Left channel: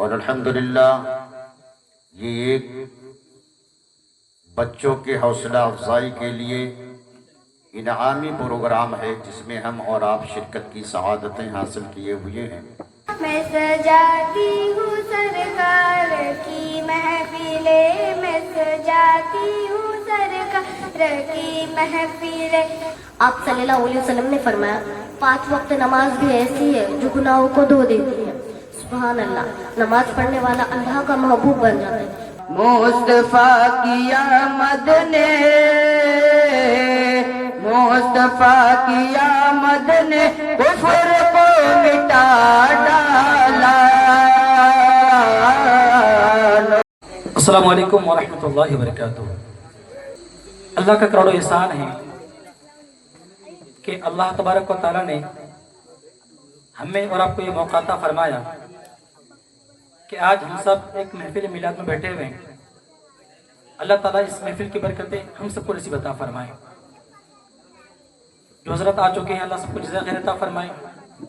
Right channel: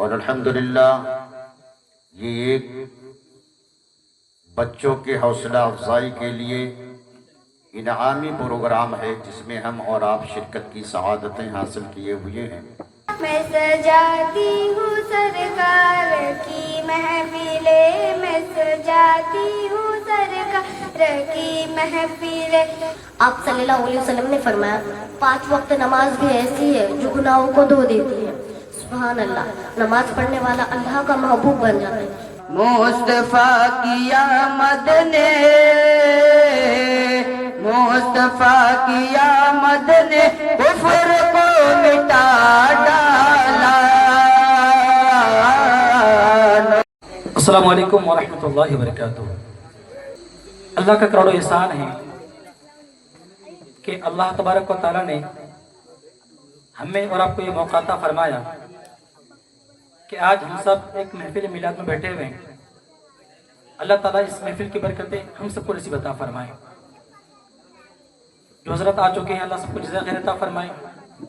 اور الحمدللہ یہ ایک بچوں کے حوصلہ افزائی کے لیے انعامی پروگرام ہے جس میں ہم اور آپ شرکت کی سعادتیں حاصل کیے ہوئے ہیں۔ میں سجاتی ہوں سرکار کی محفلیں، میں سجاتی ہوں سرکار کی محفلیں۔ آپ صلی اللہ علیہ وسلم نے فرمایا 5 وقت نماز بھی ایسی ہے جو گناہوں کو دھو دیتی ہے۔ سبحان اللہ، نماز پڑھنے والا اللہ کا محبوب بن جاتا ہے۔ مصطفیٰ کی آمد نے، مصطفیٰ کی آمد نے کفر کو مٹا ڈالا۔ السلام علیکم ورحمۃ اللہ وبرکاتہ۔ اللہ کا کروڑوں احسان ہے کہ اللہ تبارک و تعالیٰ نے ہمیں اور آپ کو یہ موقع عطا فرمایا کہ آج ہم سب ایک محفل میلاد میں بیٹھے ہوئے ہیں۔ اللہ تعالیٰ اس محفل کی برکتیں ہم سب کو نصیب عطا فرمائے۔ جو حضرات آ چکے ہیں اللہ سب کو جزائے خیر عطا فرمائے،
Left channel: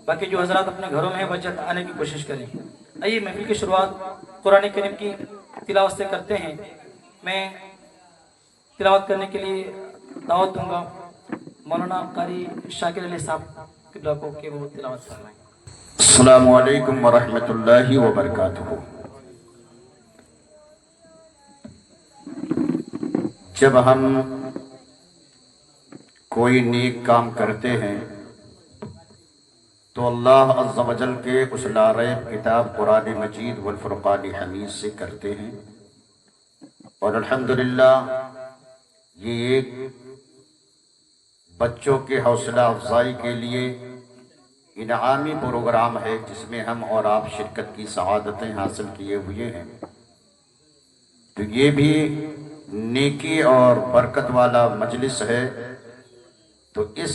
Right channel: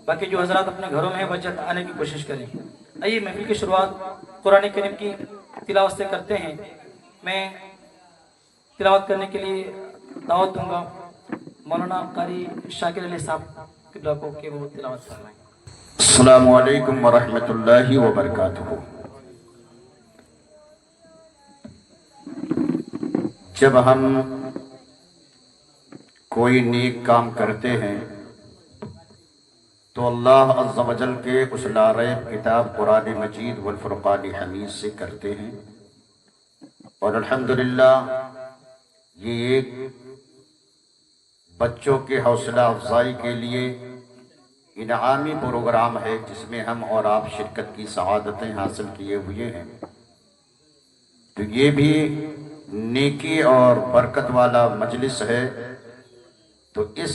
باقی جو حضرات اپنے گھروں میں ہیں وہ جلد آنے کی کوشش کریں۔ آئیے محفل کی شروعات قرآن کریم کی تلاوت سے کرتے ہیں۔ میں تلاوت کرنے کے لیے دعوت دوں گا مولانا قاری شاکر علی صاحب قبلہ کو کہ وہ تلاوت فرمائیں۔ السلام علیکم ورحمۃ اللہ وبرکاتہ۔ جب ہم کوئی نیک کام کرتے ہیں تو اللہ عز و جل کے اس لا ریب کتاب قرآن مجید والفرقان حمید سے کرتے ہیں، اور الحمدللہ یہ ایک بچوں کے حوصلہ افزائی کے لیے انعامی پروگرام ہے جس میں ہم اور آپ شرکت کی سعادتیں حاصل کیے ہوئے ہیں۔ تو یہ بھی نیکی اور برکت والا مجلس ہے، تو اس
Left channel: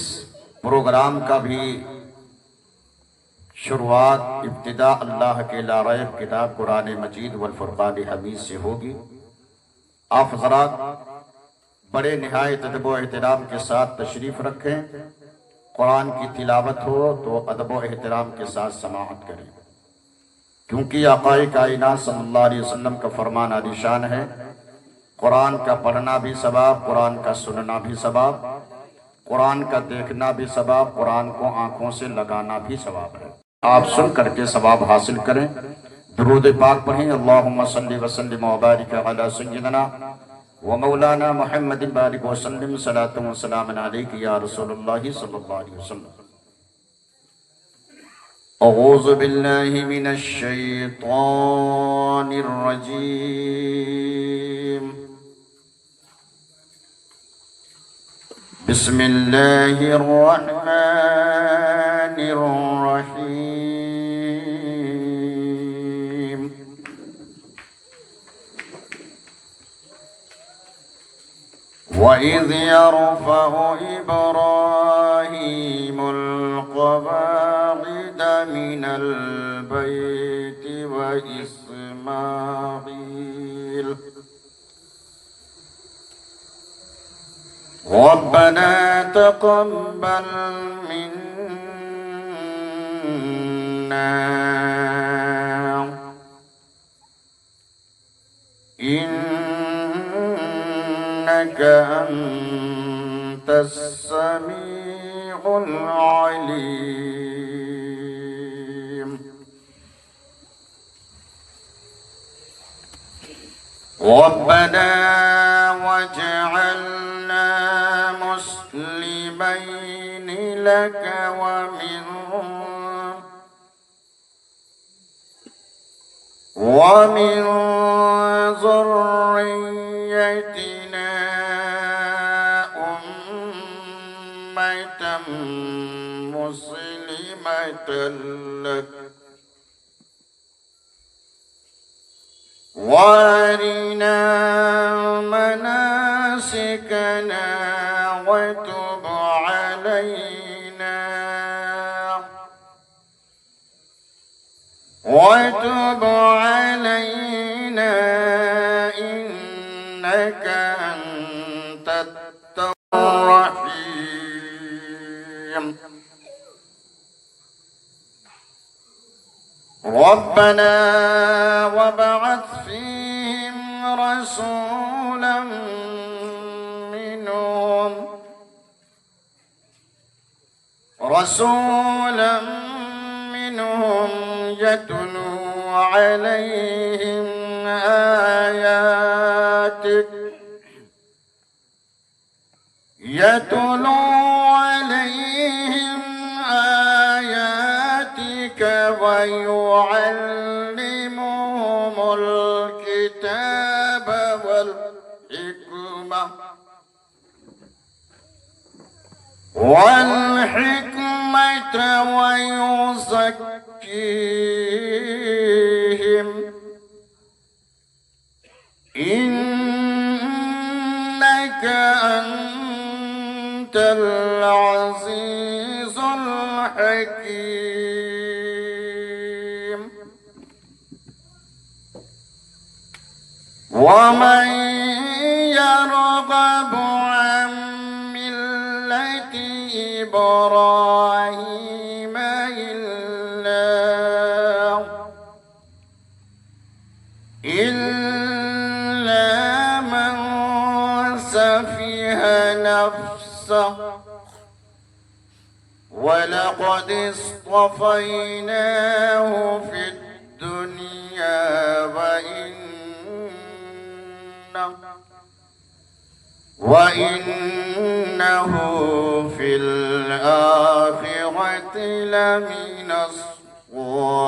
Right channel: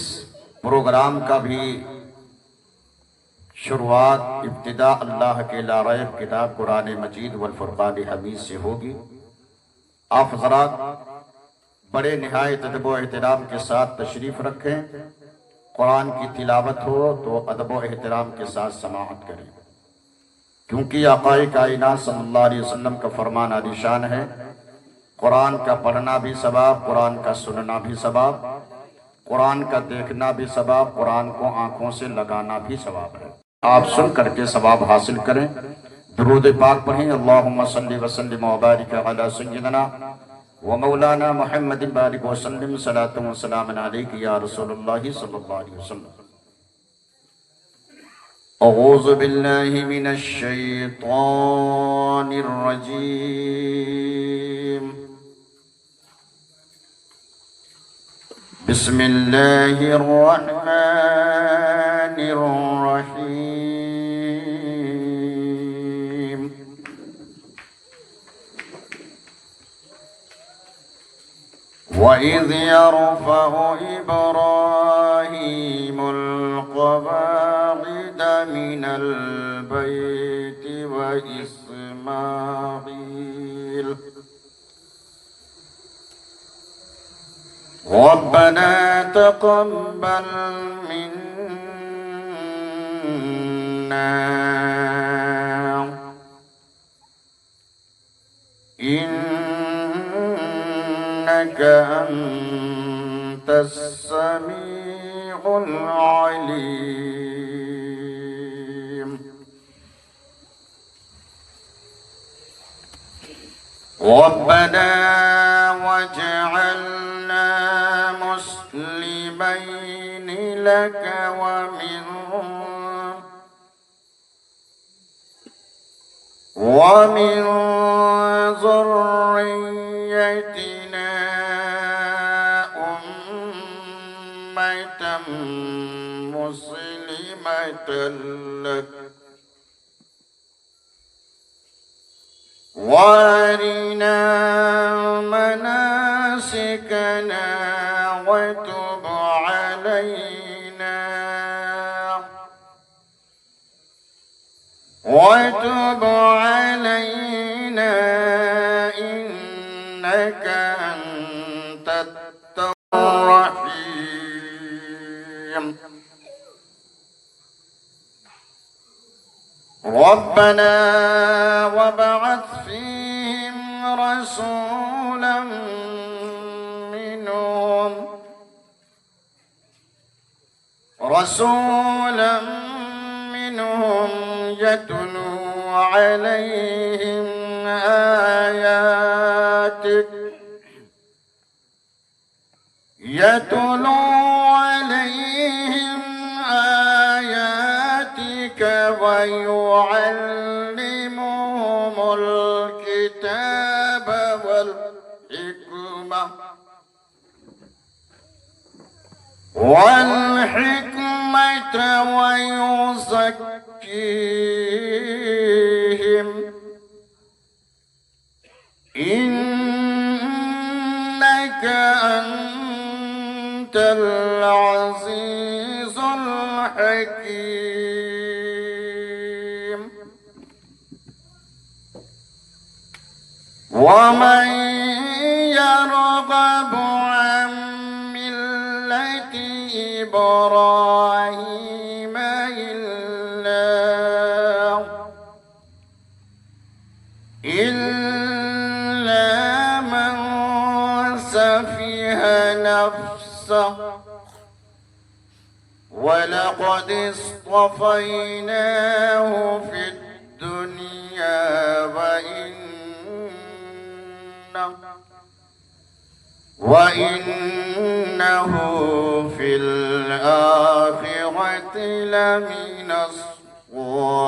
پروگرام کا بھی شروعات ابتدا اللہ کے لا ریب کتاب قرآن مجید والفرقان حمید سے ہوگی۔ آپ حضرات بڑے نہایت ادب و احترام کے ساتھ تشریف رکھیں۔ قرآن کی تلاوت ہو تو ادب و احترام کے ساتھ سماعت کریں، کیونکہ آقا کائنات صلی اللہ علیہ وسلم کا فرمان عالی شان ہے، قرآن کا پڑھنا بھی ثواب، قرآن کا سننا بھی ثواب، قرآن کا دیکھنا بھی ثواب، قرآن کو آنکھوں سے لگانا بھی ثواب ہے۔ آپ سن کر کے ثواب حاصل کریں۔ درود پاک پڑھیں۔ اللہم صلی وسلم وبارک علی سیدنا ومولانا محمد بارک وسلم، صلاۃ و سلام علیک یا رسول اللہ صلی اللہ علیہ وسلم۔ اعوذ باللہ من الشیطان الرجیم، بسم اللہ الرحمن الرحیم۔ وَإِذْ يَرْفَعُ إِبْرَاهِيمُ الْقَوَاعِدَ مِنَ الْبَيْتِ وَإِسْمَاعِيلُ رَبَّنَا تَقَبَّلْ مِنَّا إِنَّكَ أَنْتَ السَّمِيعُ الْعَلِيمُ رَبَّنَا وَاجْعَلْنَا مُسْلِمَيْنِ لَكَ وَمِنْ ذُرِّيَّتِنَا أُمَّةً مُسْلِمَةً لَكَ وَأَرِنَا مَنَاسِكَنَا وَتُبْ عَلَيْنَا إِنَّكَ أَنْتَ التَّوَّابُ الرَّحِيمُ رَبَّنَا وابعث فيهم رسولا منهم يتلو عليهم آياتك ويعلمهم الكتاب والحكمة ويزكيهم إنك أنت العزيز الحكيم ومن يرغب عن ملة إبراهيم إلا من سفه نفسه ولقد اصطفيناه في الدنيا وإنه في الآخرة لمن الصالحين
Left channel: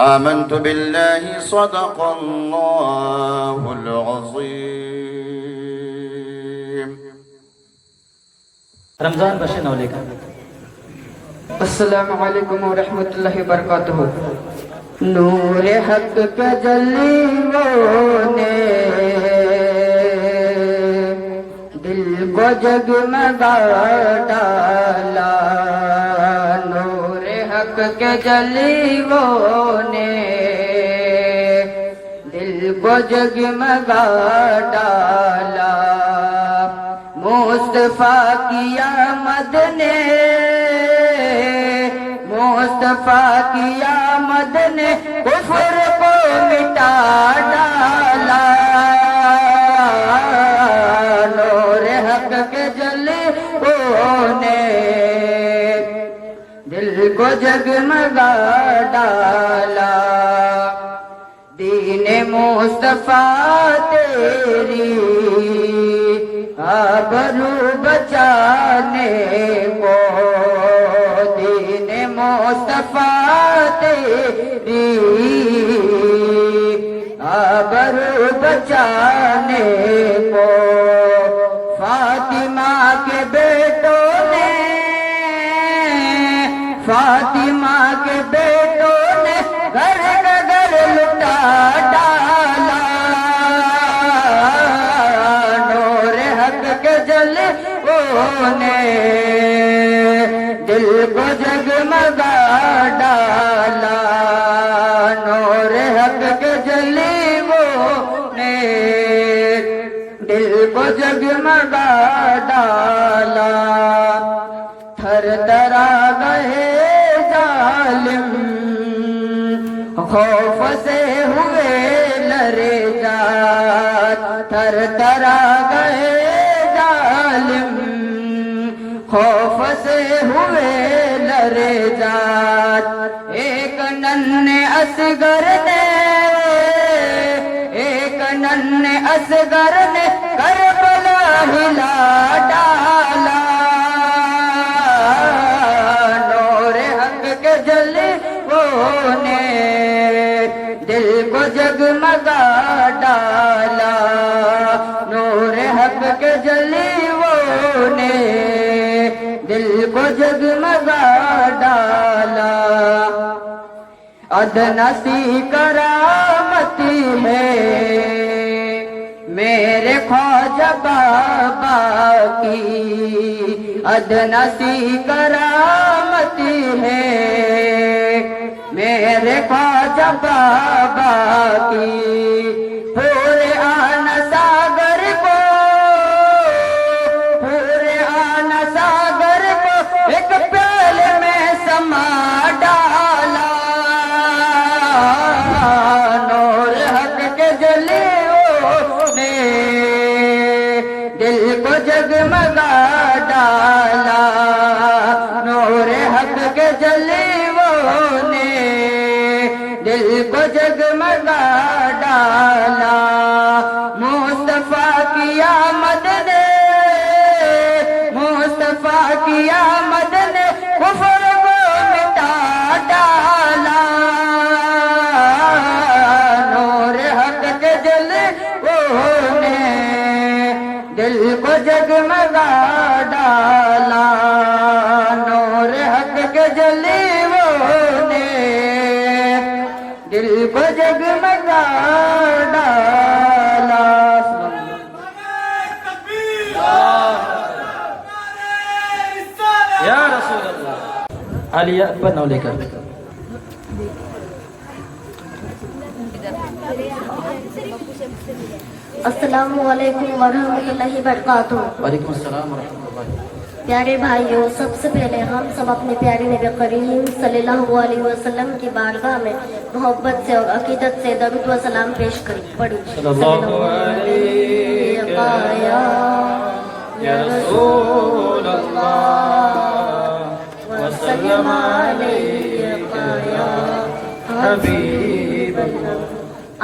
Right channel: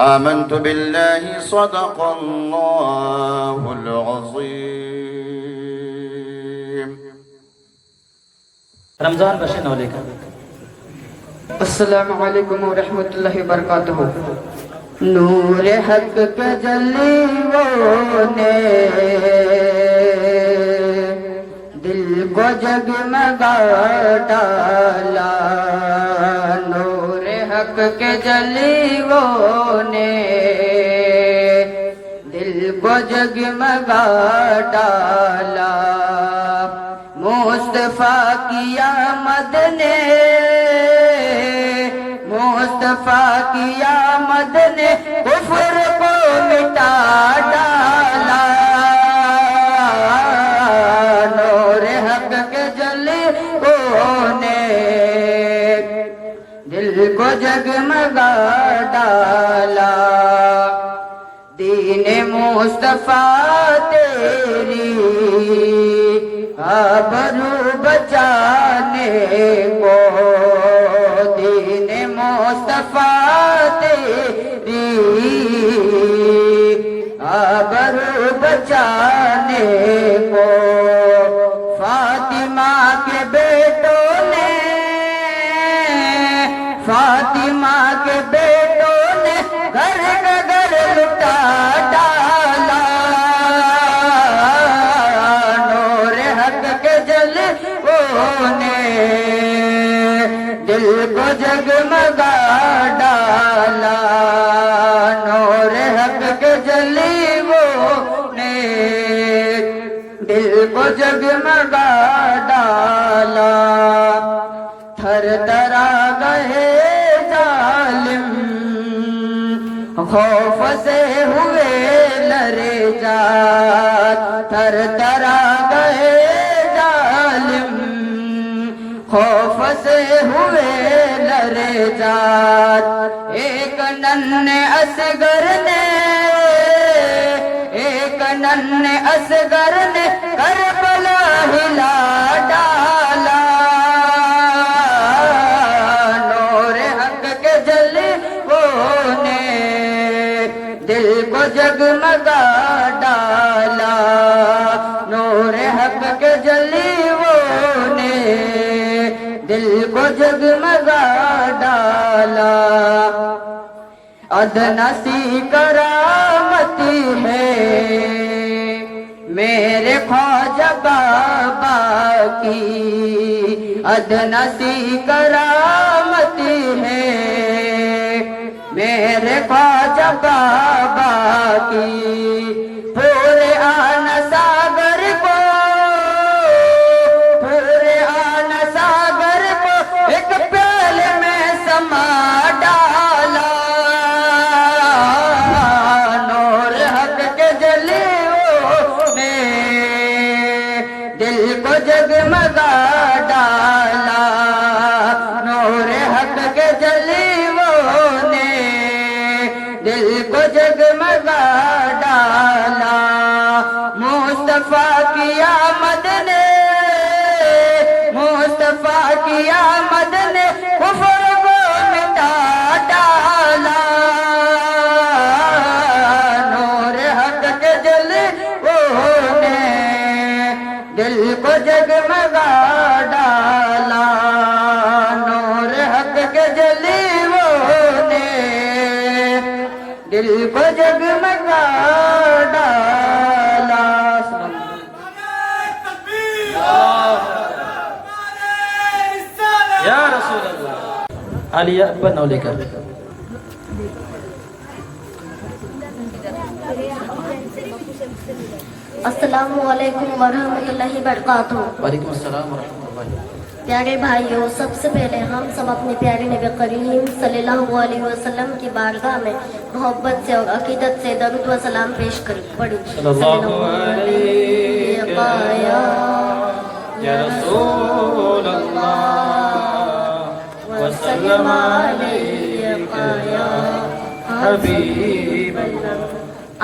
آمنت بالله صدق الله العظيم رمضان بشن علیکم السلام علیکم ورحمۃ اللہ وبرکاتہ. نور حق کا جلووں نے دل کو جگمگا ڈالا. نور حق کے جلووں نے دل کو جگمگا ڈالا. مصطفیٰ کی آمد نے مصطفیٰ کی آمد نے کفر کو مٹا ڈالا. نور حق کے جلووں نے دل کو جگمگا ڈالا. دین مصطفیٰ تیری آبرو بچانے کو دین مصطفیٰ تیری آبرو بچانے کو فاطمہ کے بیٹوں نے فاطمہ کے بیٹوں نے گھر نگر لٹا ڈالا. نور حق کے جلووں نے دل کو جگمگا ڈالا. نور حق کے جلووں نے دل کو جگمگا ڈالا. تھر تھرا گئے ظالم خوف سے ہوئے لرے جات. تھر تھرا گئے ظالم خوف سے ہوئے لرے جات. ایک ننھے اصغر نے ایک ننھے اصغر نے کربلا ہلا ڈالا. نور حق کے جلووں نے دل کو جگمگا ڈالا. نور حق کے جلووں نے دل کو جگمگا ڈالا. ادنا سی کرامتی ہے میرے خواجہ بابا کی. ادنا سی کرامتی ہے میرے خواجہ بابا کی. پورے آنا ساگر کو پورے آنا ساگر کو ایک پیالے میں जगमगा डाला। मुस्तफा की आमद ने, मुस्तफा की आमद ने कुफ्र को मिटा डाला। नूर हक के जलवों ने दिल को जगमगा डाला। नूर हक के जलवों ने दिल को जगमगा डाला। या रसूल अल्लाह। आलिया अब्बा नौ लेकर। अस्सलामु अलैकुम वरहमतुल्लाहि वबरकातुहू। वालेकुम अस्सलाम व रहमतुल्लाह। प्यारे भाइयों, सबसे पहले हम सब अपने प्यारे नबी करीम सल्लल्लाहु अलैहि वसल्लम की बारगाह में मोहब्बत से और अकीदत से दरूद व सलाम पेश करें। पढ़ो सल्लल्लाहु अलैहि या रसूल अल्लाह व सल्लम अलैका या हबीब अल्लाह।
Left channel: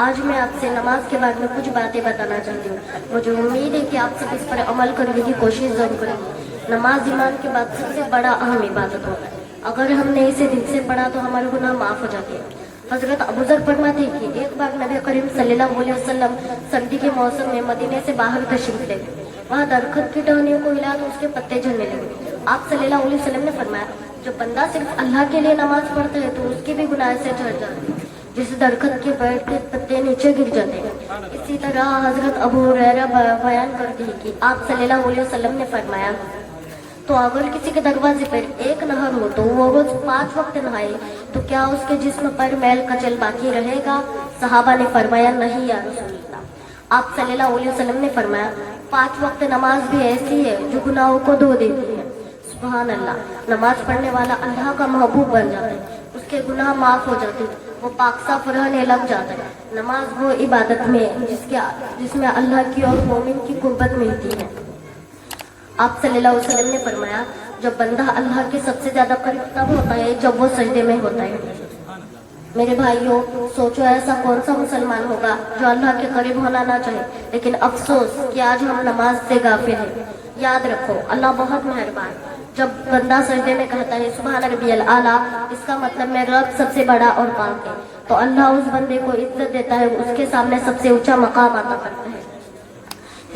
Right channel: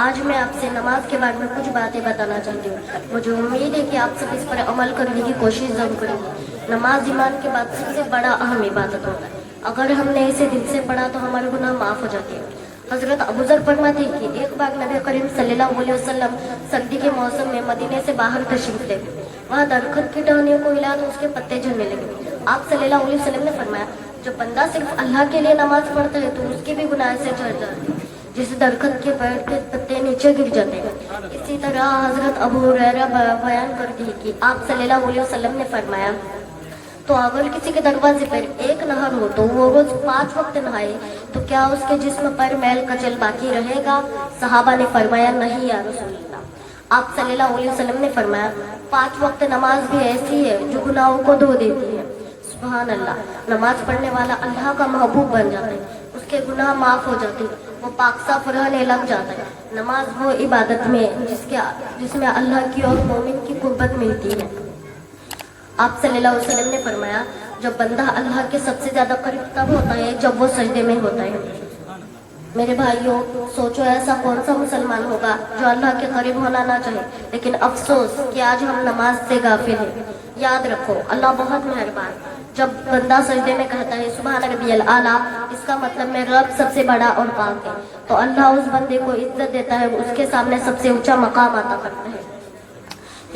आज मैं आपसे नमाज के बारे में कुछ बातें बताना चाहती हूँ। मुझे उम्मीद है कि आप सब इस पर अमल करने की कोशिश जरूर करेंगे। नमाज ईमान के बाद सबसे बड़ा अहम इबादत होता है। अगर हमने इसे दिल से पढ़ा तो हमारे गुनाह माफ हो जाते हैं। हजरत अबू ज़र फरमाते हैं कि एक बार नबी करीम सल्लल्लाहु अलैहि वसल्लम सर्दी के मौसम में मदीने से बाहर तशरीफ ले गए। वहाँ दरखत की टहनियों को हिला तो उसके पत्ते झड़ने लगे। आप सल्लल्लाहु अलैहि वसल्लम ने फरमाया, जो बंदा सिर्फ अल्लाह के लिए नमाज पढ़ता है तो उसके भी गुनाह से झड़ जाते हैं, जिस दरखत के पेड़ के पत्ते नीचे गिर जाते हैं। इसी तरह हजरत अबू हुरैरा बयान करते हैं कि आप सल्लल्लाहु अलैहि वसल्लम ने फरमाया, तो अगर किसी के दरवाजे पर एक नहर हो तो वो रोज 5 वक्त नहाए तो क्या उसके जिस्म पर मैल कचल बाकी रहेगा? सहाबा ने फरमाया, नहीं या रसूल अल्लाह। आप सल्लल्लाहु अलैहि वसल्लम ने फरमाया, 5 वक्त नमाज भी ऐसी है जो गुनाहों को धो देती है। सुभान अल्लाह। नमाज पढ़ने वाला अल्लाह का महबूब बन जाता है, उसके गुनाह माफ हो जाते हैं, वो पाक साफ रहने लग जाता है। नमाज वो इबादत में जिसमें अल्लाह की और मोमिन की कुर्बत मिलती है। आप सल्लल्लाहु अलैहि वसल्लम ने फरमाया, जब बंदा अल्लाह के सबसे ज्यादा करीब तब होता है जब वो सजदे में होता है। मेरे भाइयों, सोचो ऐसा कौन सा मुसलमान होगा जो अल्लाह के करीब होना ना चाहे, लेकिन अफसोस कि आज हम नमाज से गाफिल हैं। याद रखो, अल्लाह बहुत मेहरबान। जब बंदा सजदे में कहता है सुभान रब्बियल आला, इसका मतलब मेरा रब सबसे बड़ा और पाक है, तो अल्लाह उस बंदे को इज्जत देता है, उसके सामने सबसे ऊंचा मकाम अता करता है।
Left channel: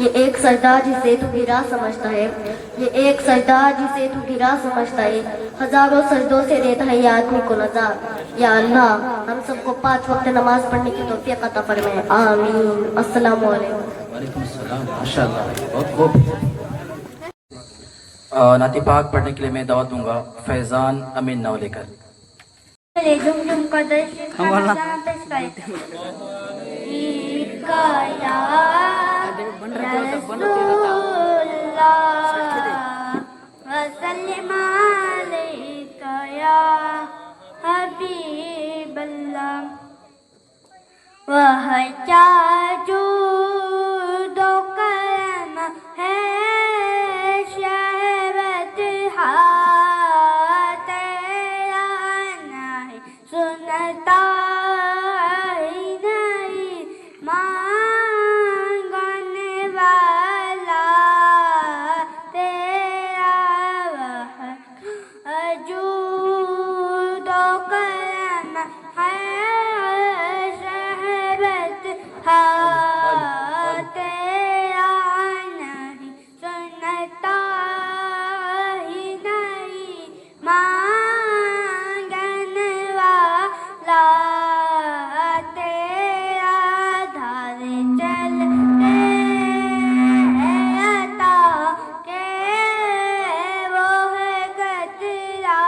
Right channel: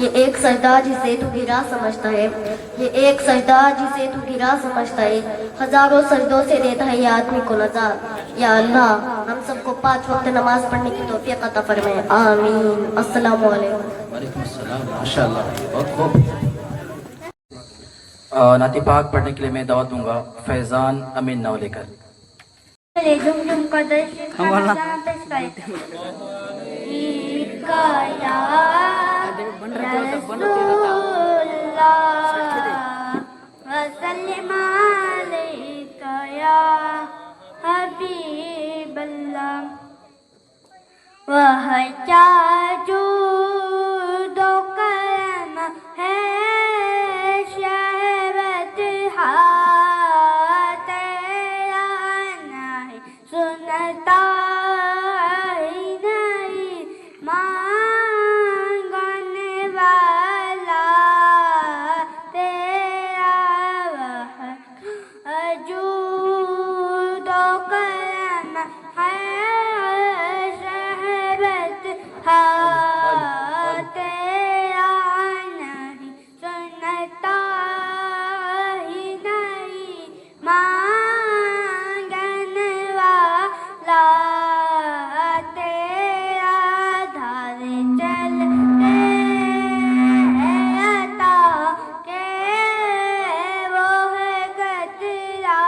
ये एक सजदा जिसे तू गिरा समझता है, ये एक सजदा जिसे तू गिरा समझता है, हजारों सजदों से देता है ये आदमी को नजात। या अल्लाह, हम सबको 5 वक्त नमाज पढ़ने की तौफीक अता फरमाए, आमीन। अस्सलामु अलैकुम। वालेकुम अस्सलाम। माशाअल्लाह, बहुत खूब। नाती पाक पढ़ने के लिए मैं दावत दूंगा फैजान अमीन नाव लेकर। झुमझुम का दर्शन खाना पेश करते हैं। ईद का याद रसूलुल्लाह वसल्लम अलैका या हबीबल्लाह। वह क्या जूद व करम है शहवत तेरा नहीं सुनता ही नहीं मांगने वाला तेरा। वह जूद व करम है शहवत तेरा नहीं सुनता ही नहीं मांगने वाला तेरा। धार चलते अता के वो है कतरा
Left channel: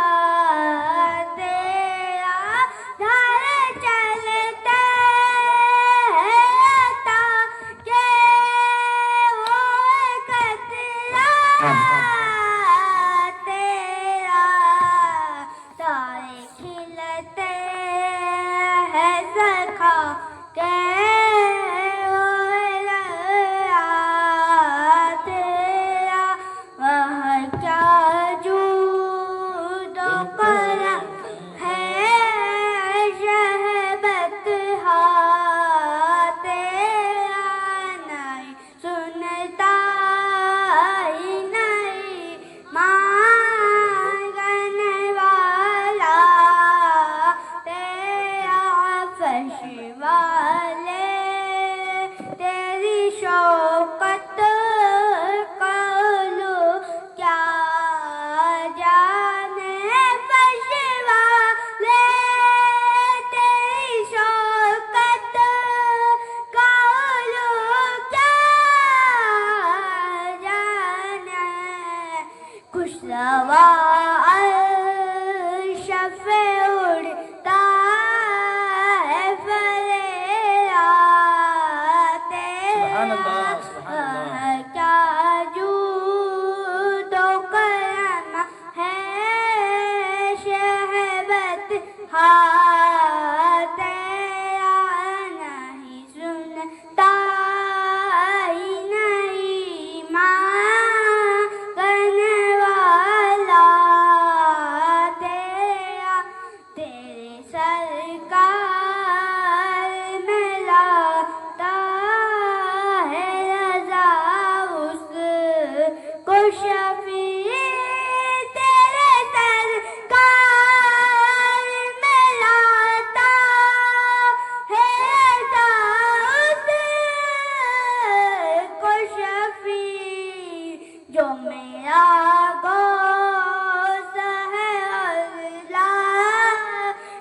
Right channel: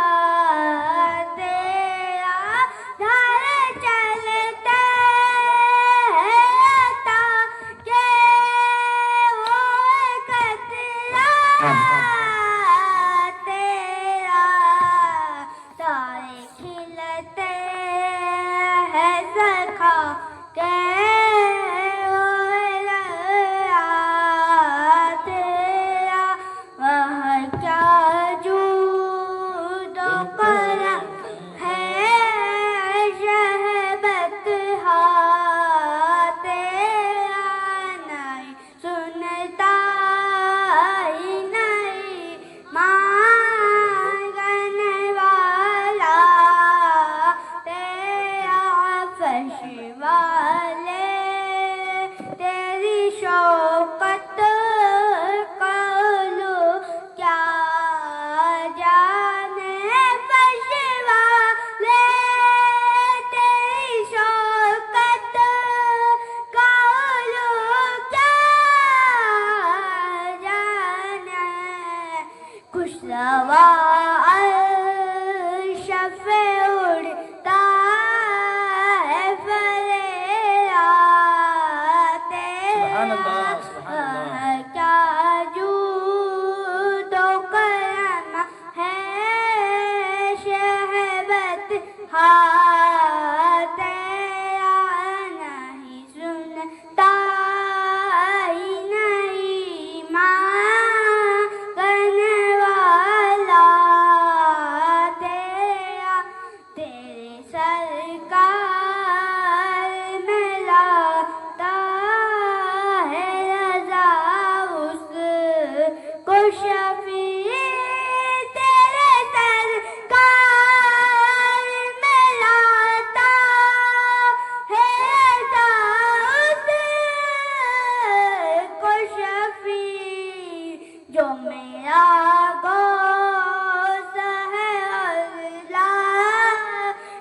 हाँ तेरा नहीं सुनता ही नहीं मांगने वाला तेरा तेरे सरकार में लाता है रज़ा उसको शफी तेरे सरकार में लाता है रज़ा उसको शफी जो मेरा गोश्त है अल्लाह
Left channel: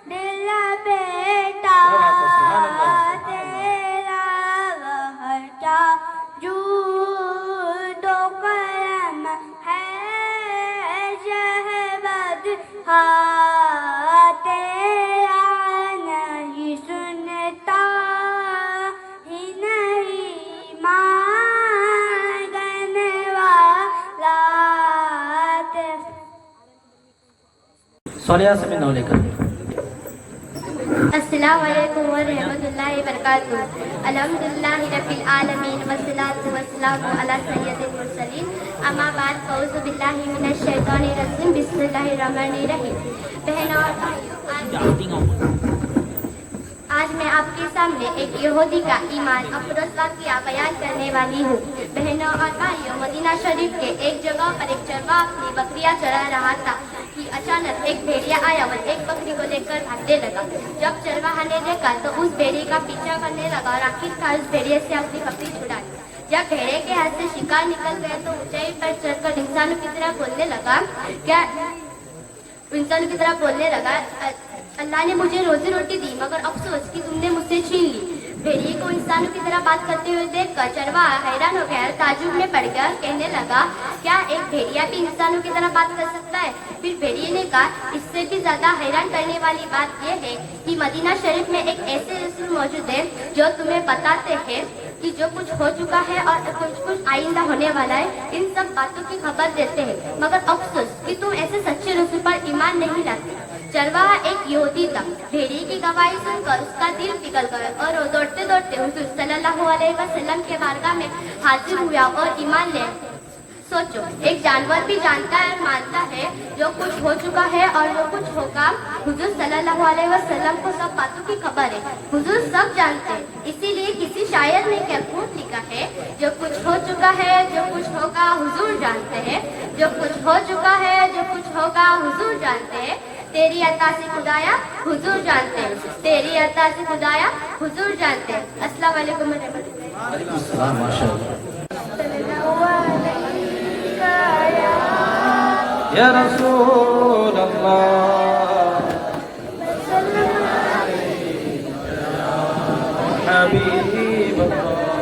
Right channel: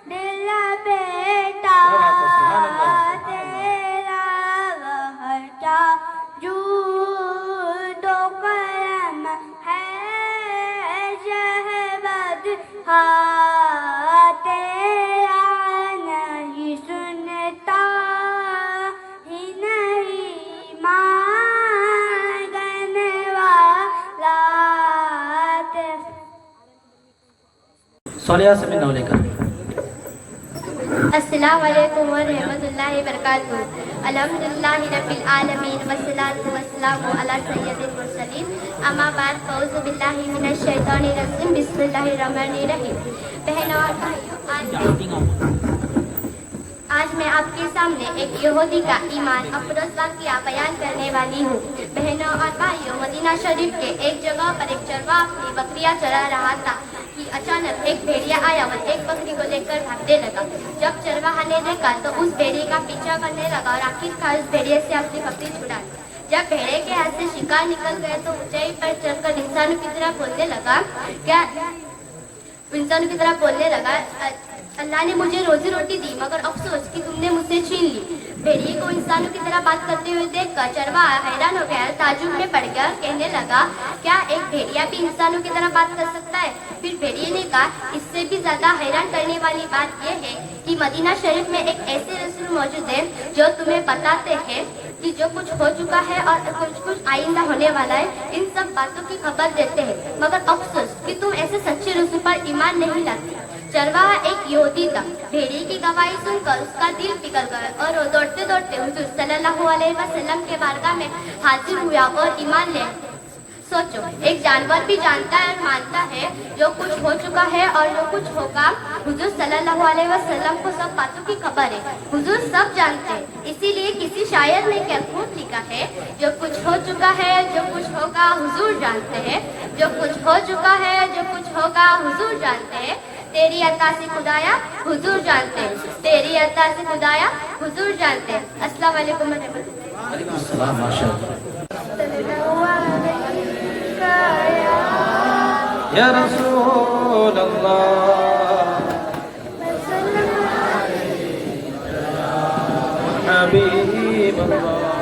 दिल बेटा तेरा वहटा जूदो करम है शहबद हाँ तेरा नहीं सुनता ही नहीं मांगने वाला सोलिया से में लेकर अस्सलामु अलैकुम व रहमतुल्लाहि व बरकातुहू। अल्हम्दुलिल्लाहि रब्बिल आलमीन वस्सलातु वस्सलामु अला सय्यिदिल मुरसलीन। अम्मा बाद फ़ौज़ु बिल्लाहि मिनश शैतानिर रजीम। बिस्मिल्लाहिर रहमानिर रहीम। बहनों और भाइयों, आज मैं आपके सामने एक यहूदी का ईमान अफरोज़ वाक़िया बयान करने वाली हूँ। बहनों और भाइयों, मदीना शरीफ के एक जगह पर एक चरवाहा अपनी बकरियां चरा रहा था कि अचानक एक भेड़िया आया और एक बकरी को लेकर भागने लगा। जब चरवाहा ने देखा तो उस भेड़िए का पीछा करने लगा और आखिरकार उस भेड़िए से अपनी बकरी छुड़ाई। जब भेड़े के हाथ से शिकार निकल गए तो ऊंचाई पर चढ़कर इंसानों की तरह बोलने लगा, अल्लाह ने मुझे रोजी रोटी दी, मगर अफसोस कि तुमने मुझसे छीन ली। भेड़िए को इंसानों की तरह बात करते हुए देखकर चरवाहा हैरान हो गया, ताजुब में पड़ गया, कहने लगा, क्या एक भेड़िया भी इंसानों की तरह बात कर सकता है? फिर भेड़िए ने कहा, इससे भी ज्यादा हैरान करने वाली बात यह है कि मदीना शरीफ में एक ऐसे रसूल मौजूद है जो तुम्हें बताते हैं कि जो कुछ हो चुका है और कुछ आइंदा होने वाला है, इन सब बातों की खबर देते हैं, मगर अफसोस कि तुम ऐसे सच्चे रसूल पर ईमान नहीं लाती। चरवाहा एक यहूदी था। भेड़िए की गवाही सुनकर उसका दिल पिघल गया और वो दौड़ते दौड़ते हुजूर सल्लल्लाहु अलैहि वसल्लम के बारगाह में हाजिर हुआ और ईमान ले। सोचो, एक जानवर भी जानता है और मानता है जो कुछ हो चुका है और जो कुछ होगा। हुजूर सल्लल्लाहु अलैहि वसल्लम को सब बातों की खबर है, हुजूर सब जानते हैं। इसीलिए किसी शायर ने क्या खूब लिखा है, जो कुछ हो चुका है, जो कुछ होगा, हुजूर जानते हैं। जो कुछ हो चुका है, जो कुछ होगा, हुजूर जानते हैं। तेरी अता से खुदाया हुजूर जानते हैं, तेरी अता से खुदाया हुजूर जानते हैं। अस्सलाम वालेकुम या रसूल अल्लाह हबीब अल्लाह।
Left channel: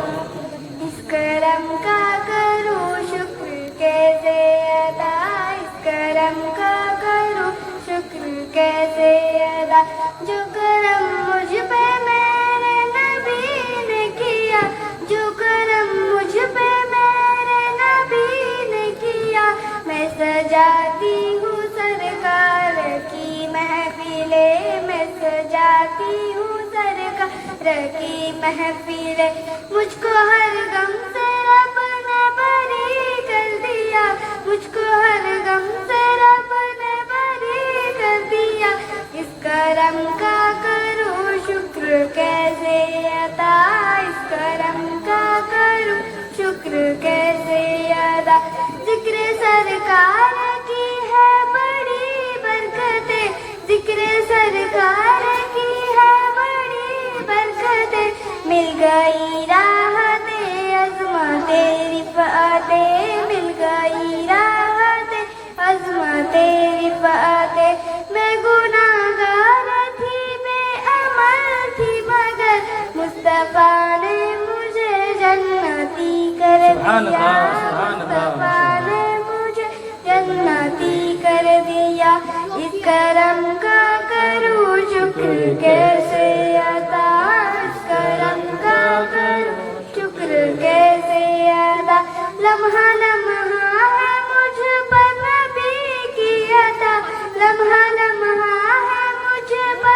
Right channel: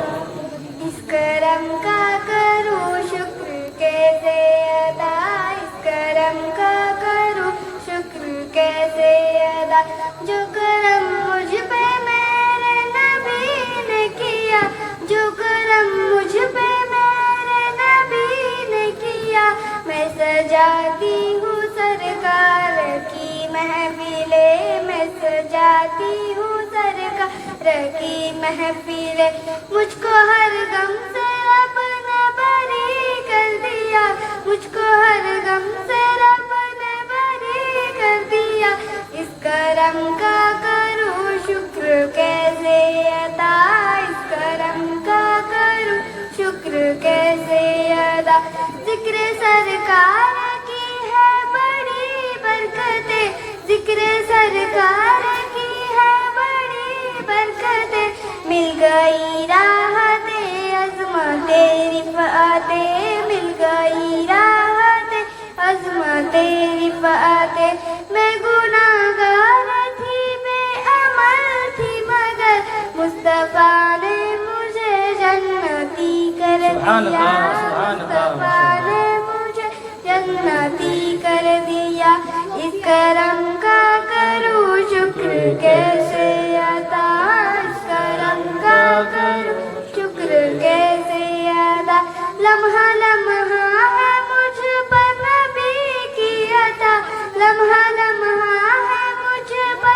इस करम का करूं शुक्र कैसे अदा, इस करम का करूं शुक्र कैसे अदा, जो करम मुझ पे मेरे नबी ने किया, जो करम मुझ पे मेरे नबी ने किया। मैं सजाती हूँ सरकार की महफिले, मैं सजाती हूँ सरकार की महफिले। मुझको हर गम से रब ने बरी कर दिया, मुझको हर गम से रब ने बरी कर दिया। इस करम का करूँ शुक्र कैसे अदा, इस करम का करूँ शुक्र कैसे अदा। जिक्र सरकार की है बड़ी बरकतें, जिक्र सरकार की है बड़ी बरकतें। मिल गई राहते अज़मते रिफ़ाते, मिल गई राहते अज़मते रिफ़ाते। मैं गुनाहगार थी, बेअमल थी, मगर मुस्तफ़ा ने मुझे जन्नती कर दिया, मुस्तफ़ा ने मुझे जन्नती कर दिया। इस करम का करूँ शुक्र कैसे अदा, इस करम का करूँ शुक्र कैसे अदा। लम्हा लम्हा है मुझ पर नबी की अता, लम्हा लम्हा है मुझ पर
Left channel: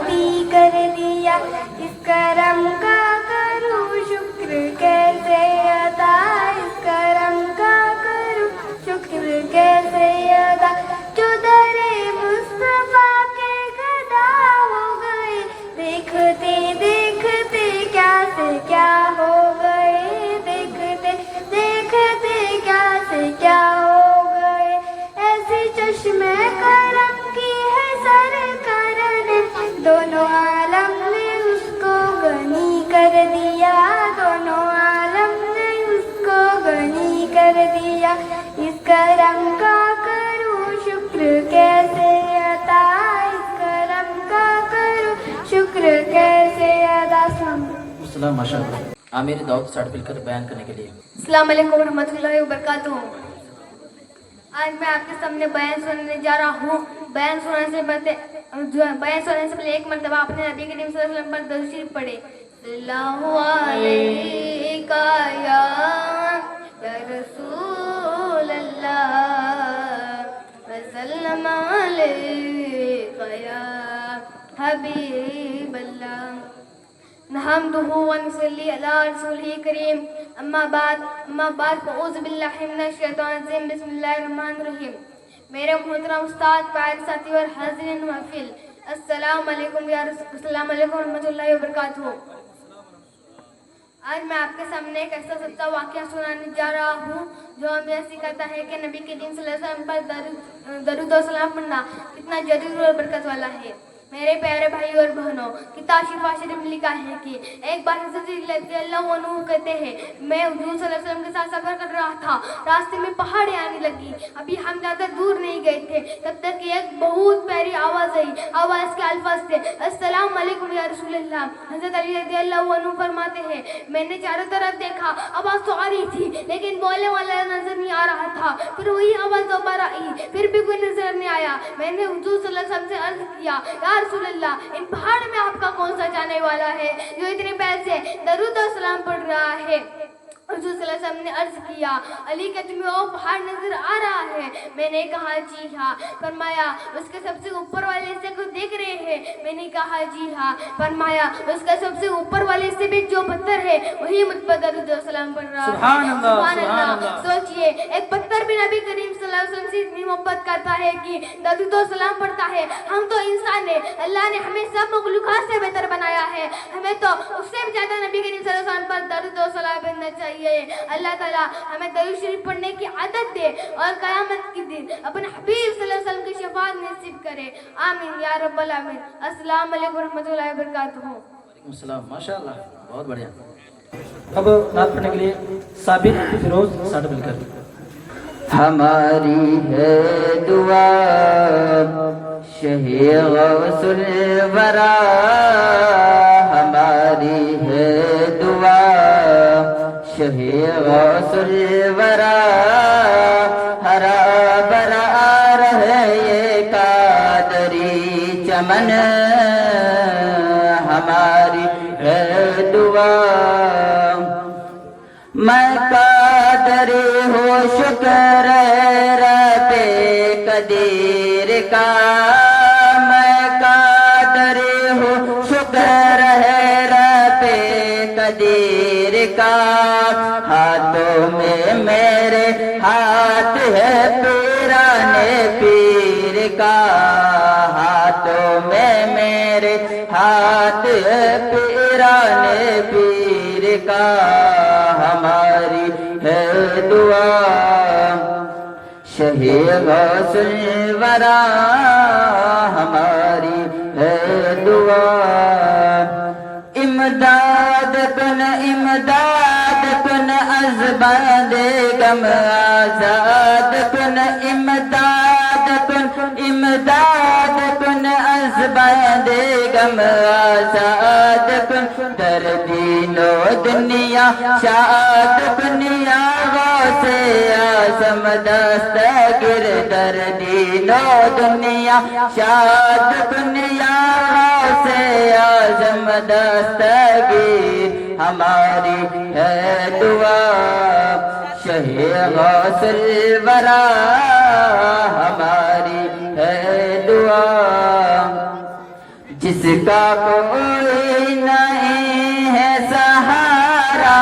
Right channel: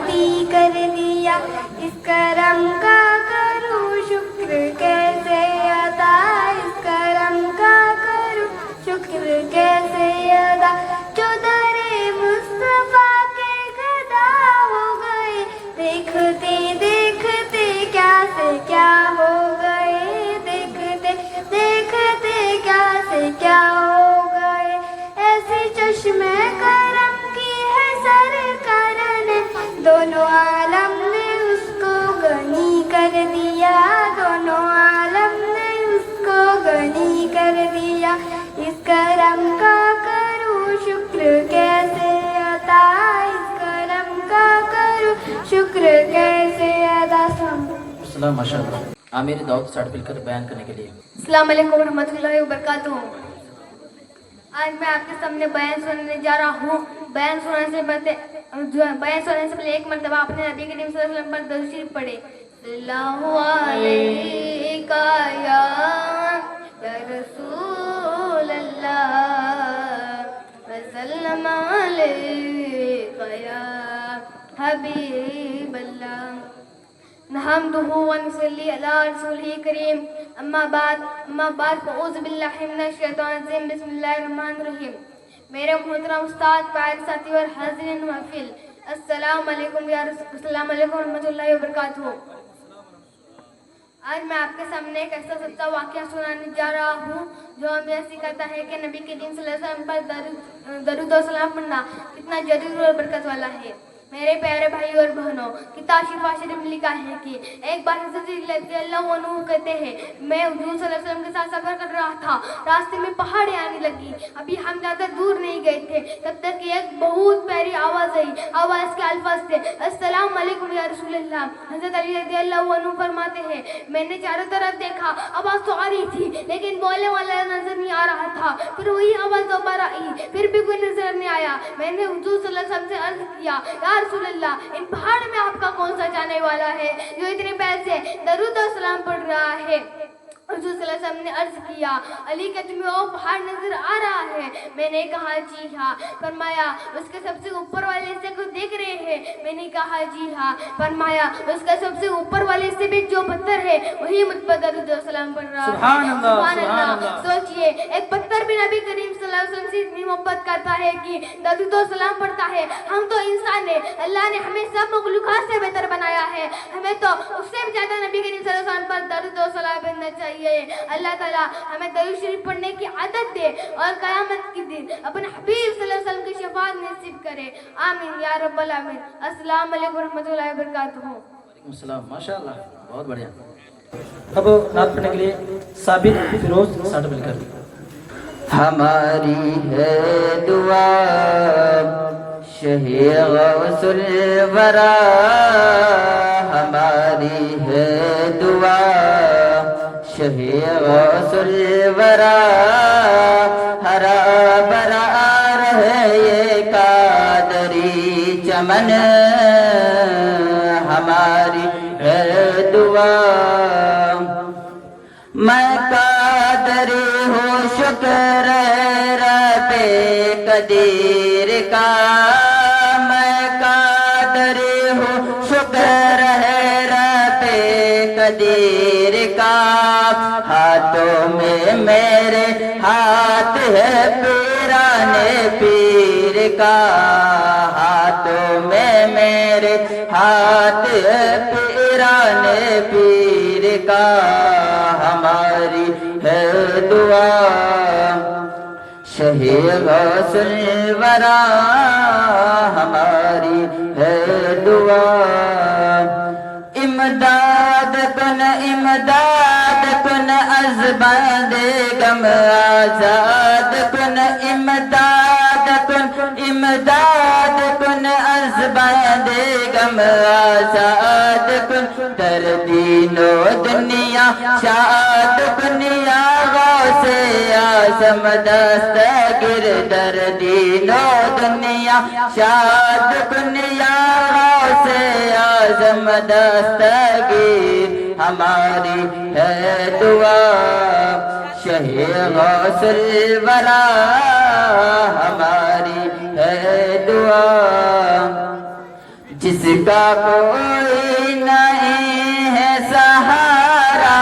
रहमती कर दिया। इस करम का करूँ शुक्र कैसे अदा, इस करम का करूँ शुक्र कैसे अदा। जो दरे मुस्तफा के गदा हो गए, देखते देखते क्या से क्या हो गए, देखते देखते क्या से क्या हो गए। ऐसी चश्मे करम की है सरकार ने, दोनों आलम ने उसको गनी कर दिया, दोनों आलम ने उसको गनी कर दिया। इस करम का करूँ शुक्र कैसे अदा, इस करम का करूँ शुक्र कैसे अदा। अस्सलाम माशाअल्लाह। आमिर दाऊद सर्टिफिकेट बयान करने के लिए। अस्सलाम वालेकुम रहमतुल्लाहि व बरकातुहू। आज मैं आपके सामने बयान सुनाने जा रहा हूँ। बयान सुनाने से पहले एक मरतबा अपने नबी करीम सल्लल्लाहु अलैहि वसल्लम पर दरूद शरीफ पढ़े। सल्लल्लाहु अलैका या रसूल अल्लाह, व सल्लम अलैका या हबीब अल्लाह। नहमदुहु व नुसल्ली अला रसूलिही करीम। अम्मा बाद फ़अऊज़ु बिल्लाहि मिनश शैतानिर रजीम। बिस्मिल्लाहिर रहमानिर रहीम। मेरे मोहतरम उस्ताद, प्यारे साथी और हाज़िरीन महफिल, अस्सलाम वालेकुम रहमतुल्लाहि व बरकातुहू। आज मैं आपके सामने एक ऐसा सच्चा वाक़या सुनाने जा रहा हूँ जो हमें सिखाता है कि नबी करीम सल्लल्लाहु अलैहि वसल्लम पर दरूद और सलाम पढ़ना कितना जरूरी और बरकत वाला है। मेरे प्यारे भाई और बहनों, किताब शिफा शरीफ में लिखा है कि एक बार हज़रत रज़ियल्लाहु अन्हु कहते हैं, मैं हुज़ूर सल्लल्लाहु अलैहि वसल्लम के साथ सफ़र कर रहा था। रास्ते में पहाड़ें आने लगी। अभी हम ज़्यादा दूर नहीं गए थे, तब तक कि एक बहुत प्यारी आवाज़ आई। आवाज़ के अल्फाज थे, अस्सलाम वालेकुम या रसूल अल्लाह। हज़रत अली रज़ियल्लाहु अन्हु फरमाते हैं, मैंने चारों तरफ देखा, आवाज़ तो आ रही थी लेकिन बोलने वाला नजर नहीं आ रहा था। फिर वही आवाज़ दोबारा आई, फिर भी कोई नजर नहीं आया। मैंने हुज़ूर सल्लल्लाहु अलैहि वसल्लम से अर्ज़ किया, या रसूल अल्लाह, इन पहाड़ में आपका कौन सा जाने वाला है जो इतने प्यार से दरूद और सलाम पढ़ रहा है। हुज़ूर सल्लल्लाहु अलैहि वसल्लम ने अर्ज किया, अली क्या तुम्हें वो पहाड़ नजर आ रहा है? मैंने कहा जी हाँ। फरमाया उसके सबसे ऊपर वाले हिस्से को देख रहे हैं? मैंने कहा जी हाँ। फरमाया उसका सबसे ऊपर वाले हिस्से में जो पत्थर है वही मुझ पर दरूद और सलाम पढ़ रहा है। सुभान अल्लाह, सुभान सुभान अल्लाह। अल्लाह। सोचिए, एक पत्थर भी नबी करीम सल्लल्लाहु अलैहि वसल्लम से इतनी मोहब्बत करता है कि दरूद और सलाम पढ़ता है। हम तो इंसान है, अल्लाह ने हमें सब मखलूकात से बेहतर बनाया है, हमें तो उससे भी ज्यादा नबी करीम सल्लल्लाहु अलैहि वसल्लम पर दरूद और सलाम पढ़ना चाहिए। अल्लाह ताला हमें दरूद शरीफ पढ़ने की आदत दे और क़यामत के दिन अपने हबीब सल्लल्लाहु अलैहि वसल्लम की शफाअत नसीब करे। आमीन या रब्बल आमीन। अस्सलाम वालेकुम रहमतुल्लाहि व बरकातुहू। वालेकुम सलाम, माशाअल्लाह, बहुत बढ़िया। अब नात पढ़ने के लिए साबिर फिरोज सर्टिफिकेट। हमारी है दुआ शहीद गौसुल वरा, हमारी है दुआ शहीद गौसुल वरा। हरा भरा रहे ये कादरी चमन, हमारी है दुआ। मैं कादर हो शुक्र रबे कदीर का, मैं कादर हो शुक्र है रबे कदीर का। हाथों में मेरे हाथ है पीराने पीर का, हाथों में मेरे हाथ है पीराने पीर का। हमारी है दुआ शहीद गौसुल वरा, हमारी है दुआ। इमदाद कुन अज़बादे गम आजाद कुन, इमदाद कुन अज़बादे गम आजाद कुन। दर्दीनो दुनिया शाद कुनिया गौसे आज़म दस्तगिर, दर्दीनो दुनिया शाद कुनिया गौसे आज़म दस्तगिर। हमारी है दुआ शहीद गौसुल वरा, हमारी है दुआ। جس کا کوئی نہیں ہے سہارا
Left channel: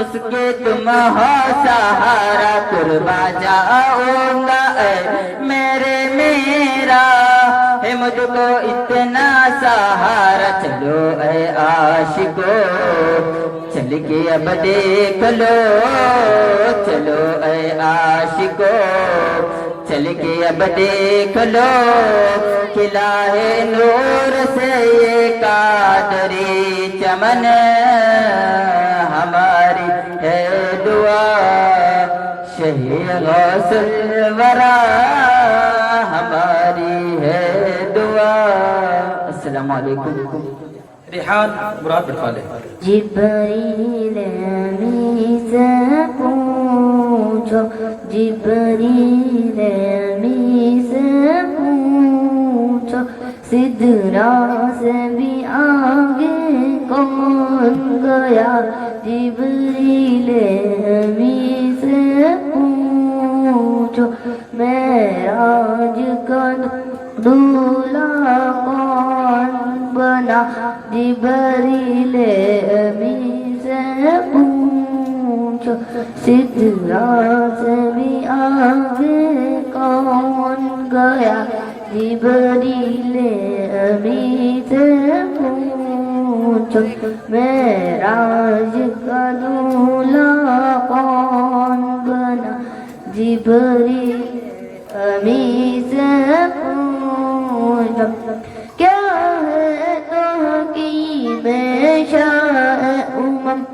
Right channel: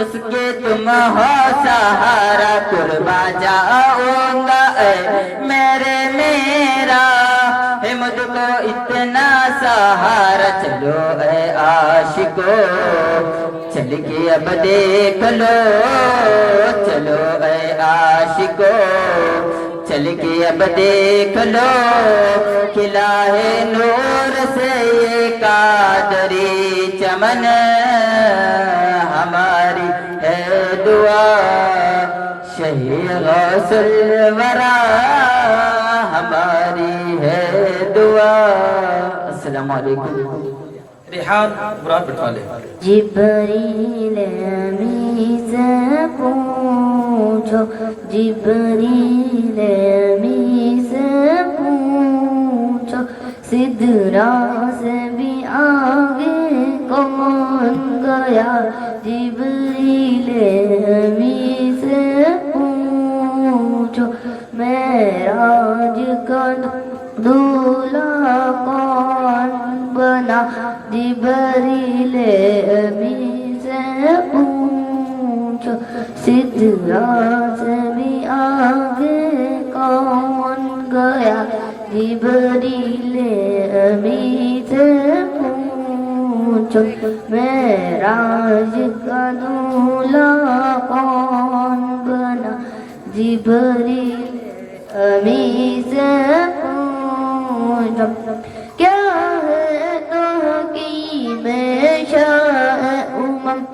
اس کے تم ہو سہارا قربا جاؤں گا اے میرے میرا ہے مجھ کو اتنا سہارا چلو اے عاشقو چل کے اب دیکھ لو چلو اے عاشقو چل کے اب دیکھ لو کھلا ہے نور سے یہ قادری چمن ہماری ہے دعا شہید غوث الورا ہماری ہے دعا. السلام علیکم. ریحان مراد بٹوالے. جبریل امی سے پوچھو جبریل امی سے پوچھو سدرا سے بھی آگے کون گیا جبریل امی سے پوچھو معراج کا دولہا کون بنا جبریل امی سے پوچھو سدرا سے بھی آگے کون گیا جبریل امی سے پوچھو معراج کا دولہا کون بنا جبریل امی سے پوچھو کیا ہے تحقیق شاہ امم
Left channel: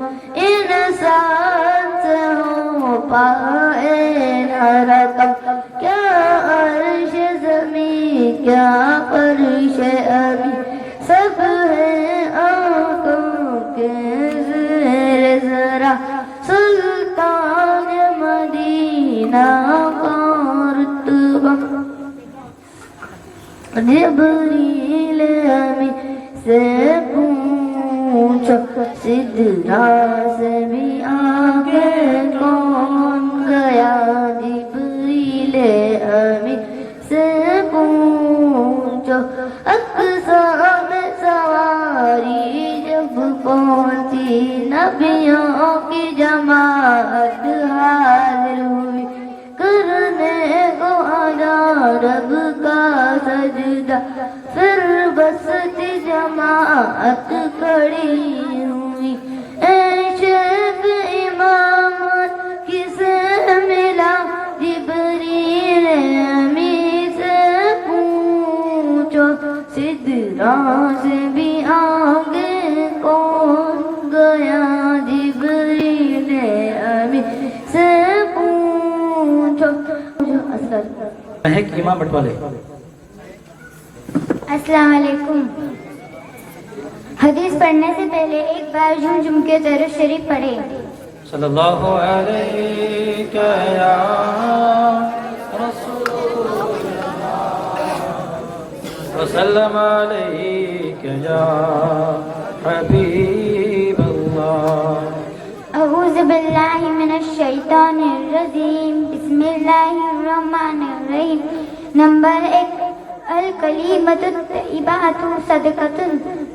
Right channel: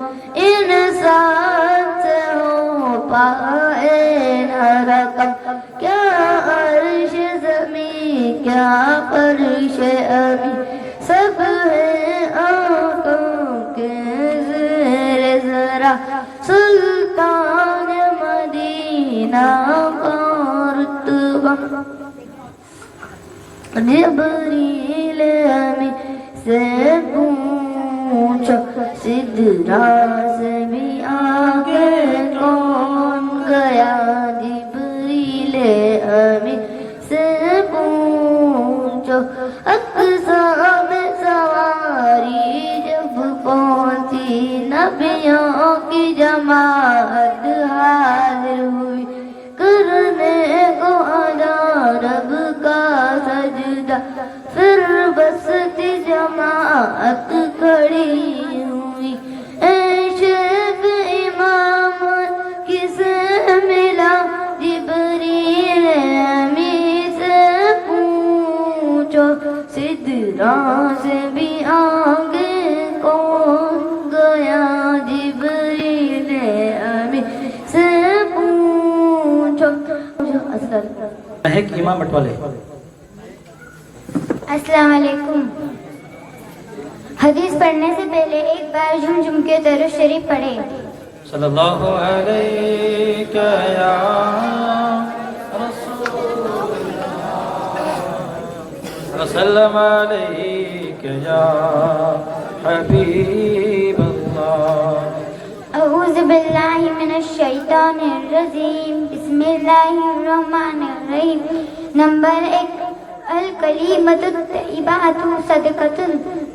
انسان سے ہو پائے نہ رقم کیا عرش زمین کیا فرش ابھی سب ہے آنکھوں کے زیر ذرا سلطان مدینہ کا رتبہ جبریل امی سے پوچھو سدرا سے بھی آگے کون گیا جبریل امی سے پوچھو اقصیٰ میں سواری جب پہنچی نبیوں کی جماعت حاضر ہوئی کرنے کو ادا رب کا سجدہ پھر بستی جماعت کھڑی ہوئی اے شیخ امام کسے ملا جبریل امی سے پوچھو سدرا سے بھی آگے کون گیا جبریل امی سے پوچھو. مہک امام بٹوالے. السلام علیکم. حدیث پڑھنے سے پہلے ایک بار جھم جھم کے درود شریف پڑھے. صلی اللہ علیہ یا رسول اللہ وسلم علیہ یا حبیب اللہ. اعوذ باللہ من الشیطان الرجیم بسم اللہ الرحمن الرحیم. نمبر 1 الکلیمۃ الطیبۃ صدقۃ.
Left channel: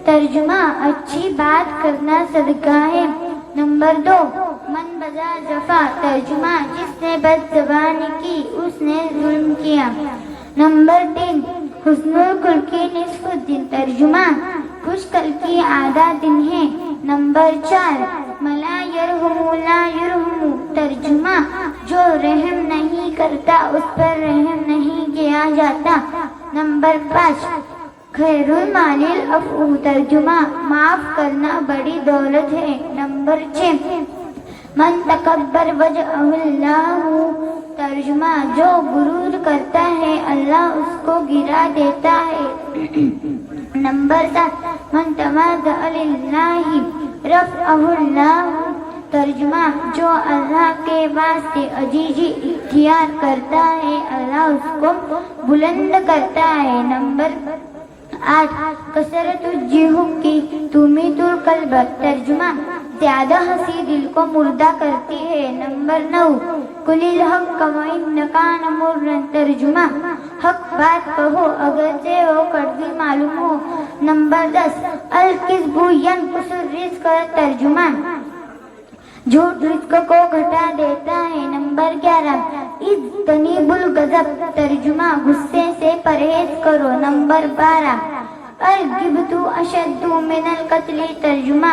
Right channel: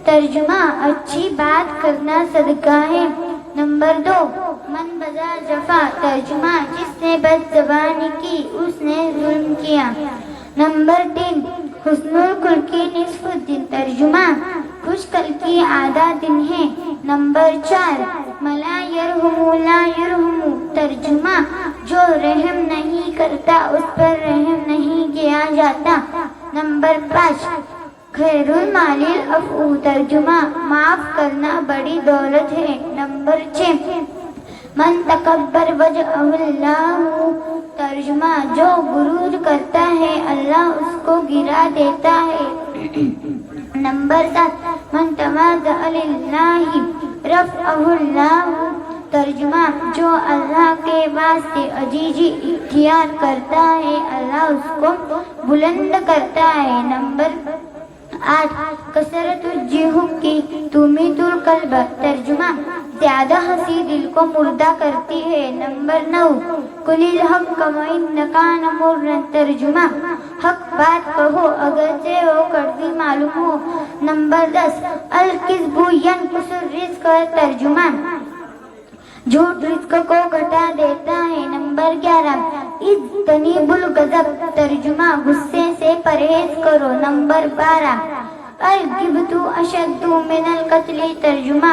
ترجمہ اچھی بات کرنا صدقہ ہے. نمبر 2 من بذا جفا. ترجمہ جس نے بد زبانی کی اس نے ظلم کیا. نمبر 3 حسن الخلق نصف الدین. ترجمہ خوش خلقی آدھا دن ہے. نمبر 4 ملا یرحم لا یرحم. ترجمہ جو رحم نہیں کرتا اس پر رحم نہیں کیا جاتا. نمبر 5 خیر المال العفو. ترجمہ معاف کرنا بڑی دولت ہے. نمبر 6 من تکبر وجہہ اللہ. ترجمہ جو غرور کرتا ہے اللہ اس کو گرا دیتا ہے. نمبر 7 من تواضع للہ رفعہ اللہ. ترجمہ جو اللہ کے واسطے عجیزی اختیار کرتا ہے اللہ اس کو بلند کرتا ہے. نمبر 8 کثرت الجحوک تمیت القلب. ترجمہ زیادہ ہنسی دل کو مردہ کرتی ہے. نمبر 9 قل الحق وإن كان مرا. ترجمہ حق بات کہو اگرچہ وہ کڑوی معلوم ہو. نمبر 10 الکذب ینقص الرزق ترجمہ جھوٹ رزق کو گھٹا دیتا ہے. نمبر 11 اجتنبوا الغضب ترجمہ غصے سے پرہیز کرو. نمبر 12 الغیبۃ اشد من القتل ترجمہ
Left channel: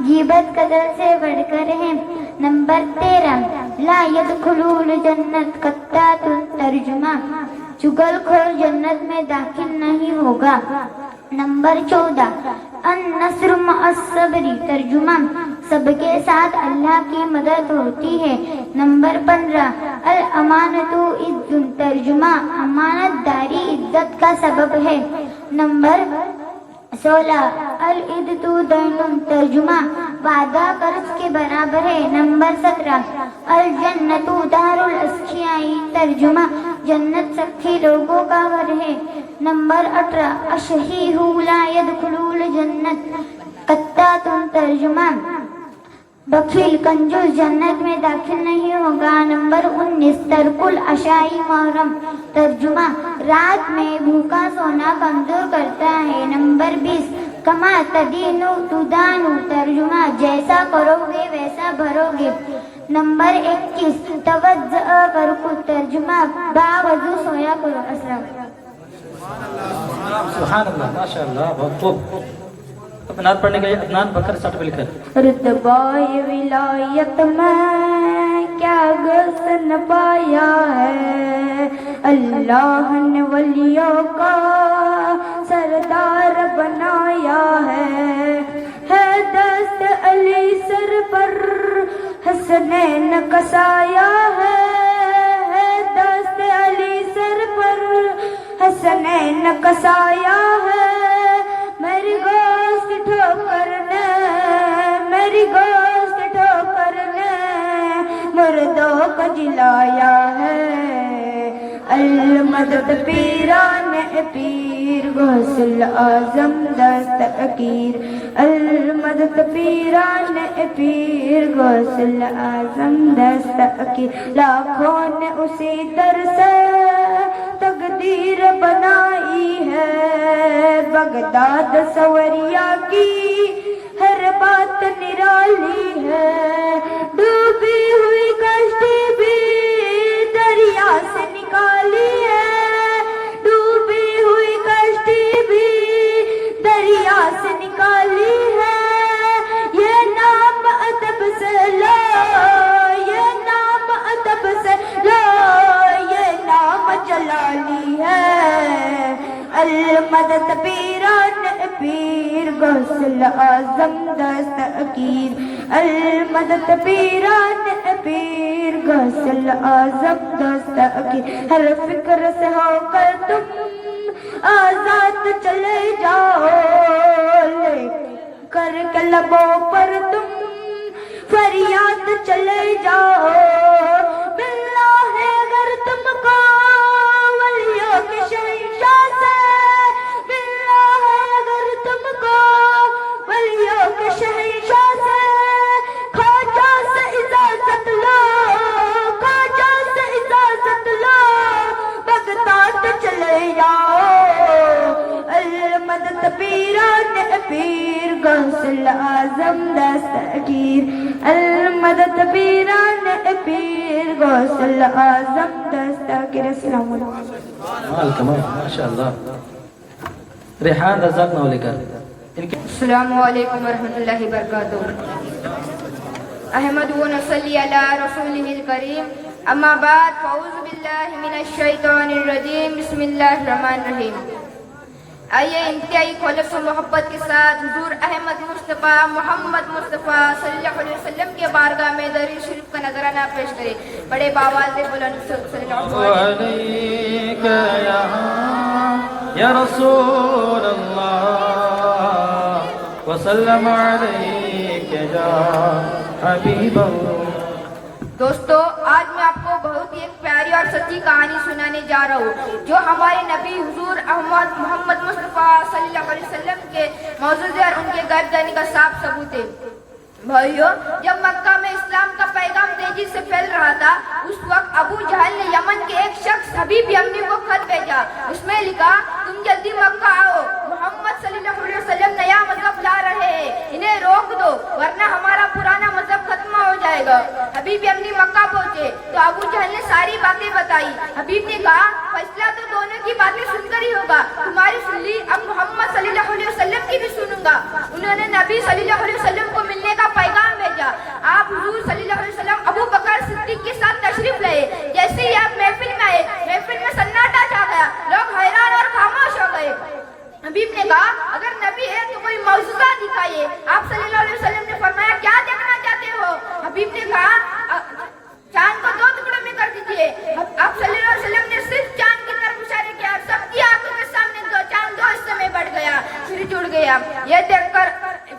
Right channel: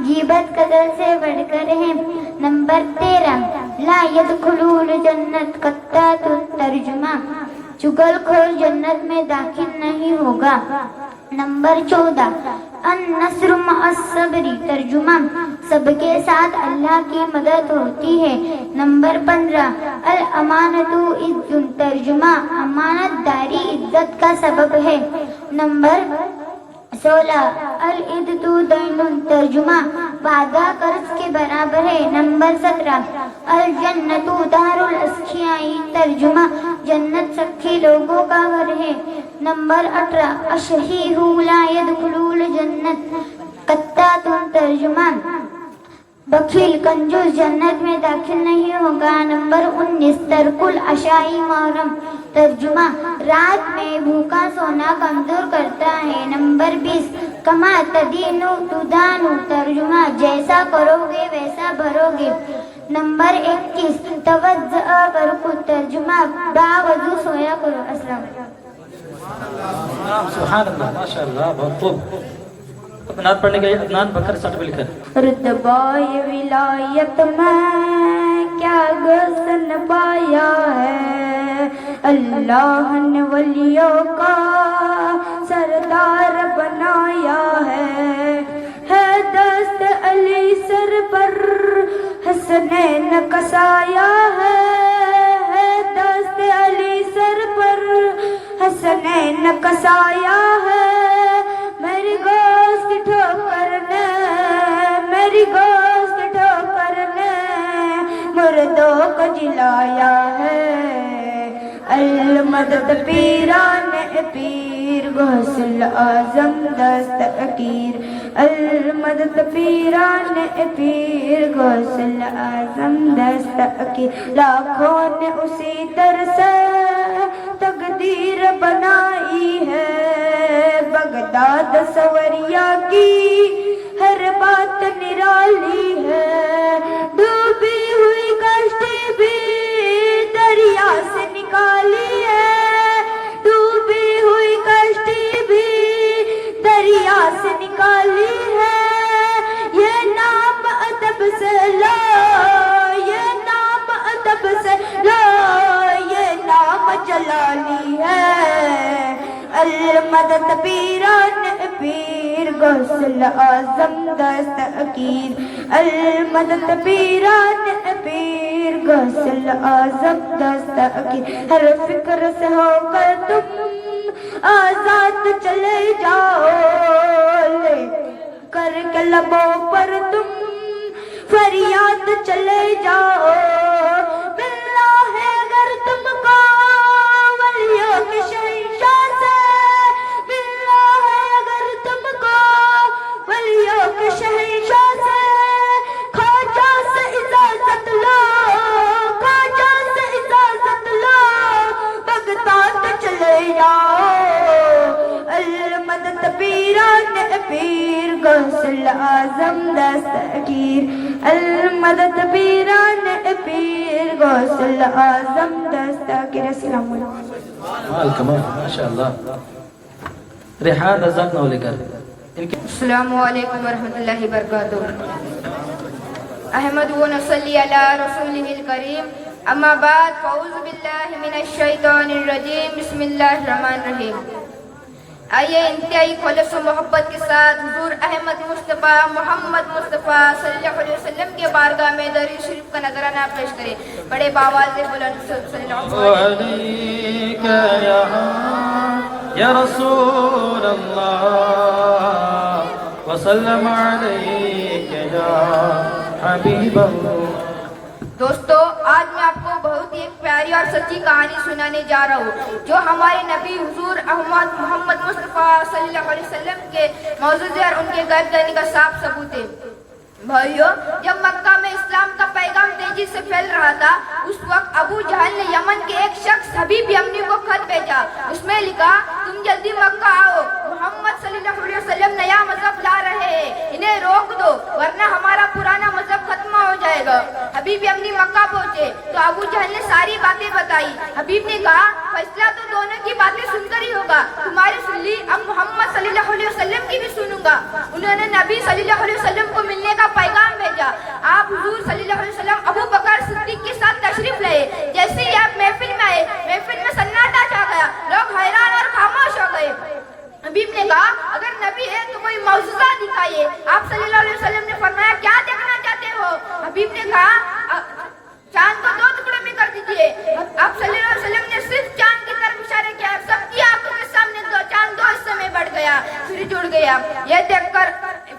غیبت قتل سے بڑھ کر ہے. نمبر 13 لا يدخلون الجنت قطات ترجمہ چگل خور جنت میں داخل نہیں ہوگا. نمبر 14 النصر مع الصبر ترجمہ سب کے ساتھ اللہ کی مدد ہوتی ہے. نمبر 15 الامانۃ عز ترجمہ امانت داری عزت کا سبب ہے. نمبر 16 العدۃ دین ترجمہ وعدہ قرض کے برابر ہے. نمبر 17 الجنۃ دار الاسخیاء ترجمہ جنت سخی لوگوں کا گھر ہے. نمبر 18 الشحیح لا يدخل الجنت قطات ترجمہ بخیل کنجوس جنت میں داخل نہیں ہوگا. نمبر 19 ترک العشاء محرم ترجمہ رات میں بھوکا سونا کمزور کرتا ہے. نمبر 20 کما تدین تدان ترجمہ جیسا کرو گے ویسا بھرو گے. نمبر 21 توضع کرو ترجمہ باوضو سویا کرو. السلام سبحان اللہ ماشاء اللہ بہت خوب. اپنا پڑھنے گئے عدنان بکر سرٹیفکیٹ. رتبۂ ولایت میں کیا گزن پایا ہے اللہ نے ولیوں کا سردار بنایا ہے دست علی سر پر حسنین کسایا ہے دست علی سر پر حسنین کسایا ہے. میری گوشت ٹھوکر نے میری گوشت ٹھوکر نے مردوں کو جلایا ہے. المدد پیران پیر غوث الاعظم دستگیر المدد پیران پیر غوث الاعظم دستگیر. لاکھوں نے اسی در سے تقدیر بنائی ہے بغداد سوریا کی ہر بات نرالی ہے. ڈوبی ہوئی کشتی بھی دریا سے نکالی ہے ڈوبی ہوئی کشتی بھی دریا سے نکالی ہے. یہ نام ادب سے لو یہ نام ادب سے لو یہ نام جلالی ہے. المدد پیران پیر غوث الاعظم دستگیر المدد پیران پیر غوث الاعظم دستگیر. ہر فکر سے ہو کر تم آزاد چلے جاؤ لے کر کے لبوں پر تم فریاد چلے جاؤ. ملنا ہے اگر تم کو ولیوں کے شہنشاہ سے ملنا ہے اگر تم کو ولیوں کے شہنشاہ سے. خواجہ سے اجازت لو خواجہ سے اجازت لو بغداد چلے جاؤ. المدد پیران پیر غوث الاعظم دستگیر المدد پیران پیر غوث الاعظم دستگیر. السلام علیکم. کمال ماشاء اللہ. ریحان رزاق نولے کر. السلام علیکم ورحمۃ اللہ وبرکاتہ. احمد و نصلی علی رسولہ الکریم. اما بعد فاعوذ باللہ من الشیطان الرجیم. بسم اللہ الرحمن الرحیم. آئیے انتہائی خلوص و محبت کے ساتھ حضور احمد مصطفیٰ محمد مصطفیٰ صلی اللہ علیہ وسلم کے بارگاہ میں درود شریف کا نذرانہ پیش کریں. بڑے باواز سے بلند صلی اللہ علیک یا رسول اللہ وسلم علیک یا حبیب اللہ. دوستو آج میں آپ کو بہت ہی ایک پیاری اور سچی کہانی سنانے جا رہا ہوں جو ہمارے نبی حضور احمد محمد مصطفیٰ صلی اللہ علیہ وسلم کے موجود ہے اور ان کے غیب جانے کا صاف ثبوت ہے. भाइयों, जब मक्का में इस्लाम का पैगाम तेजी से फैल रहा था, उस वक्त अबू जहल ने यमन के एक शख्स हबीब यमनी को खत भेजा। उसमें लिखा, तुम जल्दी मक्का आओ, मोहम्मद सल्लल्लाहु अलैहि वसल्लम नया मजहब ला रहे हैं, इन्हें रोक दो वरना हमारा पुराना मजहब खत्म हो जाएगा। हबीब यमनी मक्का पहुंचे तो अबू जहल ने सारी बातें बताई। हबीब ने कहा, फैसला तो दोनों की बातें सुनकर ही होगा, तुम्हारी सुन ली, अब मोहम्मद सल्लल्लाहु अलैहि वसल्लम की भी सुनूंगा। उन्होंने नबी सल्लल्लाहु अलैहि वसल्लम को मिलने का पैगाम भेजा। आप हुजूर सल्लल्लाहु अलैहि वसल्लम अबू बकर सिद्दीक के साथ तशरीफ लाए। जैसे ही आप महफिल में आए, महफिल में सन्नाटा छा गया, लोग हैरान और खामोश हो गए। हबीब ने कहा, अगर नबी है तो कोई मौजूदा दिखाइए। आप सल्लल्लाहु अलैहि वसल्लम ने फरमाया, क्या देखना चाहते हो? हबीब ने कहा, चांद को 2 टुकड़े में कर दीजिए। आप सल्लल्लाहु अलैहि वसल्लम ने सिर्फ चांद की तरफ इशारा किया, सबकी आंखों के सामने चांद 2 हिस्से में बढ़ गया, फिर जुड़ गया। यह देखकर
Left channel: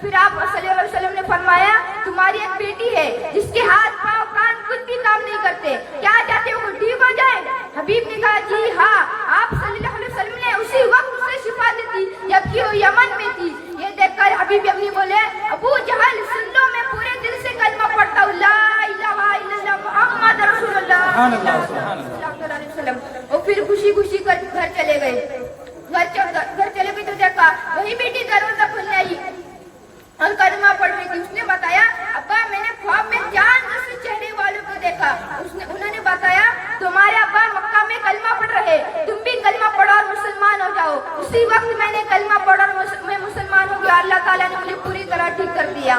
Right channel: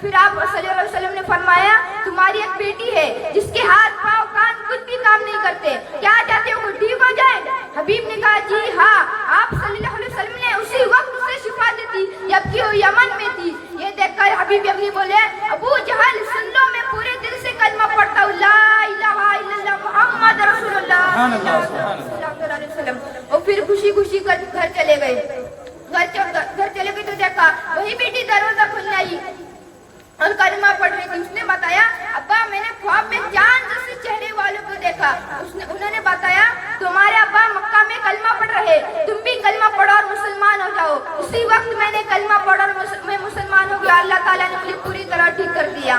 फिर आप सल्लल्लाहु अलैहि वसल्लम ने फरमाया, तुम्हारी एक बेटी है जिसके हाथ पाँव कान कुछ भी काम नहीं करते, क्या चाहते हो ठीक हो जाए? हबीब ने कहा, जी हाँ। आप सल्लल्लाहु अलैहि वसल्लम ने उसी वक्त उसे शिफा दी थी जबकि वो यमन में थी। ये देखकर हबीब यमनी बोले, अबू जहल सुन लो, मैं पूरे दिल से कलमा पढ़ता हूँ, ला इलाहा इल्लल्लाह मुहम्मद रसूलुल्लाह सल्लल्लाहु अलैहि वसल्लम। और फिर खुशी खुशी घर चले गए। घर चले गए तो देखा वही बेटी दरवाजा खोलने आई और कलमा पढ़ रही थी। उसने बताया, अब्बा मैंने ख्वाब में चांद जैसे चेहरे वालों को देखा। उन्होंने बताया, तुम्हारे अब्बा मक्का में कलमा पढ़ रहे, तुम भी कलमा पढ़ो और मुसलमान हो जाओ। उसी वक्त मैंने कलमा पढ़ा और मैं मुसलमान हो गया। अल्लाह ताला ने मुझे पूरी तरह ठीक कर दिया।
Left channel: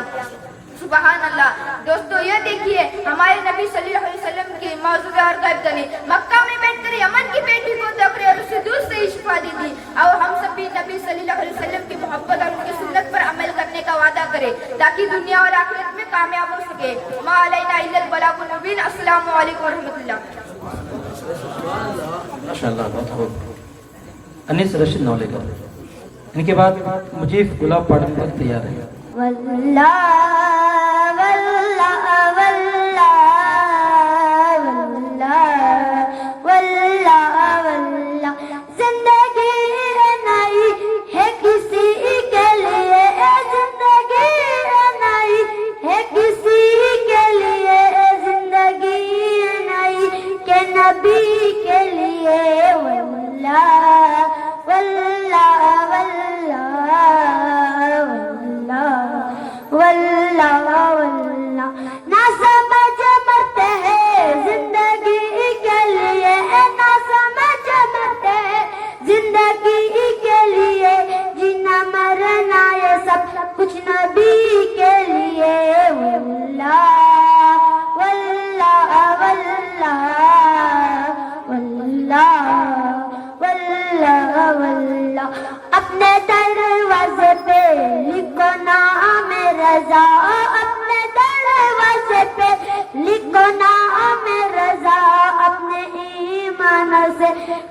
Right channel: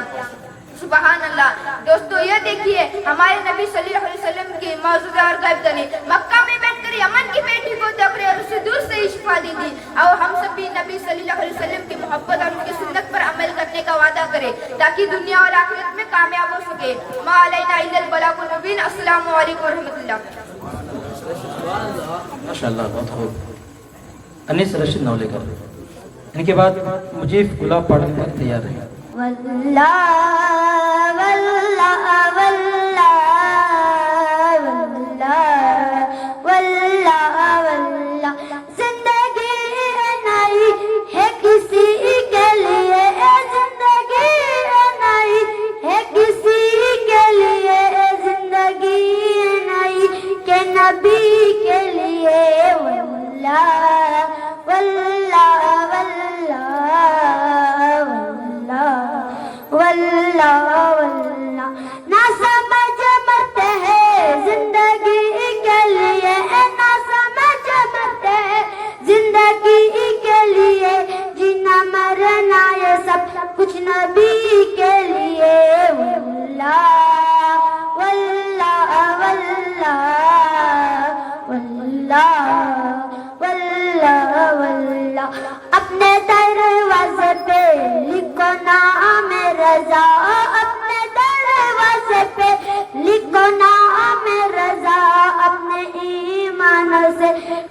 सुबहान अल्लाह। दोस्तों, ये देखिए हमारे नबी सल्लल्लाहु अलैहि वसल्लम की मौजूदा और गायब कनी मक्का में बैठकर यमन की बेटी को देख रहे और उसे दूर से शिफा दी थी। और हम सब भी नबी सल्लल्लाहु अलैहि वसल्लम की मोहब्बत और उनकी सुन्नत पर अमल करने का वादा करें ताकि दुनिया और आखिरत में कामयाब हो सके। मा अलैना इल्लल बलागुल मुबीन। अस्सलामु अलैकुम व रहमतुल्लाह। माशाअल्लाह, बहुत खूब। अनीस रशीद नौलेकर, इनके बाद मुझे गुलाब पढ़ने पर तैयार है। वल्लाह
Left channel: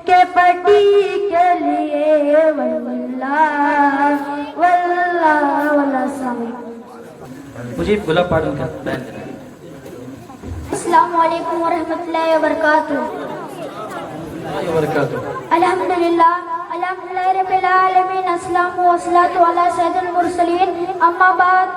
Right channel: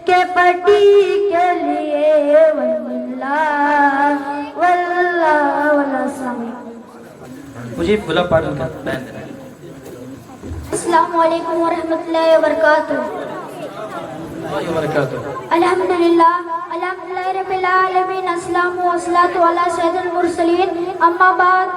के पटी के लिए मुझे गुलाब पढ़ने का बयान करें। अस्सलामु अलैकुम व रहमतुल्लाहि व बरकातुहू। अल्हम्दुलिल्लाह रब्बिल आलमीन। अस्सलामु वस्सलातु अला सय्यिदिल मुरसलीन। अम्मा बाद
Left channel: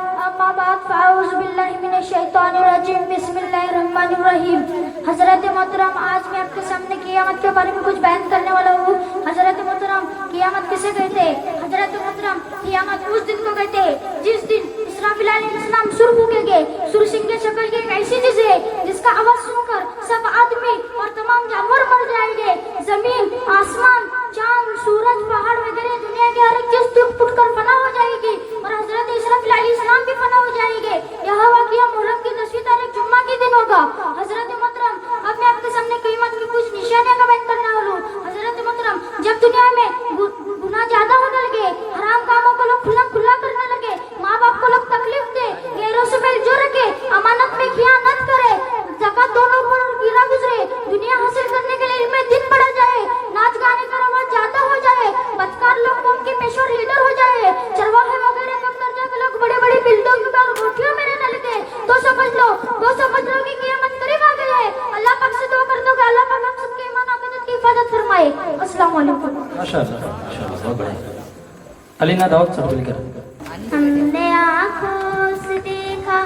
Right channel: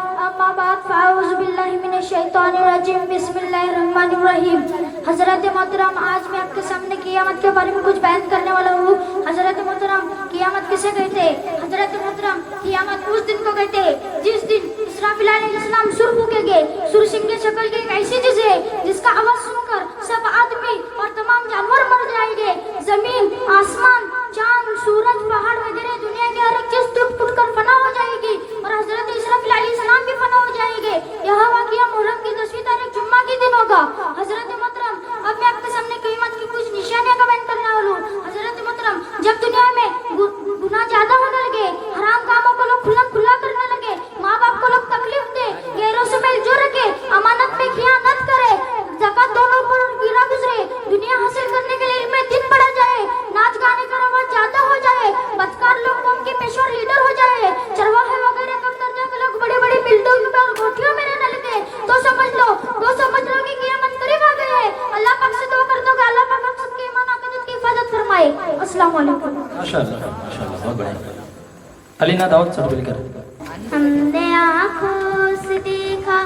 फ़ाऊज़ु बिल्लाहि मिनश शैतानिर रजीम। बिस्मिल्लाहिर रहमानिर रहीम। हज़रत मोहतरम, आज मैं आपके सामने क़यामत के बारे में कुछ बयान करने वाला हूँ। हज़रत मोहतरम, क़यामत किसे कहते हैं? हज़रत मोहतरम, क़यामत उस दिन को कहते हैं जिस दिन इसराफिल अलैहिस्सलाम सुर फूकेंगे। सुर सिंह की शक्ल की एक ऐसी चीज है जिसका आवाज सुनकर सब आदमी और तमाम जानवर मर जाएंगे। जमीन, आसमान, चांद, सूरज, पहाड़ वगैरह दुनिया की हर एक चीज टूट फूट कर फना हो जाएगी और हजरत इसराफिल अलैहिस्सलाम भी फना हो जाएंगे। यह वाक़या मुहर्रम की 10वीं तारीख जुम्मा के दिन होगा। हजरत मोहतरम, अब मैं आपके सामने क़यामत की कुछ निशानियां का बयान करने वाला हूँ। हजरत मोहतरम, जब दुनिया में गुनाह ज्यादा होने लगे, हराम कामों को लोग खुला करने लगे, माँ बाप को लोग तकलीफ दे, गैरों से मेल जोड़ रखे, अमानत में खियानत करे, ज़कात दोनों पर गिरा गुजरे, दुनिया हासिल करने के लिए इनमें दिन बढ़ा जाए, नाच गाने का रवाज ज्यादा हो जाए, बदकार लोग कौम के पेशवा लीडर हो जाए, चरवाहे वगैरह कम दर्जा के लोग बड़े बड़े बिल्डिंग पर कोठियों में रहने लगे, तो समझ लो कि क़यामत करीब आ गई है। अल्लाह पाक से दुआ कर दो कि अल्लाह पाक हम सबके ईमान अकीदत की हिफाजत फरमाए। अस्सलाम वालेकुम। माशाअल्लाह, बहुत बढ़िया। अलीना दाऊद सर्टिफिकेट। हमने आँखों से देखा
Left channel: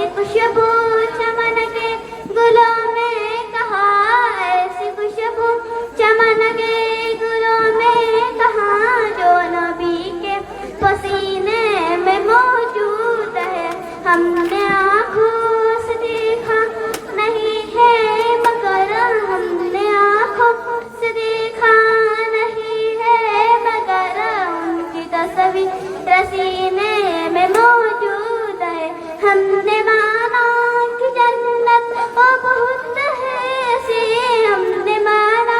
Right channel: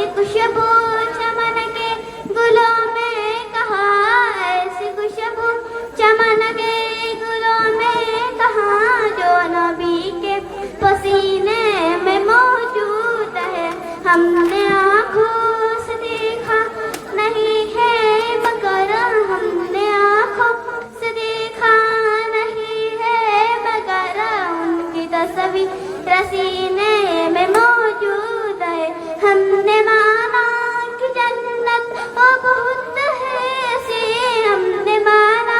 ऐसी खुशबू चमन के गुलों में कहाँ, ऐसी खुशबू चमन के गुलों में कहाँ, जो नबी के पसीने में मौजूद है। हमने आँखों से देखा नहीं है मगर, हमने आँखों से देखा नहीं है मगर, उनकी तस्वीर सीने में मौजूद है। हमने माना कि जन्नत को बहुत है ऐसी, हमने माना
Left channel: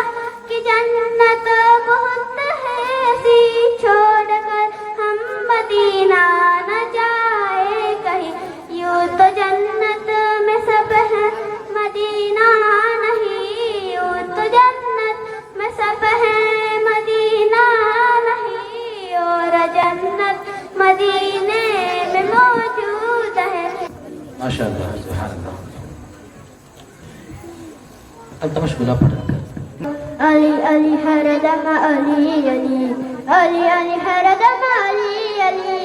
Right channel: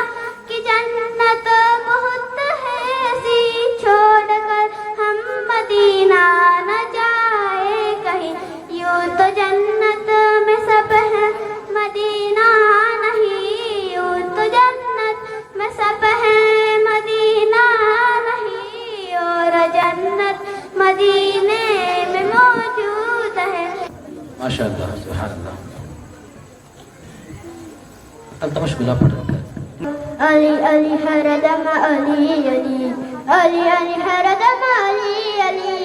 कि जन्नत बहुत है ऐसी, छोड़कर हम मदीना न जाए कहीं। यूं तो जन्नत में सब है मदीना नहीं, यूं तो जन्नत में सब है मदीना नहीं, और जन्नत मदीने में मौजूद है। माशाअल्लाह, सुभान अल्लाह। अल्तमश बिला पढ़ रहे हैं। अली अली हरदम अली अली, अली अली हरदम अली अली,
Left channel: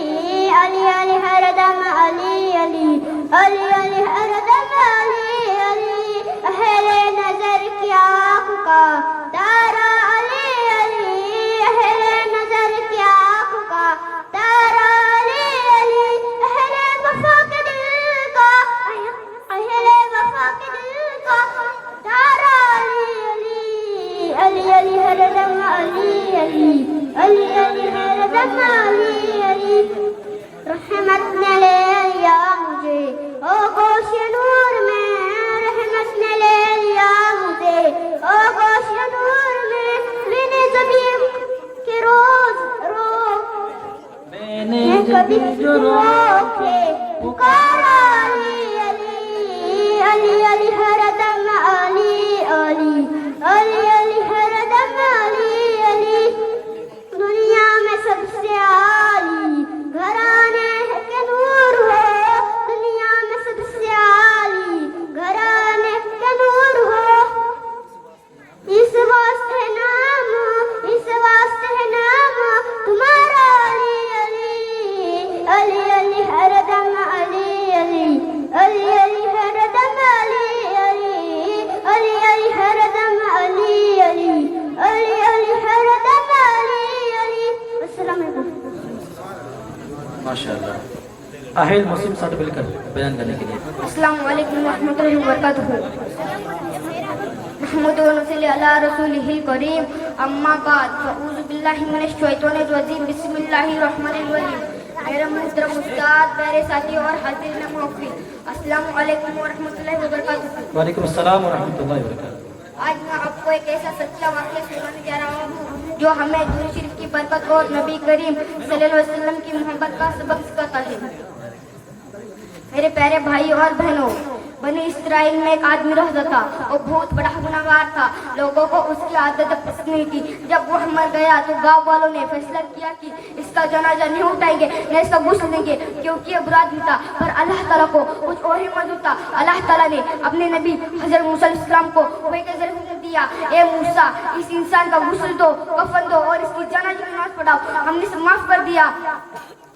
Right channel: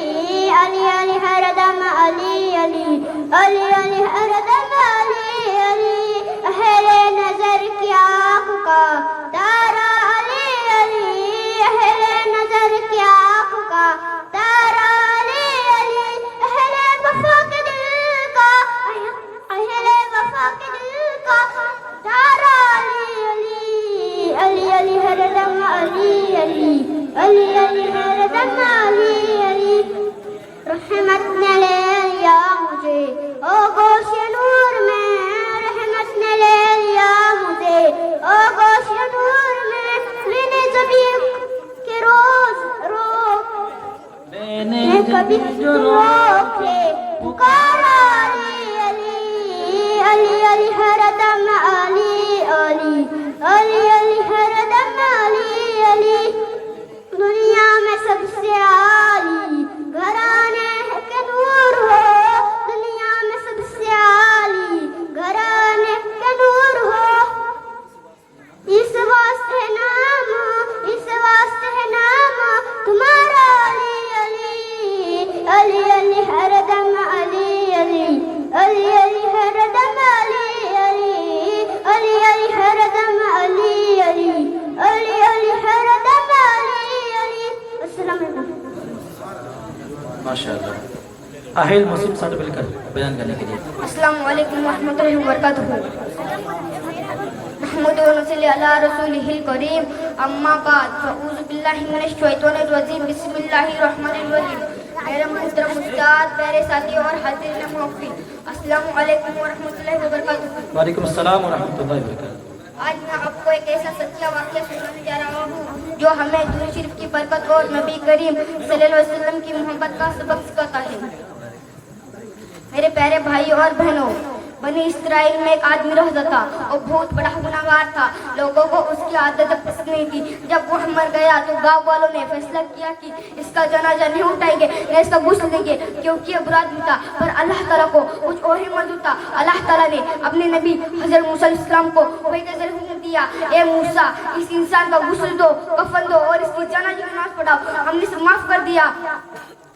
अली अली हरदम अली अली, अली अली हरदम अली अली। अहले नजर की आँख का तारा अली अली, अहले नजर की आँख का तारा अली अली। अहले वफा के दिल का, अहले वफा के दिल का तारा अली अली, अली अली हरदम अली अली, अली अली हरदम अली अली। रहमत ने ले लिया मुझे ओ गोश नूर में, रहमत ने ले लिया मुझे ओ गोश नूर में। मैंने ज़मीन के रोज रो, मैंने कभी रोके पुकारा अली अली, अली अली हरदम अली अली, अली अली हरदम अली अली। दुनिया में सबसे आली घराने के नूर हो, दुनिया में सबसे आली घराने के नूर हो। इस वास्ते नाम, इस वास्ते नाम तुम्हारा अली अली, अली अली हरदम अली अली, अली अली हरदम अली अली, अली अली हरदम अली अली, अली अली हरदम अली अली। अस्सलाम वालेकुम। माशाअल्लाह। अहिल मुस्लिम साथ मिलकर बयान करने के लिए। अस्सलाम वालेकुम रहमतुल्लाहि व बरकातहू। नहमदु व नसल्ली अला रसूलिहिल करीम, अम्मा बाद, फअऊज़ु बिल्लाहि मिनश शैतानिर रजीम, बिस्मिल्लाहिर रहमानिर रहीम। मेरे मोहतरम उस्ताद, मेरे साथी और हाज़िर महफिल, अस्सलाम वालेकुम व रहमतुल्लाहि व बरकातहू। वालेकुम अस्सलाम व रहमतुल्लाहि व बरकातहू। आज मैं आपको एक ऐसा सच्चा वाक़या सुनाने जा रहा हूँ जो हमें दुरूद शरीफ की बरकत और नबी करीम सल्लल्लाहु अलैहि वसल्लम की मोहब्बत का सबक सिखाता है। मेरे प्यारे भाई और बहनों, बनी इस्राइल में एक आदमी रहता था और बहुत बड़ा गुनाहगार था। लोगों को उसकी आदतें पसंद नहीं थी। जब वो मर गया तो गांव वालों ने फैसला किया कि इसका जनाजा नहीं उठाएंगे, न इसका गुस्ल देंगे, क्योंकि ये बुरा आदमी था। पर अल्लाह ताला को कुछ और ही मंजूर था। अल्लाह ताला ने अपने नबी हज़रत मूसा अलैहिस्सलाम को वही हुक्म दिया, ए मूसा, इस इंसान का गुस्ल दो, कफन दो और इसकी जनाजे की नमाज पढ़ाओ। हमने इसे माफ कर दिया।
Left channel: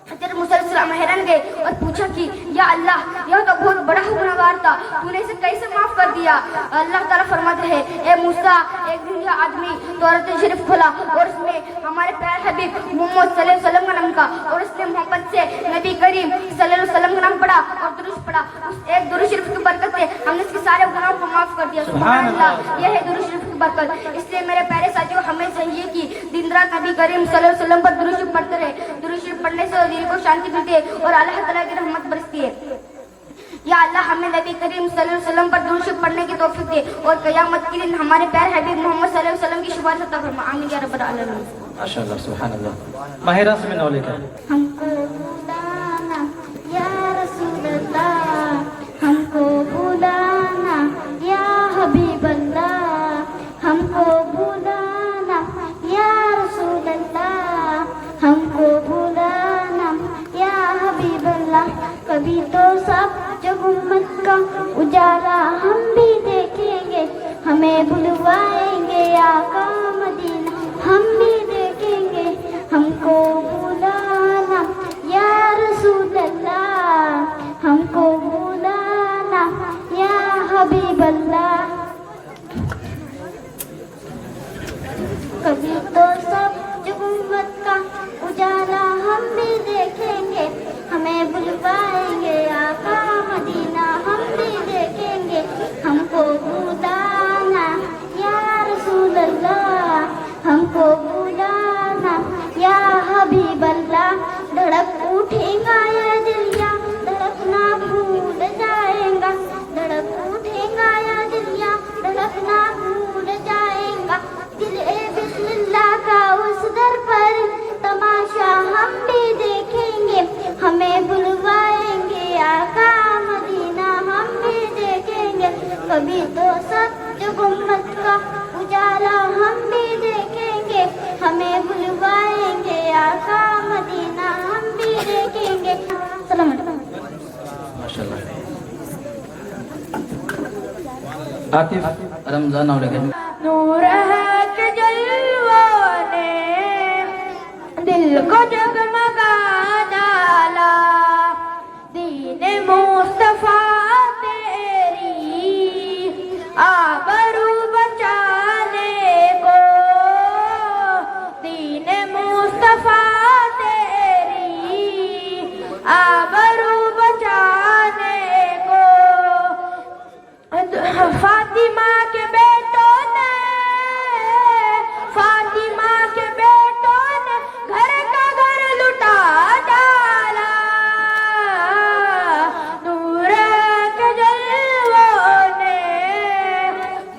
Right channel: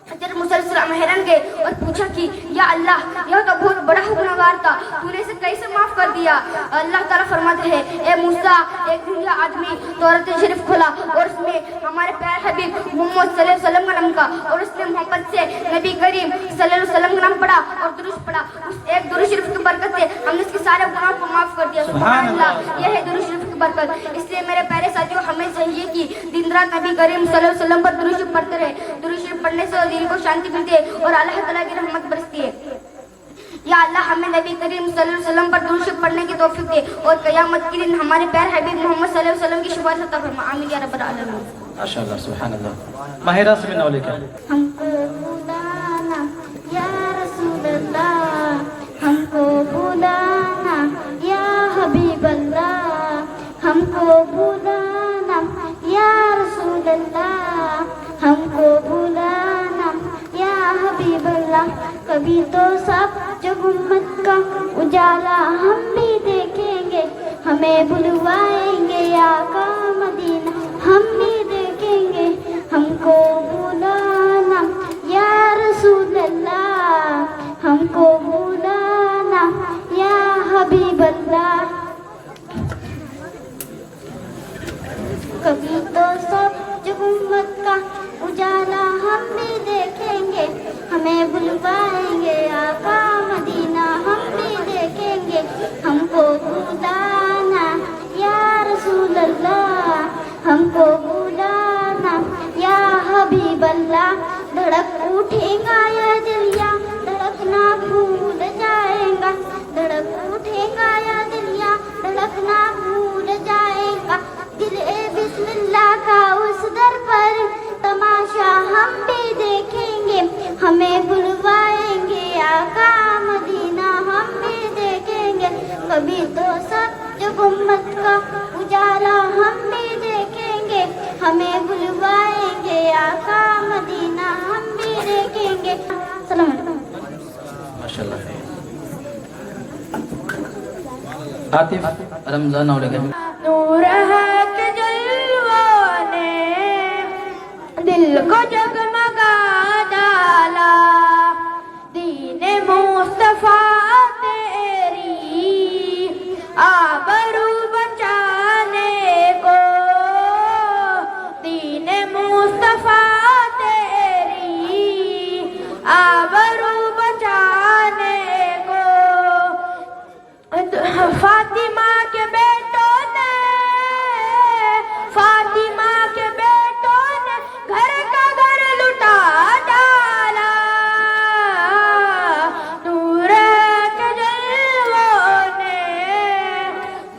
हज़रत मूसा अलैहिस्सलाम हैरान गए और पूछा कि या अल्लाह, यह तो बहुत बड़ा गुनाहगार था, तूने इसे कैसे माफ कर दिया? अल्लाह ताला फरमाते हैं, ए मूसा, एक दिन यह आदमी तौरात शरीफ खोला और उसमें हमारे प्यारे हबीब मोहम्मद सल्लल्लाहु अलैहि वसल्लम का नाम का, और उसने मोहब्बत से नबी करीम सल्लल्लाहु अलैहि वसल्लम का नाम पढ़ा और दुरूद पढ़ा। उस एक दुरूद शरीफ की बरकत से हमने इसके सारे गुनाहों को माफ कर दिया। सुभान अल्लाह, यह है दुरूद शरीफ की बरकत। इसलिए मेरे प्यारे साथियों, हमें चाहिए कि दिन रात नबी करीम सल्लल्लाहु अलैहि वसल्लम पर दुरूद शरीफ पढ़ते रहे। दुरूद शरीफ पढ़ने से दिल को शांति मिलती है और अल्लाह ताला की रहमत बरसती है। या अल्लाह हमें नबी करीम सल्लल्लाहु अलैहि वसल्लम पर दुरूद शरीफ पढ़ने की तौफीक दे और क़यामत के दिन हमारे प्यारे हबीब मोहम्मद सल्लल्लाहु अलैहि वसल्लम की शफाअत अता फरमा। आमीन या रब्बल आलमीन। माशाअल्लाह, सुभान अल्लाह। माहिरा से मिलने वाले क्या? हमको बुलाना या रसूल अल्लाह, हमको बुलाना या हबीब अल्लाह, हमको बुलाना या रसूल अल्लाह, हमको बुलाना या हबीब अल्लाह। कभी तो सब जब उम्मत का उजाला हम भी देखेंगे, हमें बुलवाएंगे आका मदीना, हम भी देखेंगे। हमको बुलाना या रसूल अल्लाह, हमको बुलाना बुलवाएंगे आका मदीना हम भी देखेंगे हमको बुलाना या रसूल अल्लाह हमको बुलाना या हबीब अल्लाह धड़क उठेगा या दिल या धड़कना भूल जाएगा धड़क उठेगा या दिल या धड़कना भूल जाएगा दिल ए बिस्मिल्लाह का उस दर पर तमाशा हम भी देखेंगे हमें बुलवाएंगे आका मदीना हम भी देखेंगे कभी तो सच गुम्मत का उजाला हम भी देखेंगे हमें बुलवाएंगे आका मदीना हम भी देखेंगे सलाम माशाल्लाह। आतिफ रमजान और नूर है के जलवों ने दिल को जगमगा डाला दीने मुस्तफा तेरी आबरू बचाने को दीने मुस्तफा तेरी आबरू बचाने को फातिमा के बेटों ने घर का घर लुटा डाला नूर के जलवों ने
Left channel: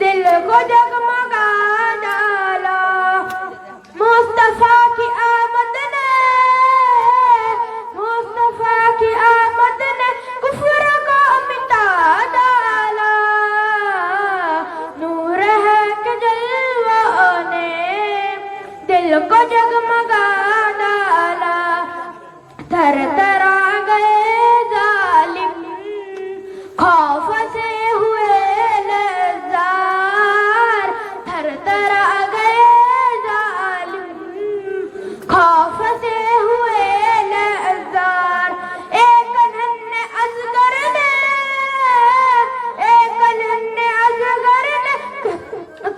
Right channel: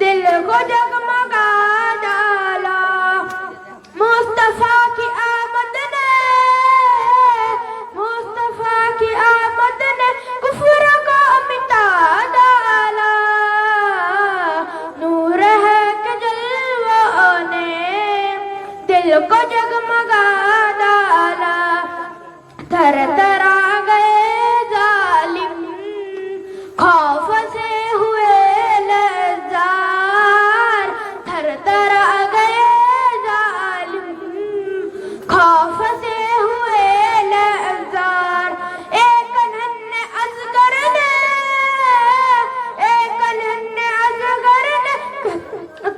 दिल को जगमगा डाला मुस्तफा की आमद ने कुफ्र को मिटा डाला नूर है कि जलवों ने दिल को जगमगा डाला थर थरा गए जालिम खौफ से हुए लरज़ार थर थरा गए जालिम खौफ से हुए लरज़ार एक नन्हे असगर ने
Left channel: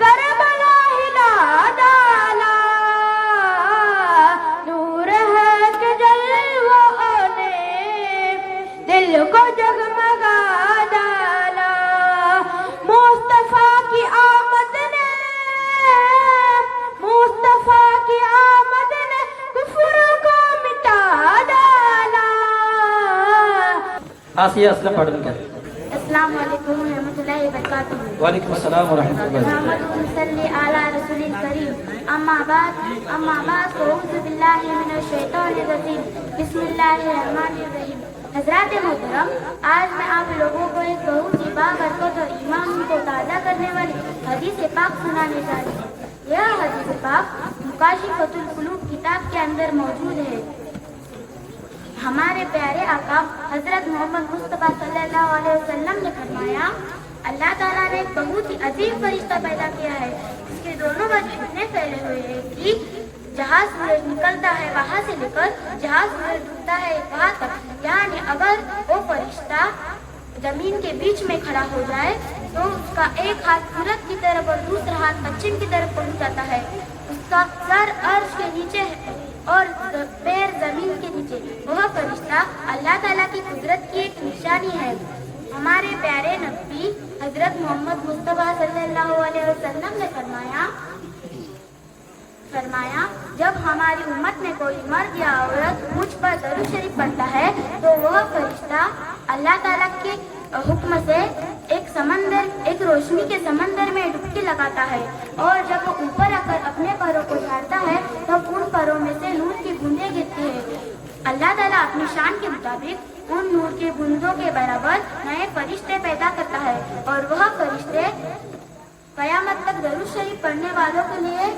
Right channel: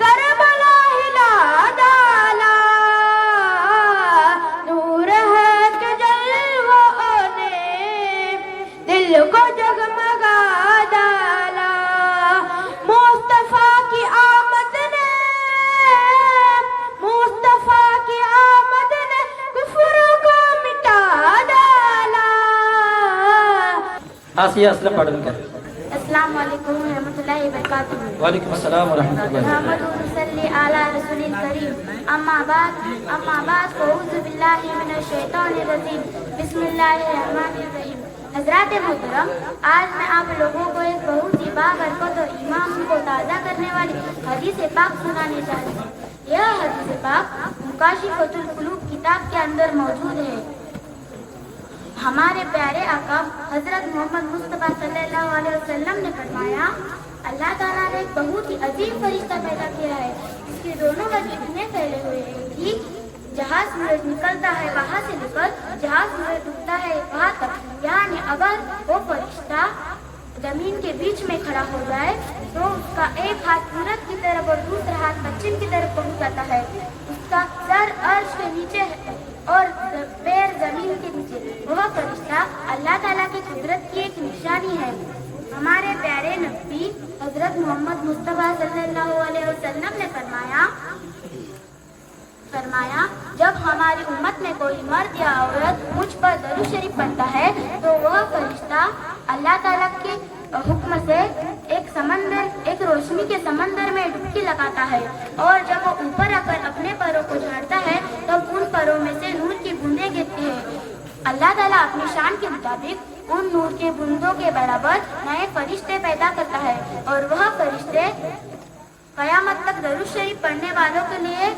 करबला हिला डाला नूर है कि जलवों ने दिल को जगमगा डाला मुस्तफा की आमद ने कुफ्र को मिटा डाला आसिया असलम पढ़न कर अस्सलाम वालेकुम रहमतुल्लाहि व बरकातहू वालेकुम अस्सलाम व रहमतुल्लाहि व बरकातहू सल्ली अला रसूलिल करीम अम्मा बाद अऊज़ु बिल्लाहि मिनश शैतानिर रजीम बिस्मिल्लाहिर्रहमानिर रहीम हज़रात मोहतरम आज मैं आप लोगों को एक बहुत ही बाबरकत और ईमान को ताज़ा करने वाली हदीस पाक सुनाने जा रही हूँ यह हदीस पाक मुकाशिफतुल कुलूब किताब के अंदर मौजूद है हमारे प्यारे आका हजरत मोहम्मद मुस्तफा सल्लल्लाहु अलैहि वसल्लम ने फरमाया अल्लाह ताला ने एक बहुत ही अजीम फरिश्ता पैदा किया है इसके दोनों गज इतने फैले हुए हैं कि जहाँ सूरज निकलता है वहाँ से लेकर जहाँ सूरज डूबता है वहाँ तक यानी अगर वो फरिश्ता जमीन के बीच में खड़ा हो जाए तो उसका एक हाथ पूरब की तरफ और दूसरा हाथ पश्चिम की तरफ पहुँच जाता है उसका सर अर्श के नीचे है और पैर जमीन के नीचे वह फरिश्ता अल्लाह ताला की कुदरत की एक निशानी है हमारे प्यारे नबी हजरत मोहम्मद मुस्तफा सल्लल्लाहु अलैहि वसल्लम ने फरमाया जब हमारी उम्मत में कोई मर्द या औरत मुझ पर दरूद शरीफ पढ़ता है तो वह फरिश्ता अल्लाह ताला के हुक्म से एक रोशनी के समंदर में डुबकी लगाता है और जब वो ऊपर आकर अपने पैरों को झाड़ता है तब उन पैरों में से नूर की बूंदें गिरती है अल्लाह ताला अपनी शान के मुताबिक उन नूर के बूंदों के बराबर नए फरिश्ते पैदा करता है और वह फरिश्ते कयामत तक दरूद शरीफ पढ़ने वालों के लिए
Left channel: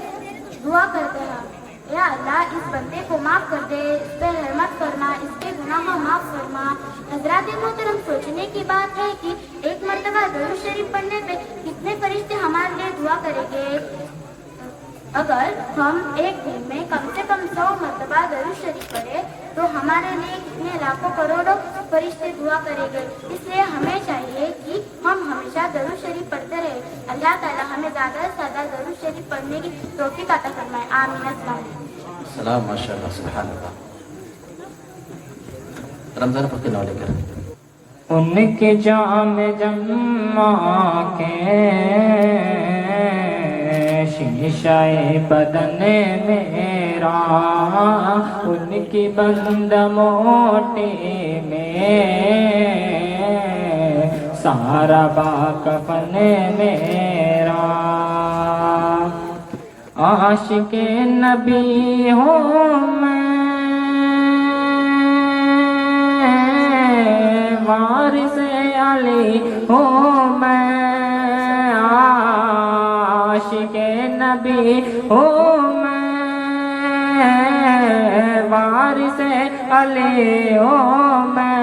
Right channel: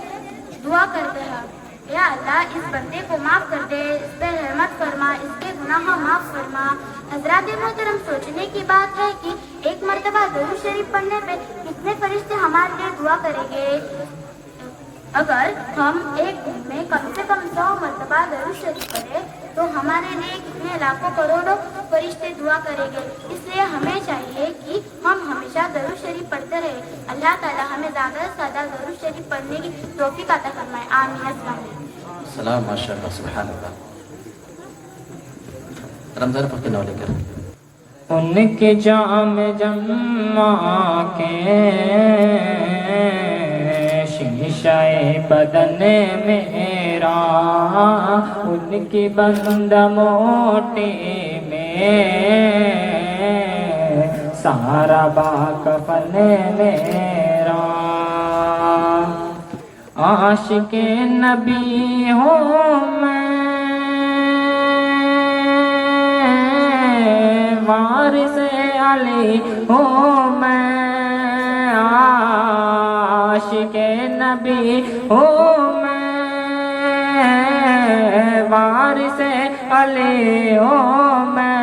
दुआ करते हैं या अल्लाह इस बंदे को माफ कर दे इस पे रहमत फरमा इसके गुनाह माफ फरमा हजरात मोहतरम सोचने की बात है कि एक मर्तबा दरूद शरीफ पढ़ने पे कितने फरिश्ते हमारे लिए दुआ करेंगे अगर हम एक दिन में कम से कम 100 मर्तबा दरूद शरीफ पढ़े तो हमारे लिए कितने लाखों करोड़ों फरिश्ते दुआ करेंगे इसलिए हमें चाहिए कि हम हमेशा दरूद शरीफ पढ़ते रहे अल्लाह ताला हमें ज़्यादा से ज़्यादा दरूद शरीफ पढ़ने की तौफीक अता फरमाए आमीन। सलाम माशाअल्लाह सुभान अल्लाह। رمضان فرقے نام لے کر ان کے جام جمع کے شیشہ بدن میرا، ان کی بند موٹی میں سارا باکفن میرا، عاشق نبی ہوں میں، وارث علی ہوں میں، عاشق نبی ہوں میں، وارث علی ہوں میں،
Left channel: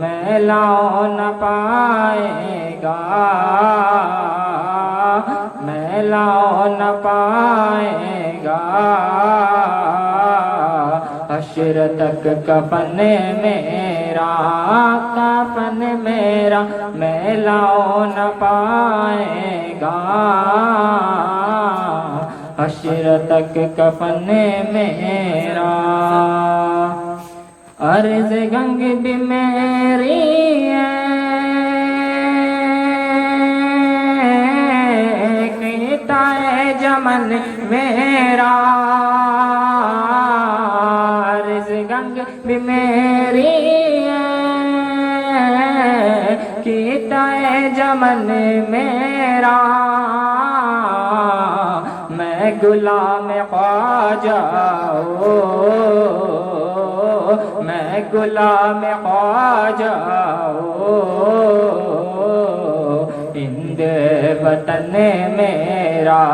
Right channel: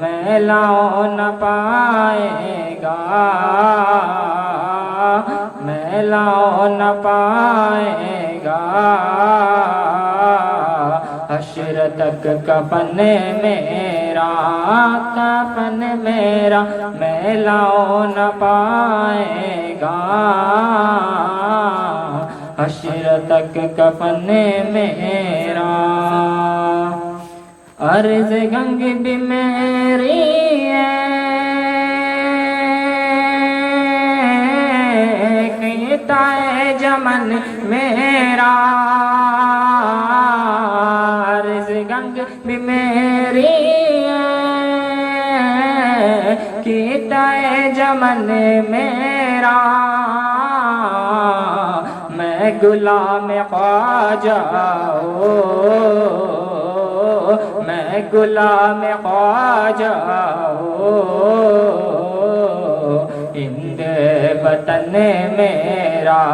میلاؤ نہ پائے گا، میلاؤ نہ پائے گا، حشر تک کفن میرا، کفن میرا میلاؤ نہ پائے گا، حشر تک کفن میرا، عرض گنگ بھی میری ہے، کیتا ہے جمن میرا، عرض گنگ بھی میری ہے، کیتا ہے جمن میرا، میں غلام خواجہ ہوں، میں غلام خواجہ ہوں، ہند وطن میرا،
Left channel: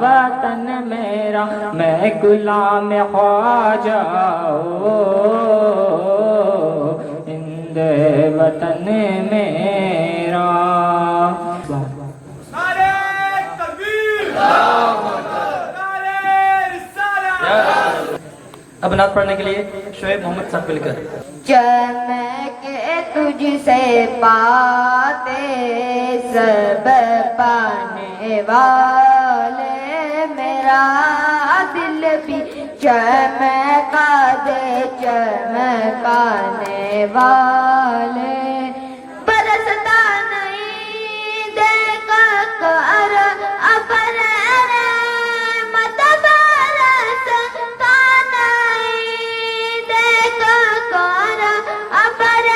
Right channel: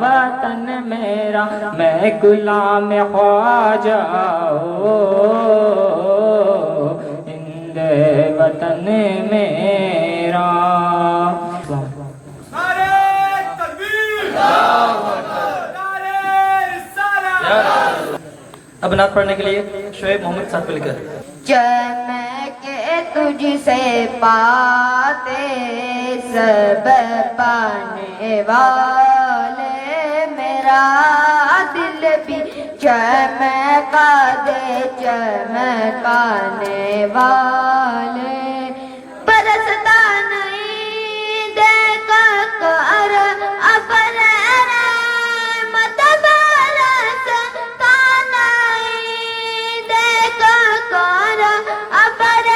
وطن میرا، میں غلام خواجہ ہوں، ہند وطن میرا۔ اب نعت پڑھنے کے لیے شعیب محمد صاحب مل کر چمک تجھ سے پاتے سب پانے والے، میرا دل بھی چمکا دے چمکانے والے، برستا نہیں دیکھا کر ابر رحمت، برستا نہیں دیکھا کر ابر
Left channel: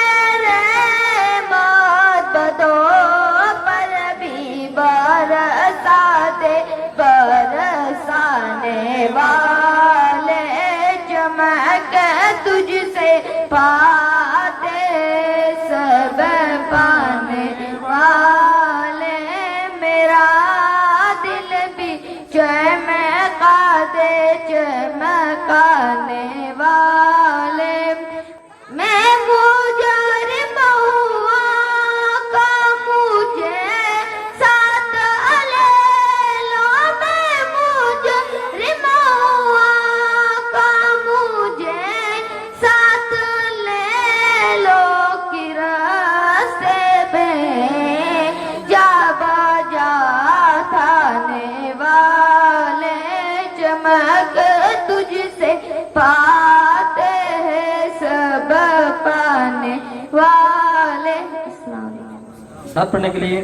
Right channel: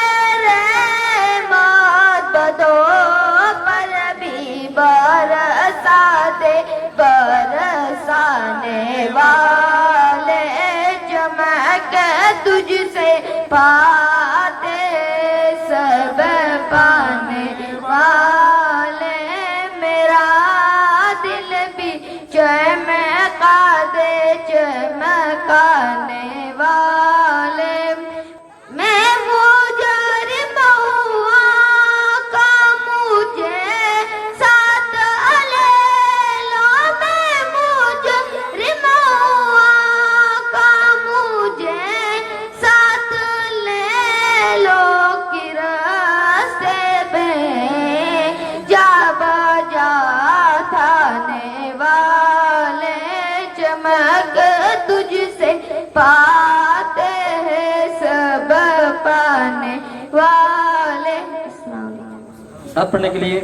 رحمت، تو پر بھی برسا دے برسانے والے، چمک تجھ سے پاتے سب پانے والے، میرا دل بھی چمکا دے چمکانے والے، میں مجرم ہوا کا مجھے ساتھ لے لو، میں مجرم ہوا کا مجھے ساتھ لے لو، کہ راستے میں جا بجا تھانے والے، چمک تجھ سے پاتے ہیں سب پانے والے۔ السلام علیکم۔ نعت پڑھنے کے لیے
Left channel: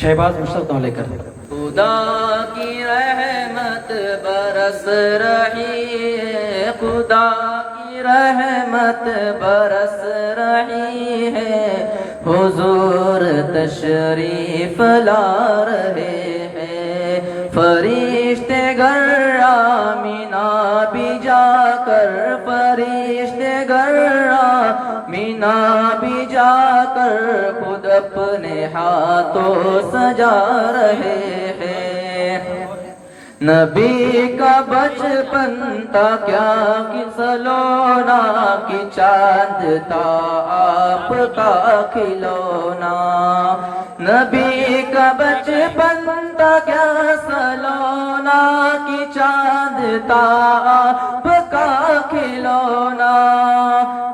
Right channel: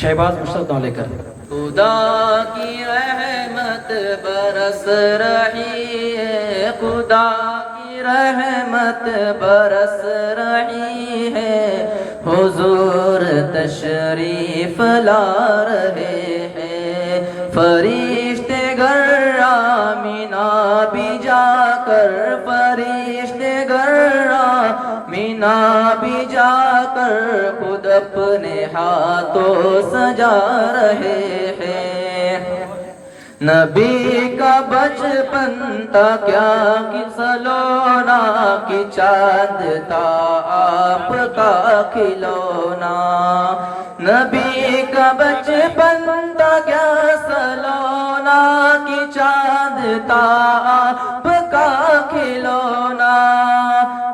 شہباز مشتاق نام لے کر خدا کی رحمت برس رہی ہے، خدا کی رحمت برس رہی ہے، حضور تشریف لا رہے ہیں، فرشتے گر آمینہ بھی جا کر، فرشتے گر آمینہ بھی جا کر، خود اپنے ہاتھوں سجا رہے ہیں، نبی کا بچپن تھا کیا کہ سلونا، کی چاند تھا آپ کا کھلونا، نبی کا بچپن تھا کیا سلونا، کی چاند تھا آپ کا کھلونا،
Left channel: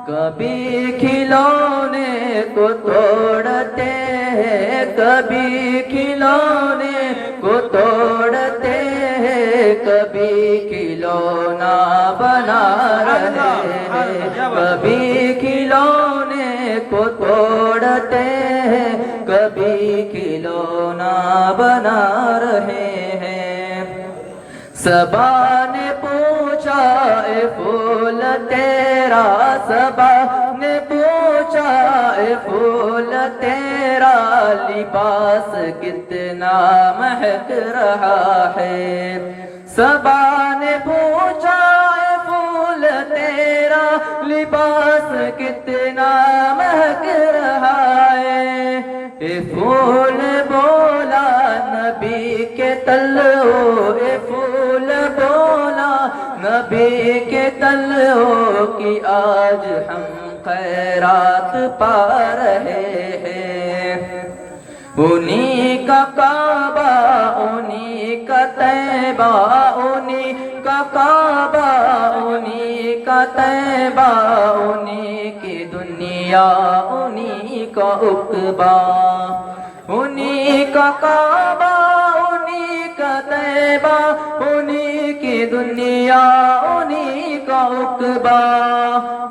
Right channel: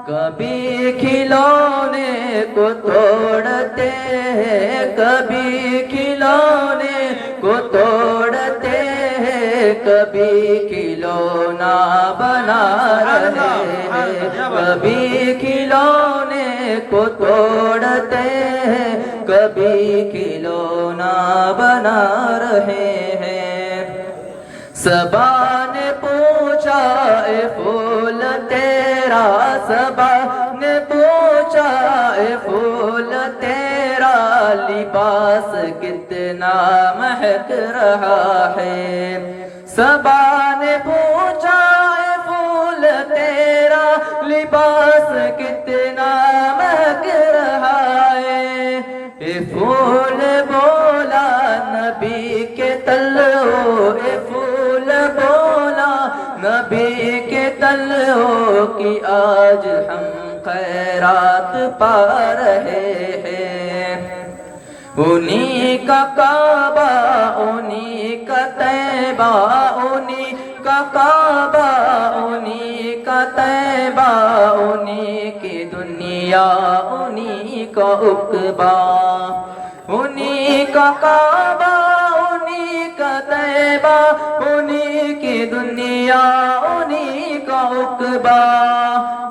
کبھی کھلونے کو توڑتے ہیں، کبھی کھلونے کو توڑتے ہیں، کبھی کھلونا بنا رہے کبھی کھلونے کو توڑتے ہیں کبھی کھلونا بنا رہے ہیں صبا نے پوچھا اے پھول تیرا صبا نے پوچھا اے پھول تیرا لباس کتنا مہک رہا ہے صبا نے پوچھا اے پھول تیرا لباس کتنا مہک رہا ہے اے پھول بولا نبی کے تلو اے پھول بولا نبی کے تلو کی آج ہم خیرات پا رہے ہیں انہی کا کعبہ انہی کا طیبہ انہی کا کعبہ انہی کا طیبہ انہی کی دنیا انہی کا عقبہ انہی کا کعبہ انہی کا طیبہ انہی کی دنیا انہی کا عقبہ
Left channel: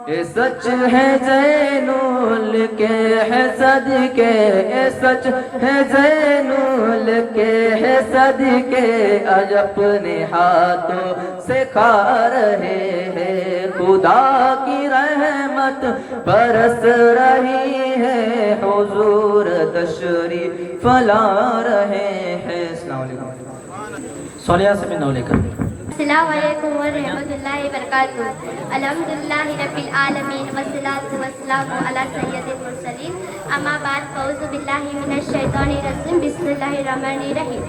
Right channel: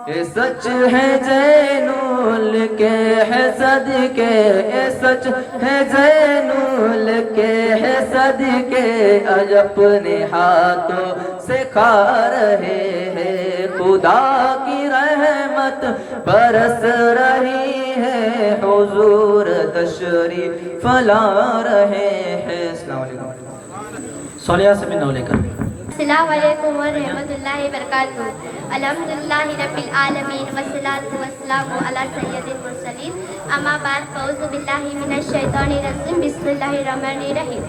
اے سچ ہے زینول کے ہے صدقے اے سچ ہے زینول کے ہے صدقے آج اپنے ہاتھوں سے کھا رہے ہیں خدا کی رحمت برس رہی ہے حضور تشریف لا رہے ہیں السلام علیکم صلیہ سے میں لے کر السلام علیکم ورحمۃ اللہ وبرکاتہ الحمدللہ رب العالمین والصلاة والسلام علی سید المرسلین اما بعد فاعوذ باللہ من الشیطان الرجیم بسم اللہ الرحمن الرحیم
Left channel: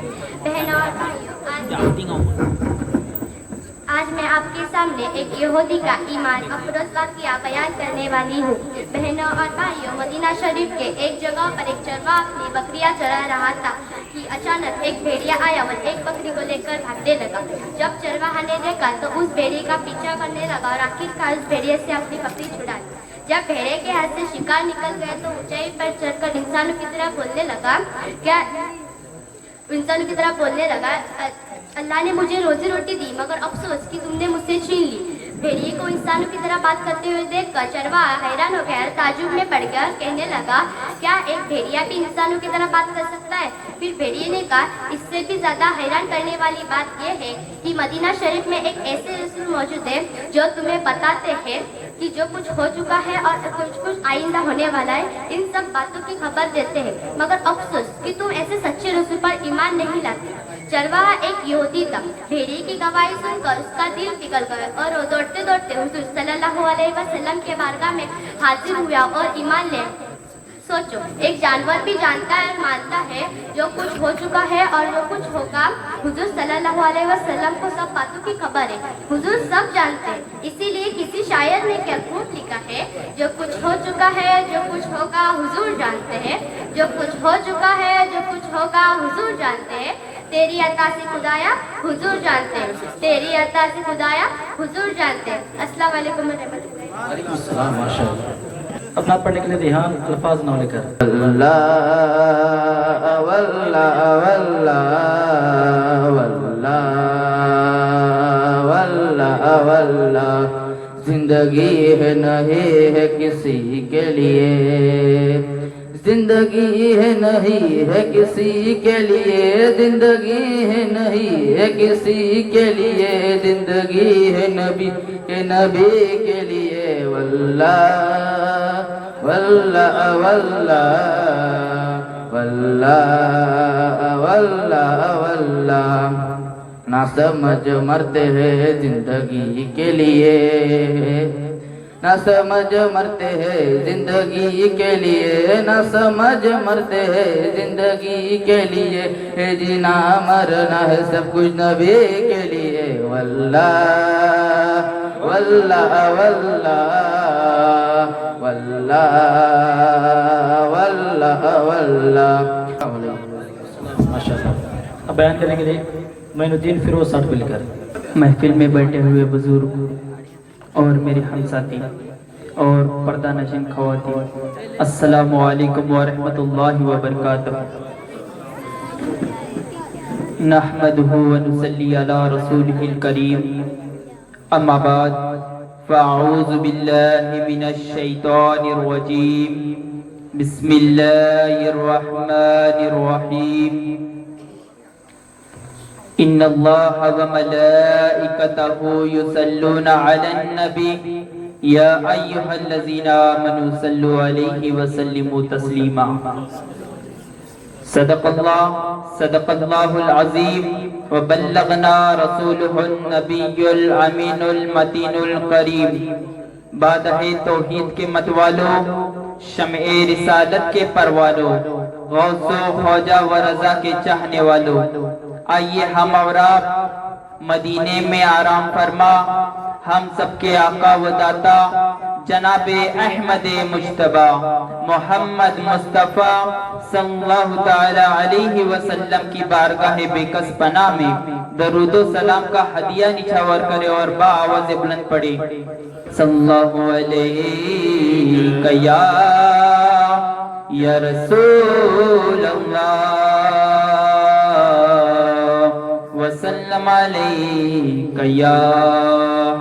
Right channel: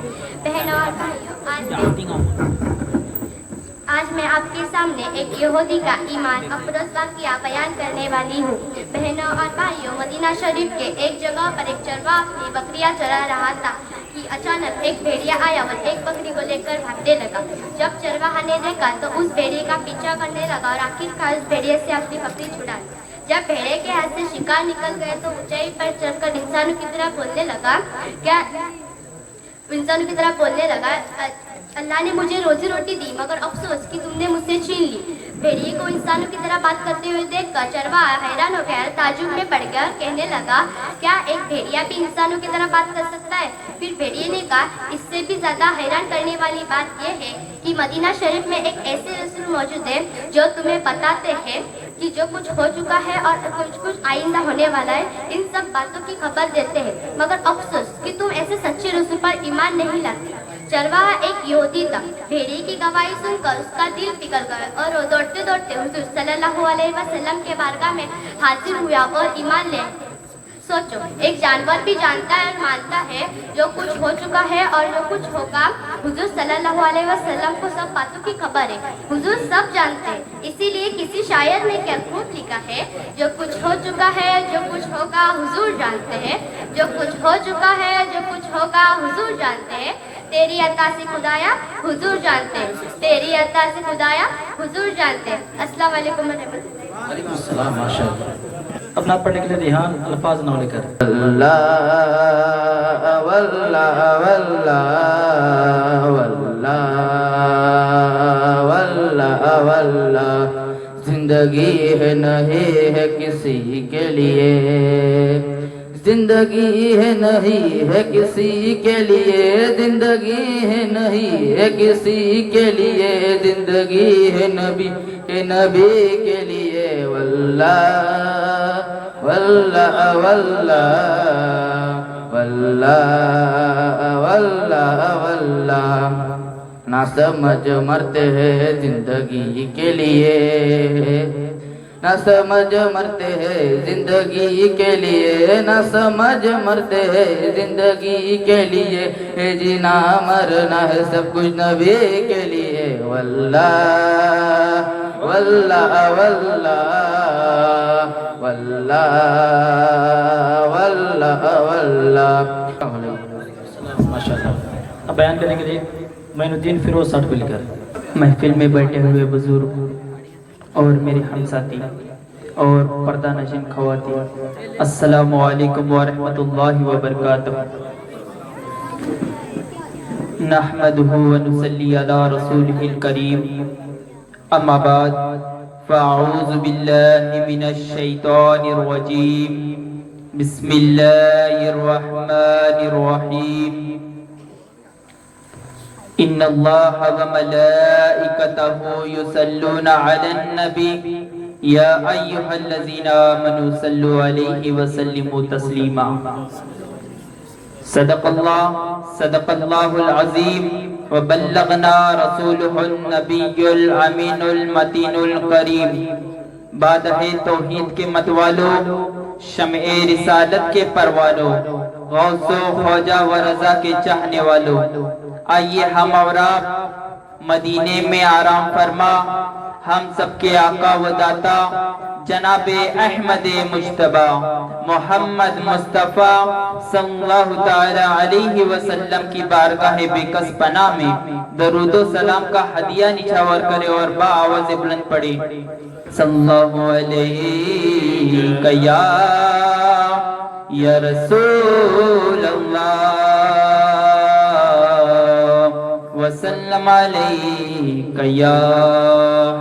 بہنوں اور بھائیوں آج میں آپ کے سامنے ایک یہودی کا ایمان افروز واقعہ بیان کرنے والی ہوں بہنوں اور بھائیوں مدینہ شریف کے ایک جگہ پر ایک چرواہ اپنی بکریاں چرا رہا تھا کہ اچانک ایک بھیڑیا آیا اور ایک بکری کو لے کر بھاگنے لگا جب چرواہا نے دیکھا تو اس بھیڑیے کا پیچھا کرنے لگا اور آخرکار اس بھیڑیے سے اپنی بکری چھڑا لی جب بھیڑے کے ہاتھ سے شکار نکل گئے تو اونچائی پر چڑھ کر انسانوں کی طرح بولنے لگا اللہ نے مجھے روزی روٹی دی مگر افسوس کہ تم نے مجھ سے چھین لی بھیڑیے کو انسانوں کی طرح بات کرتے ہوئے دیکھ کر چرواہا حیران ہو گیا تعجب میں پڑ گیا اور کہنے لگا کیا ایک بھیڑیا بھی انسانوں کی طرح بات کر سکتا ہے پھر بھیڑیے نے کہا اس سے بھی زیادہ حیران کرنے والی بات یہ ہے کہ مدینہ شریف میں ایک ایسے رسول موجود ہے جو تمہیں بتاتے ہیں کہ جو کچھ ہو چکا ہے اور کچھ آئندہ ہونے والا ہے ان سب باتوں کی خبر دیتے ہیں مگر افسوس کہ تم ایسے سچے رسول پر ایمان نہیں لاتے چرواہا ایک یہودی تھا بھیڑیے کی گواہی سن کر اس کا دل پگھل گیا اور وہ دوڑتے دوڑتے حضور صلی اللہ علیہ وسلم کے بارگاہ میں حاضر ہوا اور ایمان لے سوچو ایک جانور بھی جانتا ہے اور مانتا ہے جو کچھ ہو چکا ہے اور جو کچھ ہوگا حضور صلی اللہ علیہ وسلم کو سب باتوں کی خبر ہے حضور سب جانتے ہیں اسی لیے کسی شاعر نے کیا خوب لکھا ہے جو کچھ ہو چکا ہے جو کچھ ہوگا حضور جانتے ہیں جو کچھ ہو چکا ہے جو کچھ ہوگا حضور جانتے ہیں تیری عطا سے خدایا حضور جانتے ہیں تیری عطا سے خدایا حضور جانتے ہیں السلام علیکم وعلیکم السلام ماشاء اللہ اپنا پڑھنے کے لیے دھیان الفاظ نہ لے کر اللہ واللہ واللہ واللہ واللہ واللہ زندگی ہے نہیں ہے کسی کے لیے زندگی ہے نہیں ہے کسی کے لیے زندگی ہے نہیں ہے کسی کے لیے زندگی ہے نبی کے لیے واللہ واللہ واللہ واللہ واللہ واللہ نہ سمجھ مرتے ہیں زندگی کے لیے نہ سمجھ مرتے ہیں زندگی کے لیے نہ سمجھ مرتے ہیں زندگی کے لیے جینا مرنا ہے سب کچھ نبی کے لیے واللہ واللہ واللہ واللہ واللہ واللہ ماشاء اللہ اب بیان کرنے کے لیے معین الدین فیروز صاحب کو لے کر محفل میں بیٹھے ہوئے بزرگ اور میرے ہم ساتھی اور پردہ نشین خواتین السلام علیکم ورحمۃ اللہ وبرکاتہ نحمدہ ونصلی علی رسولہ الکریم اما بعد فأعوذ بالله من الشيطان الرجيم بسم الله الرحمن الرحيم إن الله وملائكته يصلون على النبي يا أيها الذين آمنوا صلوا عليه وسلموا تسليما صدق الله العظيم وبلغنا رسوله النبي الأمين المتين الكريم بعد توحید کے متوالو شمع رسالت کے پروالو غوث و خواجہ و رضا کے چاہنے والو آئیے ہم اور آپ مدینے میں آرام فرما ہم سب کے آقا و داتا جناب احمد مجتبی محمد مصطفیٰ صلی اللہ تعالی علیہ وسلم کی بارگاہ بےکس پناہ میں درود و سلام کا ہدیہ نچھاور کرے اور با آواز بلند پڑے صلی اللہ علیہ یا رسول اللہ وسلم علیک یا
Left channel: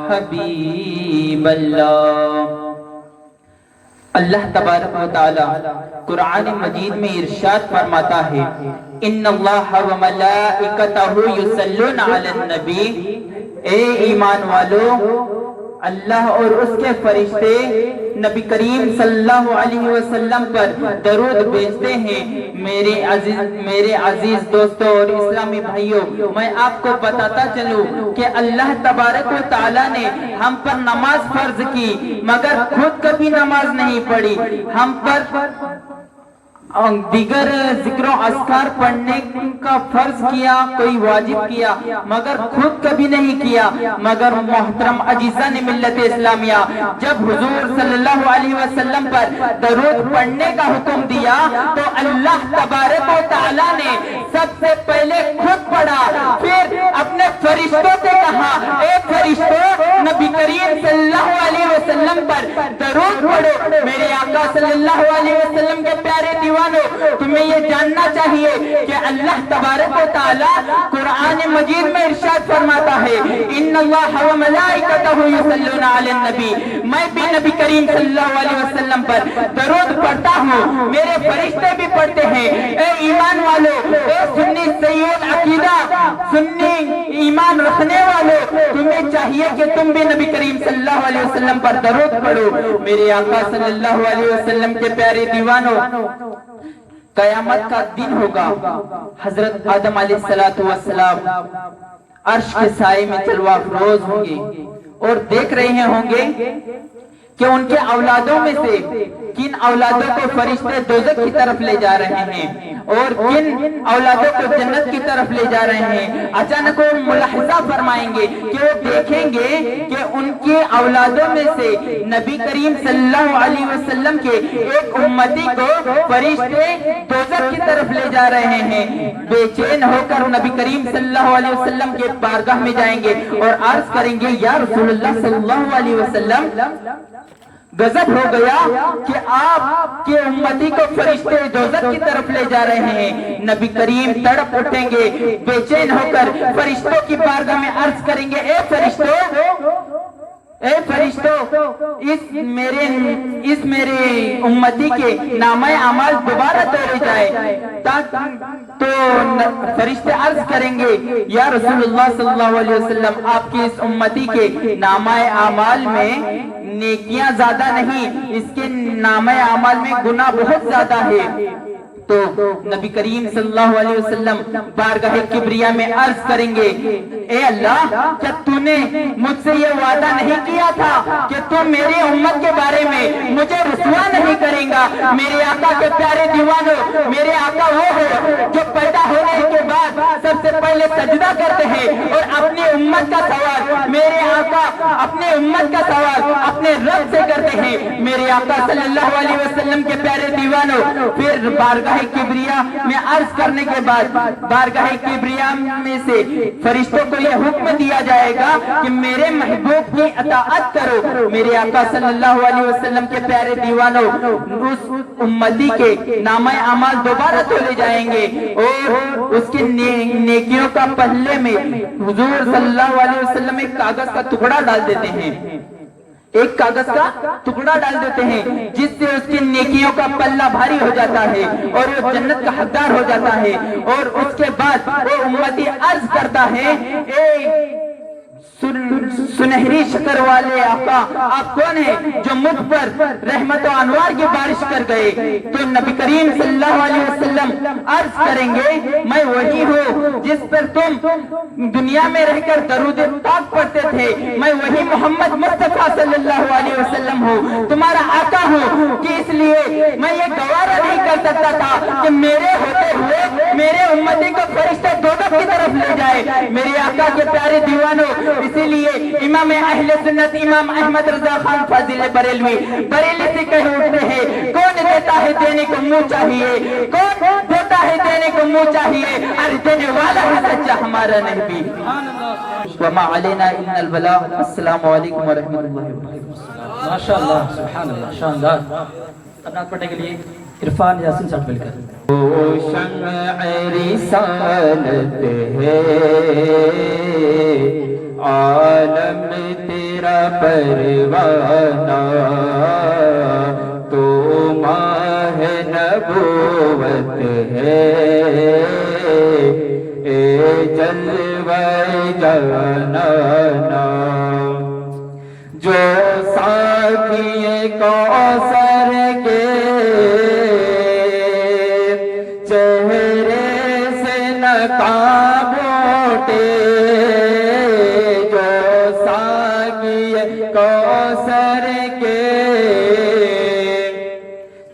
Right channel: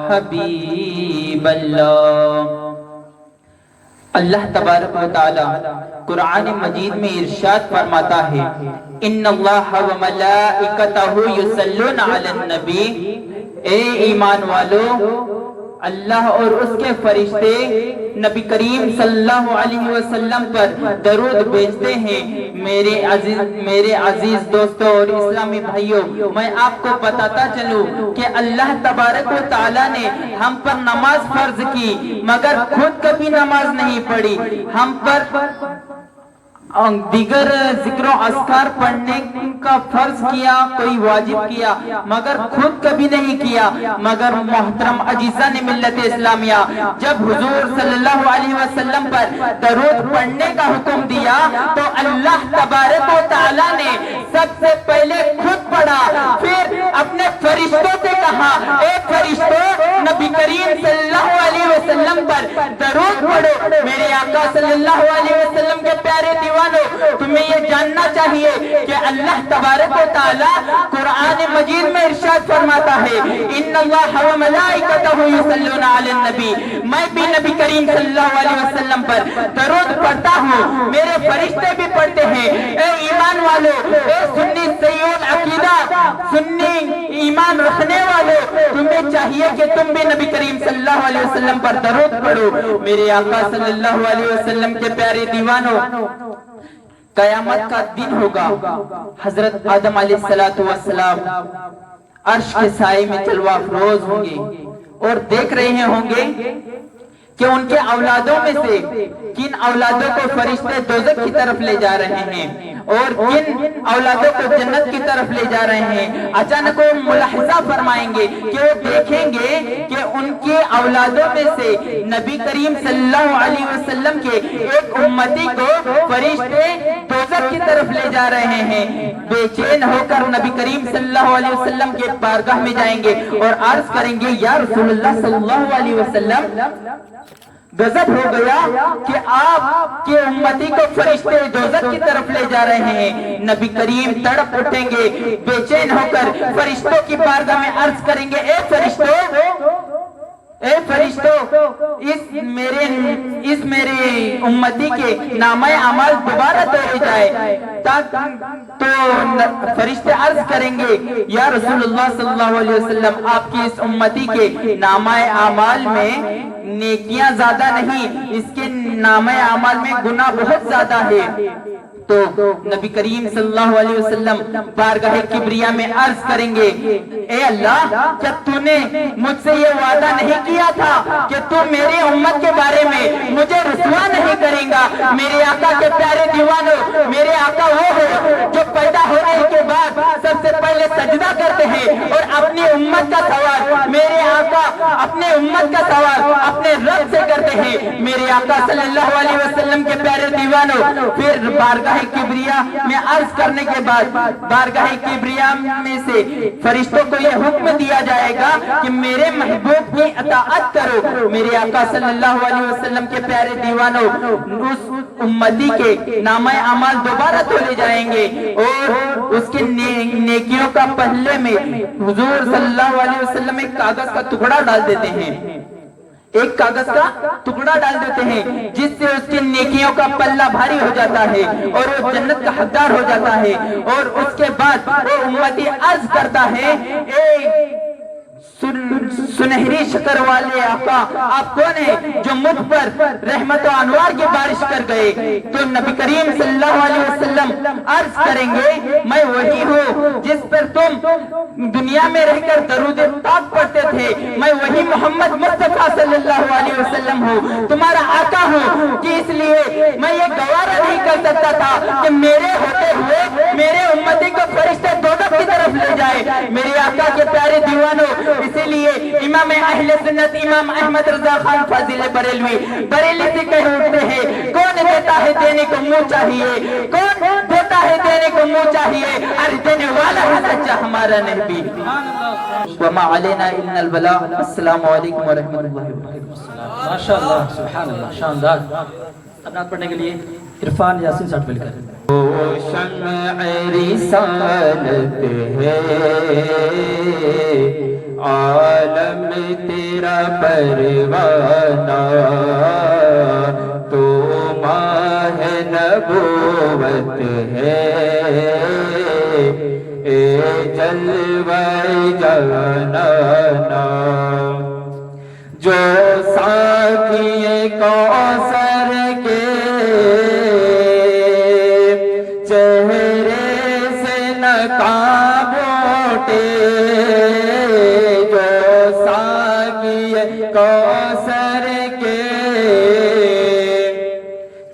حبیب اللہ۔ اللہ تبارک و تعالی قرآن مجید میں ارشاد فرماتا ہے ان اللہ و ملائکتہ یصلون علی النبی، اے ایمان والو اللہ اور اس کے فرشتے نبی کریم صلی اللہ علیہ وسلم پر درود بھیجتے ہیں۔ میرے عزیز دوستوں اور اسلامی بھائیوں، میں آپ کو بتاتا چلوں کہ اللہ تبارک و تعالیٰ نے ہم پر نماز فرض کی مگر خود کبھی نماز نہیں پڑھی، ہم پر دیگر ذکر و اذکار پڑھنے کا فرض کیا، کوئی واجب کیا مگر خود کبھی نہیں کیا۔ مگر محترم عزیزان ملت اسلامیہ، جب حضور صلی اللہ علیہ وسلم پر درود پڑھنے کا حکم دیا تو اللہ تبارک و تعالیٰ نے سب سے پہلے خود پڑھا، پھر اپنے فرشتوں سے کہا اے فرشتوں نبی کریم صلی اللہ علیہ وسلم پر درود پڑھو۔ میرے آقا صلی اللہ علیہ وسلم کے پیارے دیوان، تمہیں یہ جاننا چاہیے کہ اللہ تبارک و تعالی قرآن مجید میں ارشاد فرماتا ہے ان اللہ و ملائکتہ یصلون علی النبی، میں بھی نبی کریم صلی اللہ علیہ وسلم پر درود پڑھتا ہوں، میرے فرشتے بھی پڑھتے ہیں۔ اے ایمان والو، اے سنی سیون عقیدہ، سنی ایمان رکھنے والو، تمہیں چاہیے کہ تم بھی نبی کریم صلی اللہ علیہ وسلم پر درود پڑھو۔ میرے آقا صلی اللہ علیہ وسلم کے پیارے دیوانوں، قیامت کا دن ہوگا، حضرت آدم علیہ السلام عرش کے سائے میں جلوہ افروز ہوں گے اور دیکھ رہے ہوں گے کہ ان کے اولادوں میں سے کن اولادوں کو فرشتے دوزخ کی طرف لے جا رہے ہیں اور کن اولادوں کو جنت کی طرف لے جا رہے ہیں۔ اچانک وہ ملاحظہ فرمائیں گے کہ وہ دیکھیں گے کہ ان کی اولادوں میں سے نبی کریم صلی اللہ علیہ وسلم کے ایک امتی کو فرشتے دوزخ کی طرف لے جا رہے ہیں۔ بے چین ہو کر نبی کریم صلی اللہ علیہ وسلم کے بارگاہ میں جائیں گے اور عرض کریں گے یا رسول اللہ صلی اللہ علیہ وسلم، غضب ہو گیا کہ آپ کے امتی کو فرشتے دوزخ کی طرف لے جا رہے ہیں۔ نبی کریم تڑپ اٹھیں گے بے چین ہو کر، فرشتوں کی بارگاہ میں عرض کریں گے اے فرشتوں اس میرے امتی کے نامہ اعمال دوبارہ توڑے جائے۔ تو فرشتے عرض کریں گے یا رسول اللہ صلی اللہ علیہ وسلم، آپ کی اس امتی کے نامہ اعمال میں نیکیاں زیادہ نہیں، اس کے نامہ اعمال میں گناہ بہت زیادہ ہے۔ تو نبی کریم صلی اللہ علیہ وسلم بارگاہ کبریا میں عرض کریں گے اے اللہ، کیا تو نے مجھ سے یہ وعدہ نہیں کیا تھا کہ تو میرے امت کے بارے میں مجھے رسوا نہیں کریں گا؟ میرے آقا کے پیارے دیوانوں، میرے آقا وہ ہے جو پیدا ہونے کے بعد سب سے پہلے سجدہ کرتے ہیں اور اپنی امت کا سوال، میرے آقا اپنے امت کا سوال اپنے رب سے کرتے ہیں۔ میرے آقا صلی اللہ علیہ وسلم کے پیارے دیوانوں، پھر بارگاہ کبریا میں عرض کرنے کے بعد بارگاہ کبریا میں سے فرشتوں کو یہ حکم دیا جائے گا کہ میرے محبوب کی اطاعت کرو۔ میرے آقا صلی اللہ علیہ وسلم کے پیارے دیوانوں، اس امتی کے نامہ اعمال دوبارہ تولے جائیں گے اور اس کے نیکیوں کا پلے میں حضور صلی اللہ علیہ وسلم ایک کاغذ کا ٹکڑا ڈال دیتے ہیں۔ एक कागज का टुकड़ा डाल देते हैं, जिससे उसकी नेकियों का पल्ला भारी हो जाता है और वो जन्नत का हकदार हो जाता है। और उसके बाद वो उम्मती अर्ज करता है, ए सुनहरी शक्ल वाले आका, आप कौन है जो मुझ पर रहमत और अनवार की बारिश कर गए? तो नबी करीम सल्लल्लाहु अलैहि वसल्लम अर्ज करेंगे, मैं वही हूँ जिस पर तुम दुनिया में रहकर दरूद पाक पढ़ते थे। मैं वही मोहम्मद मुस्तफा सल्लल्लाहु अलैहि वसल्लम हूँ, तुम्हारा आका हूँ, कि इसलिए मैं ये गवारा नहीं कर सकता था कि मेरे होते हुए मेरे उम्मती को फरिश्ते दोज़ख की तरफ ले जाए। मेरे आका के प्यारे दीवानों, इसीलिए इमाम अहले सुन्नत इमाम अहमद रजा खान फाजिल बरेलवी बरेली से कह उठते हैं, कौन देता है देने को मुंह चाहिए, कौन देता है देने को मुंह चाहिए, और देने वाला है सच्चा हमारा नबी। वमा अलैना इल्लल बलाग। अस्सलामु अलैकुम व रहमतुल्लाहि व बरकातहू। माशाअल्लाह, सुभानअल्लाह, शानदार। अपना पढ़ने के लिए इरफान यासीन साठ मिलकर। वो शम्अ रिसालत है, आलम तेरा परवाना, तो माह नबूवत है, ए जलवा जाना, जो साकिए कौसर के चेहरे से नकाब उठे, जो साकिए कौसर के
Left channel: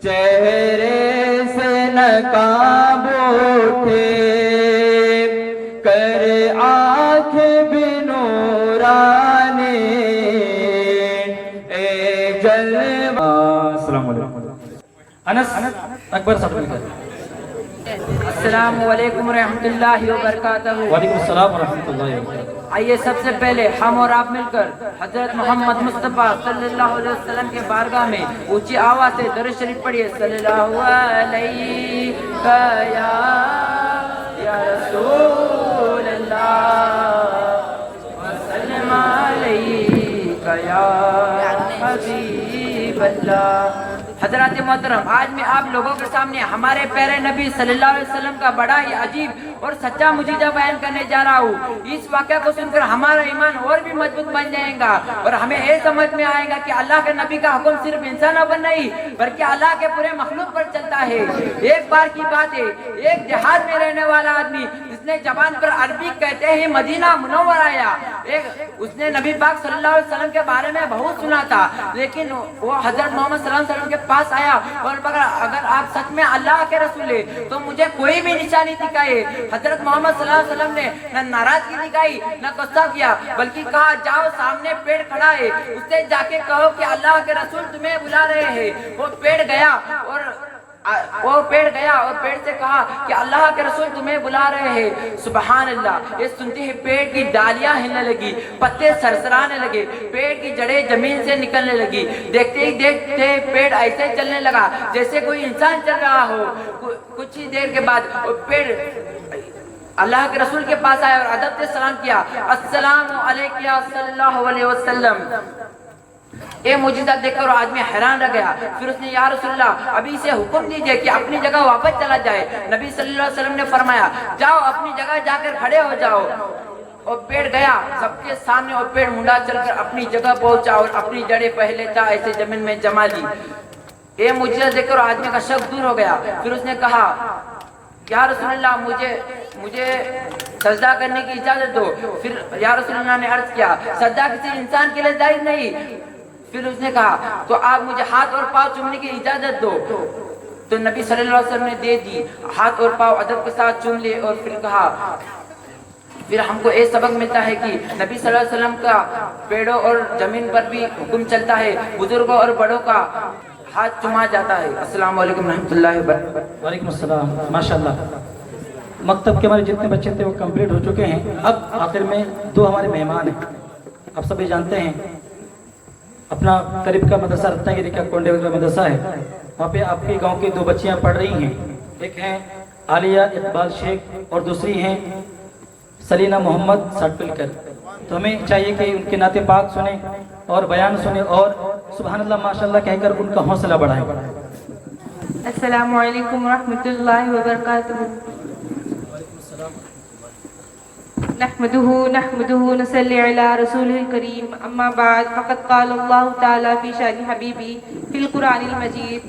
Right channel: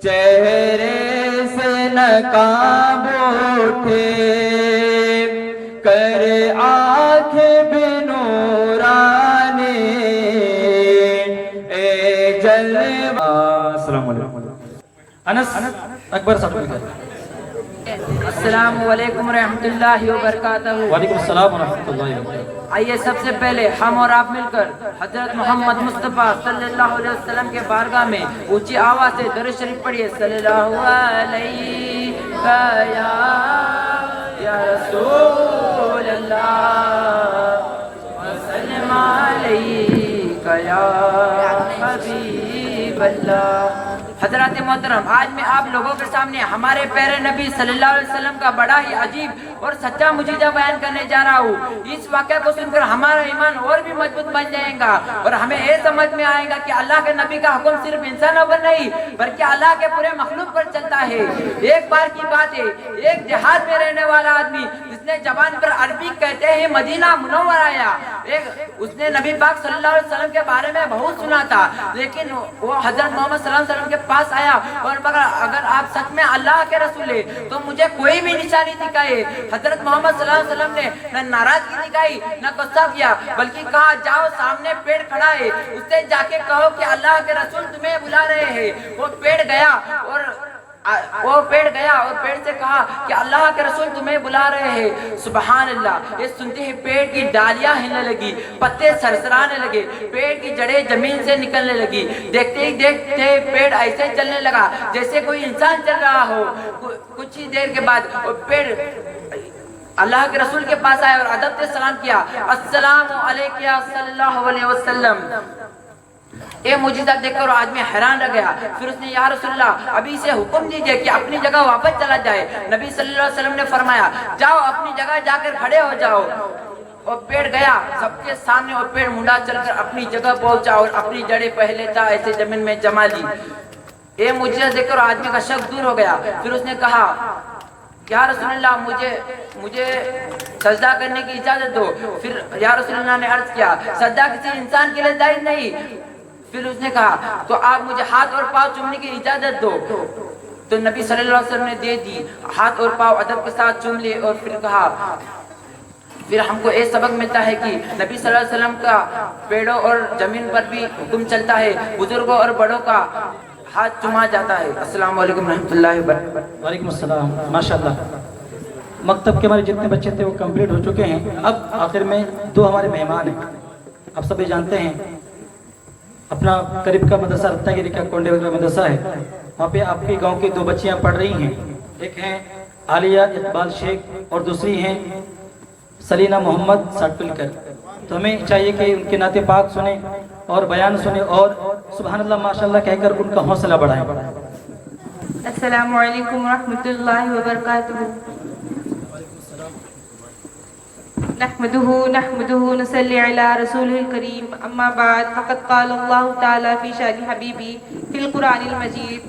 चेहरे से नकाब उठे, कर आँख बिनूरानी ए जलवा। अस्सलाम वालेकुम। अनस अकबर साठ मिलकर। अस्सलामु अलैकुम रहमतुल्लाहि व बरकातहू। वालेकुम अस्सलाम व रहमतुल्लाहि व बरकातहू। आइए सबसे पहले हम और आप मिलकर हजरत मोहम्मद मुस्तफ़ा सल्लल्लाहु अलैहि वसल्लम के बारगाह में ऊंची आवाज से दरूद शरीफ पढ़िए। सल्लल्लाहु अलैहि या रसूल अल्लाह व सल्लम अलैका या हबीब अल्लाह। हजरत मोहतरम, आज मैं आप लोगों के सामने हमारे प्यारे नबी सल्लल्लाहु अलैहि वसल्लम का बड़ा ही अजीब और सच्चा मुजीजा बयान करने जा रहा हूँ। इस वाक़े को सुनकर हमारा ईमान और भी मजबूत बन जाएगा और हमें ये समझ में आएगा कि अल्लाह के नबी का हुक्म सिर्फ इंसानों पर नहीं बल्कि अल्लाह के पूरे मखलूक पर चलता है। एक बार की बात है, एक देहात में रहने वाला आदमी, जिसने जबान पर अरबी कहते ही मदीना मुनव्वर आया। उसने नबी पाक सल्लल्लाहु अलैहि वसल्लम के बारे में बहुत सुना था, लेकिन वो हजरत मोहम्मद सल्लल्लाहु अलैहि वसल्लम के पास आया और अगर आप सच में अल्लाह के रसूल है तो मुझे कोई भी निशानी दिखाए। हजरत मोहम्मद सल्लल्लाहु अलैहि वसल्लम ने न नाराजगी दिखाई न गुस्सा किया, बल्कि कहा जाओ सामने पेड़ खड़ा है, उससे जाके कहो कि अल्लाह के रसूल तुम्हें बुला रहे हैं। वो पेड़ गया और पेड़ से कहा कि अल्लाह के रसूल तुम्हें बुला रहे हैं। सुबहान अल्लाह। ये सुनते ही पेड़ की डालियां हिलने लगी, पत्ते सरसराने लगे, पेड़ की जड़ें जमीन से निकलने लगी। देखते ही देखते पेड़ ऐसे चलने लगा जैसे कोई इंसान चल रहा हो। कुछ ही देर के बाद पेड़ अल्लाह के रसूल के पास आया और अदब से सलाम किया, अस्सलामु अलैका सल्लल्लाहु अलैहि वसल्लम। ये मुजीजा देखकर आदमी हैरान रह गया। फिर उसने या रसूलल्लाह अभी से हुक्म दीजिए कि अपनी जगह वापस चला जाए। नबी सल्लल्लाहु अलैहि वसल्लम ने फरमाया, जाओ अपनी जगह जाकर खड़े हो जाओ। और पेड़ गया सबके सामने और पेड़ मुंडा चलकर अपनी जगह पहुंचा और अपनी जड़ें पहले था ऐसे जमीन में जमा ली। ये मुजीजा देखकर आदमी का शक दूर हो गया। फिर उसने कहा, या रसूलल्लाह मुझे सजदा करने की इजाजत दो। फिर या रसूलल्लाह ने अर्ज किया, सजदा किसी इंसान के लिए जायज नहीं। फिर उसने कहा, तो आप मुझे हाथ और पांव चूमने की इजाजत दो। तो नबी सल्लल्लाहु अलैहि वसल्लम ने दे दी, हाथ और पांव अदब के साथ चूम लिए। और फिर कहा, फिर हमको ये सबक मिलता है कि नबी सल्लल्लाहु अलैहि वसल्लम का पेड़ों और जमीन पर भी हुक्म चलता है, बुजुर्गों और बड़ों का हाथ चुमा जाता है। अस्सलाम वालेकुम रहमतुल्लाहि व बरकातहू। वालेकुम अस्सलाम। माशाअल्लाह, मकतब के हमारे जितने बच्चे थे वो कंप्लीट हो चुके हैं। अब आखिर में दो हमारे मेहमान हैं। आप सभी जानते हैं अपना करीब का मदरसा रत्नागिरी का कोंडे वगैरह मदरसा है, वहाँ पे आपके गांव की दो बच्चियाँ पढ़ रही हैं। एक हैं आलिया इकबाल शेख और दूसरी हैं सलीना मोहम्मद साटपुलकर। तो हमें चाहिए कि उनके नाते पाक सुने اور بیان سنیں اور سبحان اللہ ماشاءاللہ کہہ کر ان کا حوصلہ بڑھائیں. السلام علیکم ورحمۃ اللہ وبرکاتہ. نحمده نصلی علی رسوله الکریم اما بعد فقد قال اللہ تعالی فی شأن حبیبی فی القرآن المجید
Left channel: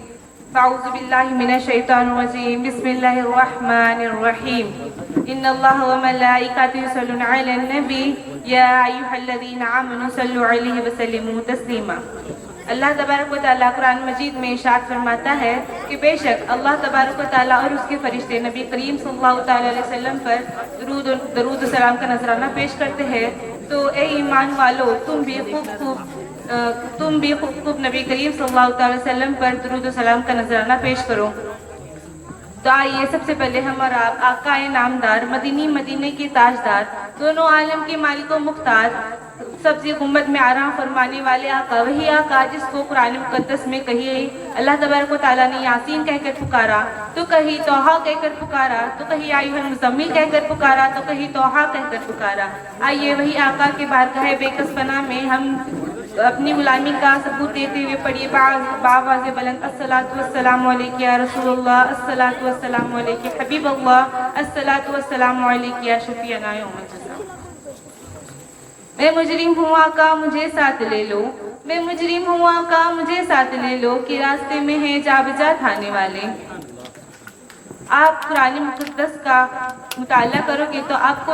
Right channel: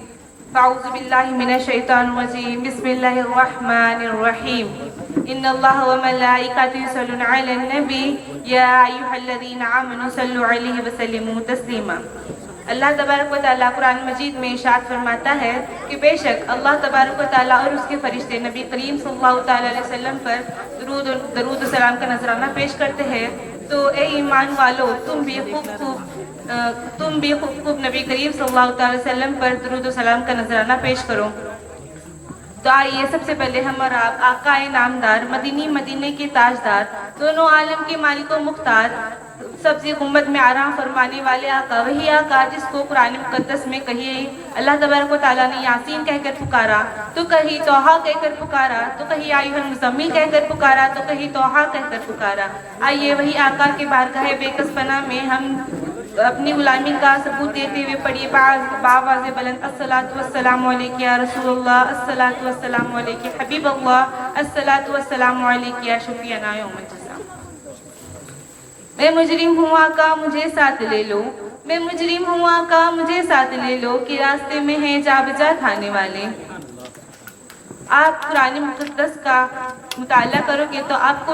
فاعوذ باللہ من الشیطان الرجیم بسم اللہ الرحمن الرحیم ان اللہ وملائکته یصلون علی النبی یا ایھا الذین آمنوا صلوا علیہ وسلموا تسلیما. اللہ تبارک و تعالیٰ قرآن مجید میں ارشاد فرماتا ہے کہ بے شک اللہ تبارک و تعالیٰ اور اس کے فرشتے نبی کریم صلی اللہ تعالیٰ علیہ وسلم پر درود و سلام کا نذرانہ پیش کرتے ہیں. تو اے ایمان والو تم بھی خوب نبی کریم صلی اللہ تعالیٰ علیہ وسلم پر درود و سلام کا نذرانہ پیش کرو. تو آئیے سب سے پہلے ہم اور آپ آقا نامدار مدینے کے تاجدار دونوں عالم کے مالک و مختار سبزی گنبد میں آرام فرمانے والے آقا وہی آقا جس کو قرآن مقدس میں کہیے اللہ تبارک و تعالیٰ نے یاسین کہہ کر پکارا تو کہیں توحا کہہ کر پکارا تو کہیں ایھا المزمل کہہ کر پکارا تو کہیں توحا کہہ کر پکارا. آئیے وہی آقا کے بارگاہ بے کس پناہ میں ہم اپنی غلامی کا ثبوت دیتے ہوئے پڑھیے باواز بلند الصلاۃ والسلام علیک یا رسول اللہ الصلاۃ والسلام علیک حبیب اللہ الصلاۃ والسلام علیک یا شفیعنا یوم الجزا. میں مجرم ہوں آقا مجھے ساتھ لے لو میں مجرم ہوں آقا مجھے ساتھ لے لو کہ راستے میں ہیں جا بجا کھانے والے. آپ قرآن مقدس کا مطالعہ کرو گے تو آپ کو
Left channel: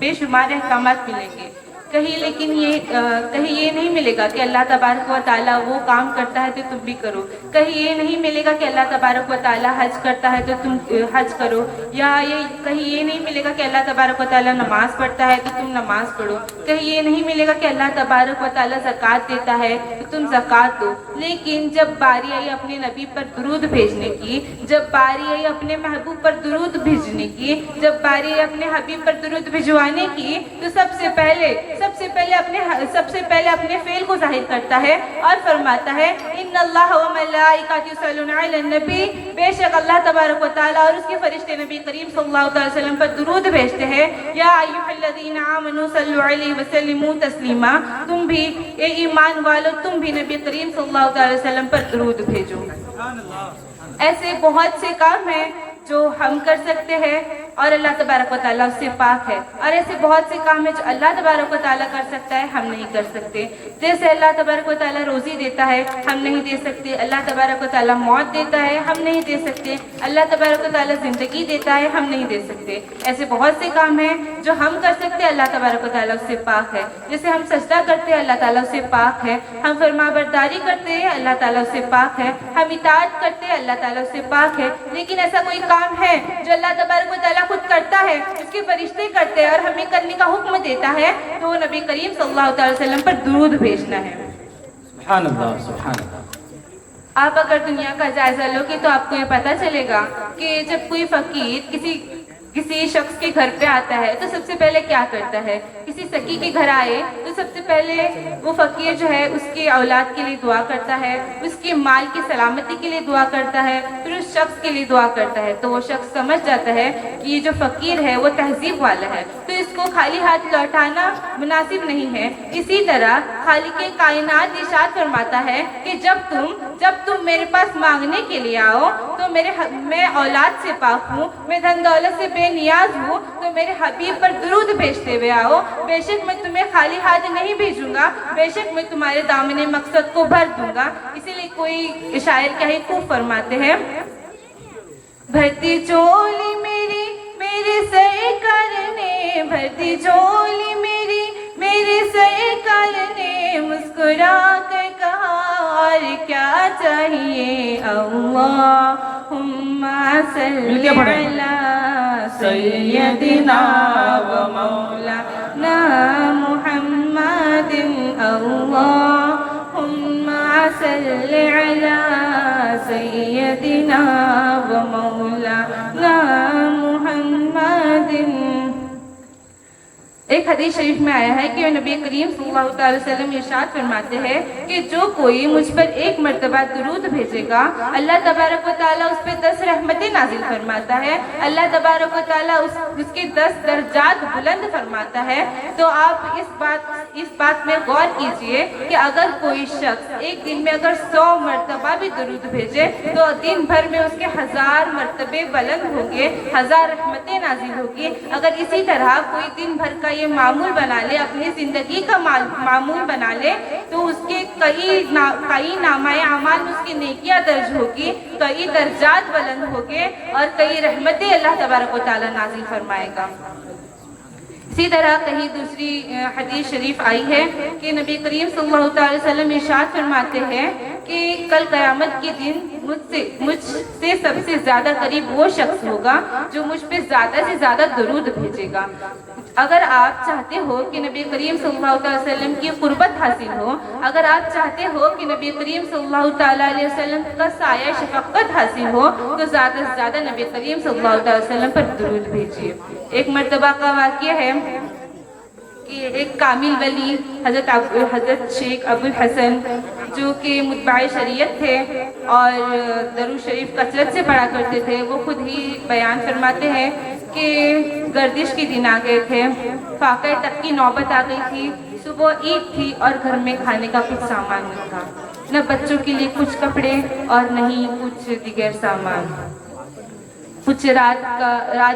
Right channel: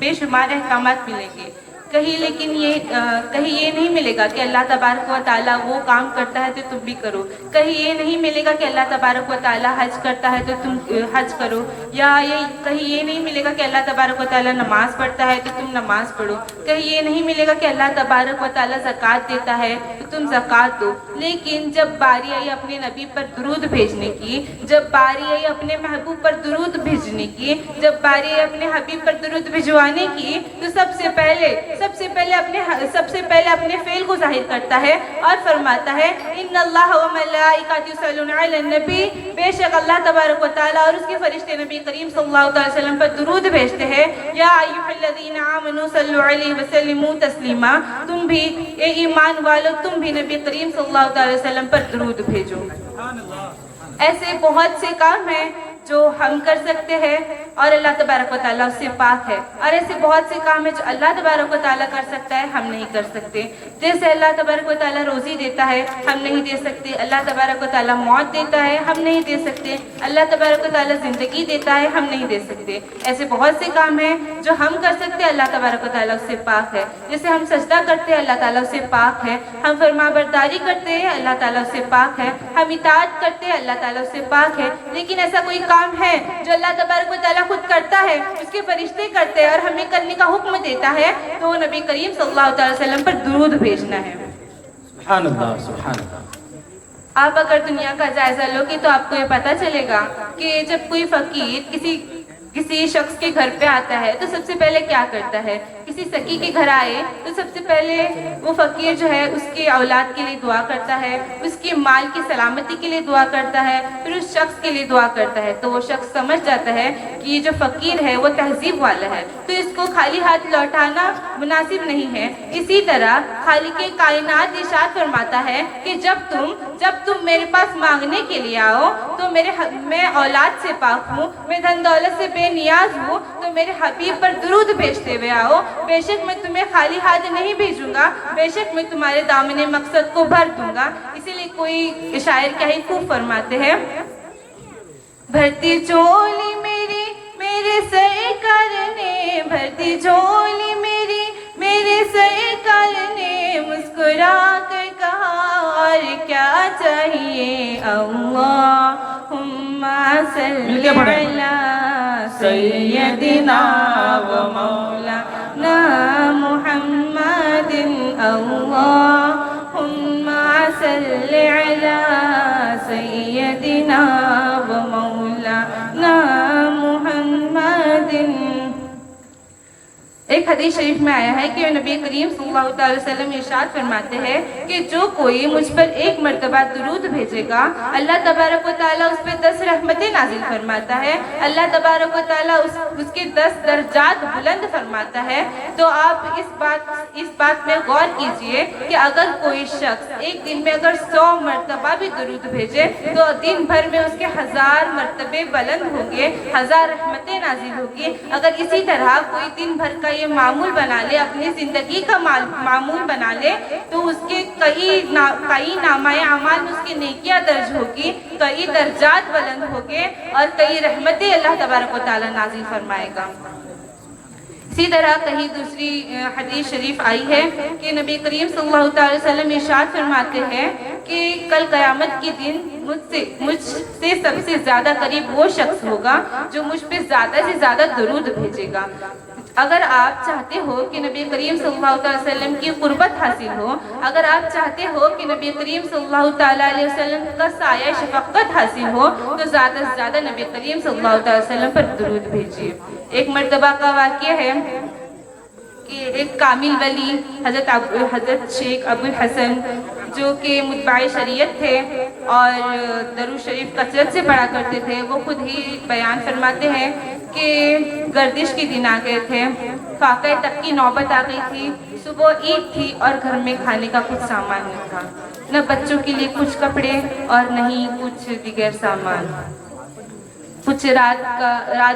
بے شمار احکامات ملیں گے. کہیں یہ نہیں ملے گا کہ اللہ تبارک و تعالیٰ وہ کام کرتا ہے تو تم بھی کرو. کہیں یہ نہیں ملے گا کہ اللہ تبارک و تعالیٰ حج کرتا ہے تو تم حج کرو. یا کہیں یہ نہیں ملے گا کہ اللہ تبارک و تعالیٰ نماز پڑھتا ہے تو تم نماز پڑھو. کہیں یہ نہیں ملے گا کہ اللہ تبارک و تعالیٰ زکوٰۃ دیتا ہے تو تم زکوٰۃ دو. لیکن جب باری آئی اپنے نبی پر درود بھیجنے کی, جب باری آئی اپنے محبوب پر درود بھیجنے کی, جب باری آئی اپنے حبیب پر درود بھجوانے کی, تو سب سے پہلے اپنے فعل کو ظاہر کرتا ہے اور فرماتا ہے ان اللہ وملائکته یصلون علی النبی, بے شک اللہ تبارک و تعالیٰ اور اس کے فرشتے نبی کریم صلی اللہ علیہ وسلم پر درود بھیجتے ہیں. یا ایھا الذین آمنوا صلوا علیہ وسلموا تسلیما, تم بھی اے ایمان والو تم بھی نبی کریم صلی اللہ علیہ وسلم پر درود بھیجو. ایسے بہت سے کام ہیں جو ہم کر سکتے ہیں اور اللہ تبارک و تعالیٰ اس سے پاک ہے, اور ایسے بہت سے کام ہیں جو اللہ تبارک و تعالیٰ کر سکتا ہے ہم نہیں کر سکتے. جیسے اللہ تبارک و تعالیٰ روزی دیتا ہے ہم نہیں دے سکتے, اللہ تبارک و تعالیٰ موت دیتا ہے ہم نہیں دے سکتے, اللہ تبارک و تعالیٰ زندگی دیتا ہے ہم نہیں دے سکتے. ایسے بہت سے کام ہیں جو ہم کر سکتے ہیں اللہ تبارک و تعالیٰ اس سے پاک ہے. جیسے ہم سجدہ کرتے ہیں اللہ تعالیٰ اس سے پاک ہے, ہم فرمانبرداری کرتے ہیں اللہ تعالیٰ اس سے پاک ہے, ہم اطاعت کرتے ہیں اللہ تعالیٰ اس سے پاک ہے. لیکن ایسا کوئی کام ہے جو اللہ تبارک و تعالیٰ خود کرتا ہے, اس کے فرشتے کرتے ہیں اور ہمیں کرنے کا حکم دیتا ہے, تو نبی کریم صلی اللہ علیہ وسلم پر درود بھیجنا ہے. سبحان اللہ سبحان اللہ. آپ اگر دنیا کا جائزہ لو گے تو آپ کو یہ پتہ چلے گا کہ جب کوئی فقیر کسی شخص کے گھر پہ آتا ہے تو سب سے پہلے کیا کرتا ہے. کسی سکی کے گھر آئے تو سب سے پہلے وہ فقیر جو ہے اس کے اولاد کے لیے دعا کرتا ہے, اس کے مال کی سلامتی کے لیے دعا کرتا ہے, پھر اس شخص کے لیے دعا کرتا ہے. تو وہ شخص سمجھ جاتا ہے کہ یہ جو فقیر ہے وہ تہذیب والا ہے, تو اس کو خالی ہاتھ لوٹانا مناسب نہیں ہے. اسی طرح خالق کائنات ارشاد فرماتا ہے کہ جب تم میرے پاس مانگنے کے لیے آؤ تو میں اولاد سے پاک ہوں, میں دھن دولت سے بے نیاز ہوں, تو میرے حبیب پر درود بھیجتے ہوئے آؤ. بے شک میں تمہیں خالی ہاتھ نہیں بھیجوں گا, بے شک میں تمہارے دامن مقصد کو بھر دوں گا. اسی لیے کوئی شاعر کیا ہی خوب فرماتے ہیں, بھرتی چولی میرے سرکار نے, بھرتی چولی میرے سرکار نے مسکرا کر کہا اور کیا چاہیے, اللہم صلی علی سیدنا و مولانا محمد, اللہم صلی علی سیدنا و مولانا محمد. ایک हदीस शरीफ में आया है कि नबी करीम सल्लल्लाहु अलैहि वसल्लम इरशाद फरमाते हैं कि जो कोई मुझ पर एक मर्तबा दुरूद भेजेगा अल्लाह तबारक व तआला उस पर 10 रहमतें नाजिल फरमाता है, अल्लाह तबारक व तआला उसके 10 दर्जात बुलंद फरमाता है। तो आप इस बात में गौर कीजिए कि अगर कोई शख्स एक दिन में अगर 100 मर्तबा भी दुरूद भेजे तो दिन भर में उसके 1000 मर्तबे बुलंद होंगे, 1000 रहमतें नाजिल होगी। अगर इसी तरह कोई दिन भर का ये मामूल बना ले, अपनी जिंदगी का मामूल बना ले, तो उसके कई नामाए अमाल में उसकी नेकियां दर्ज होगी, कई दर्जात बुलंद होंगे और कई रहमतें अल्लाह तबारक व तआला नाजिल फरमाएगा। इसी तरह कहीं दूसरी हदीस शरीफ आई है कि नबी करीम सल्लल्लाहु अलैहि वसल्लम इरशाद फरमाते हैं कि कल क़यामत के दिन मुझसे सबसे ज्यादा करीब वो शख्स होगा जो मुझ पे ज्यादा से ज्यादा दुरूद भेजेगा। अगर आप चाहते हो कि नबी करीम सल्लल्लाहु अलैहि वसल्लम की कुर्बत हासिल हो, अगर आप चाहते हो कि नबी करीम सल्लल्लाहु अलैहि वसल्लम का साया शफक़त हासिल हो, तो ज़्यादा से ज़्यादा नबी करीम सल्लल्लाहु अलैहि वसल्लम पर दुरूद भेजिए। एक मर्तबा का वाक़या है कि एक कामिल वली हज़रत शेख अब्दुल हसन जो कि मुत्बाए शरीयत थे और दरूद शरीफ कसरत से पढ़ा करते थे, वो खुद ही बयान फरमाते हैं कि गर्दिश के दिन आ गए थे, फाक़े तक की नौबत आ गई थी, सुबह ईद थी और घर में खाने का कुछ सामान नहीं था, न बच्चों के लिए कुछ कपड़े और नहीं कुछ दीगर सामान। कुछ रात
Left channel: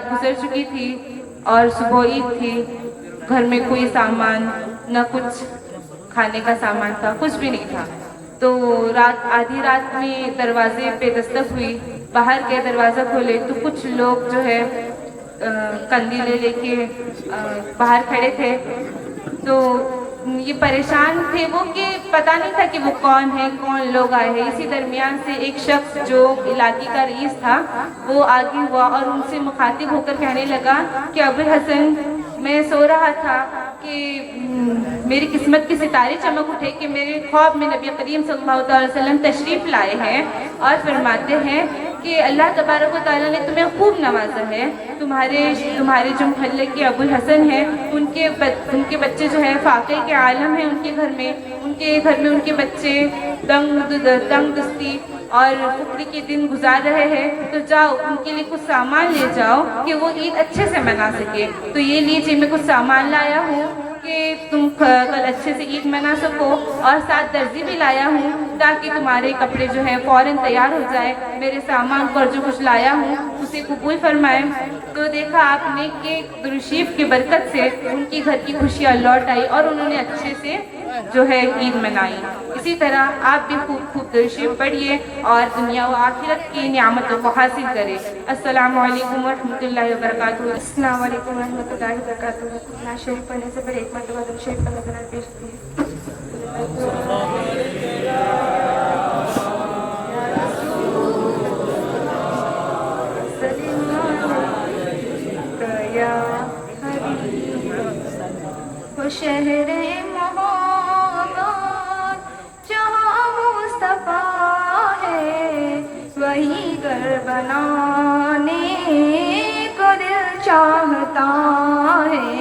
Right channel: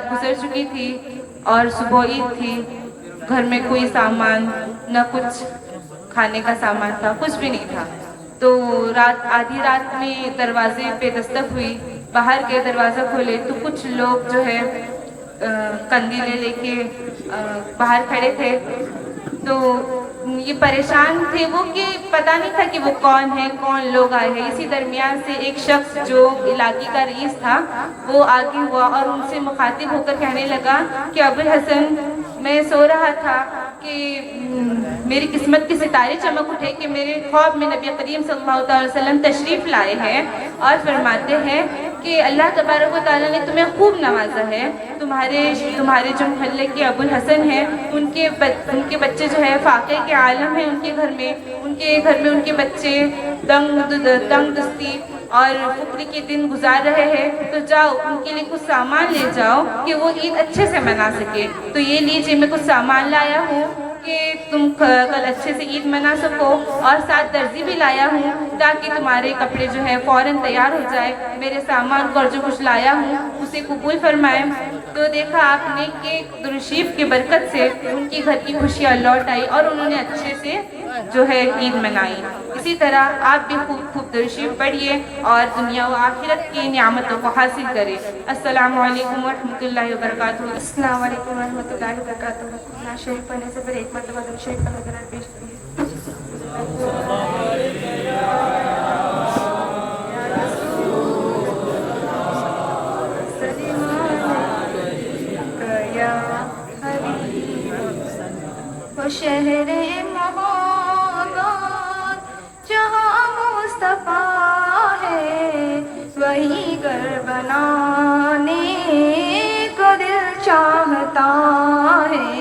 गुजर चुकी थी और सुबह ईद थी, घर में कोई सामान न कुछ खाने का सामान था, कुछ भी नहीं था। तो आधी रात में दरवाजे पे दस्तक हुई, बाहर के दरवाज़ा खोले तो कुछ लोग जो है कंदीले लेके बाहर खड़े थे। तो ये परेशान थे वो कि पता नहीं था कि वो कौन है, कौन लोग आए हैं। इसी दरमियान से एक शख्स जो इलाके का रईस था वो आगे हुआ और उनसे मुखातिब होकर कहने लगा कि अबुल हसन, मैं सो रहा था कि मेरी किस्मत के सितारे चमक उठे कि मेरे ख्वाब में नबी करीम सल्लल्लाहु अलैहि वसल्लम तशरीफ़ लाए हैं और फरमाते हैं कि अल्लाह तबारक व तआला ने तुम्हें खूब नवाजा है। तुम्हारे जो मोहल्ले के अबुल हसन हैं उनके बच्चे जो है फाक़े के आलम है, उनके घर में उनके बच्चे तंग दस्ती और फुकरी के दिन गुजार रहे हैं, तो जाओ उनके लिए कुछ सामान ले जाओ कि वो ईद अच्छे से मना सके। तो ये लीजिए, मैं कुछ सामान लाया हूँ कि तुम कल अच्छे से ईद मना सको, और साथ दर्जी भी लाया हूँ ताकि तुम्हारे कपड़े जो है फ़ौरन तैयार हो जाए। मेरे सामान को जो कुछ लाया हूँ उसे कबूल फरमाए। तो देखा आपने कि दुरूद की बरकत से उनकी घर की खुशियाँ लौट आई और उन्होंने अच्छे से जो है ईद मनाई। इसी तरह आप भी खूब दुरूद पढ़िए और दुनिया व आखिरत की नियामतों को हासिल करें। अस्सलामु अलैकुम वरहमतुल्लाहि वबरकातुहू। अस्सलामु अलैकुम वरहमतुल्लाहि वबरकातुहू। कुरान शरीफ पढ़ने से पहले एक मरतबा दुरूद शरीफ पढ़ लेना पेश शहरे मोहब्बत जहाँ मुस्तफा है, वही घर बनाने को दिल चाहता है।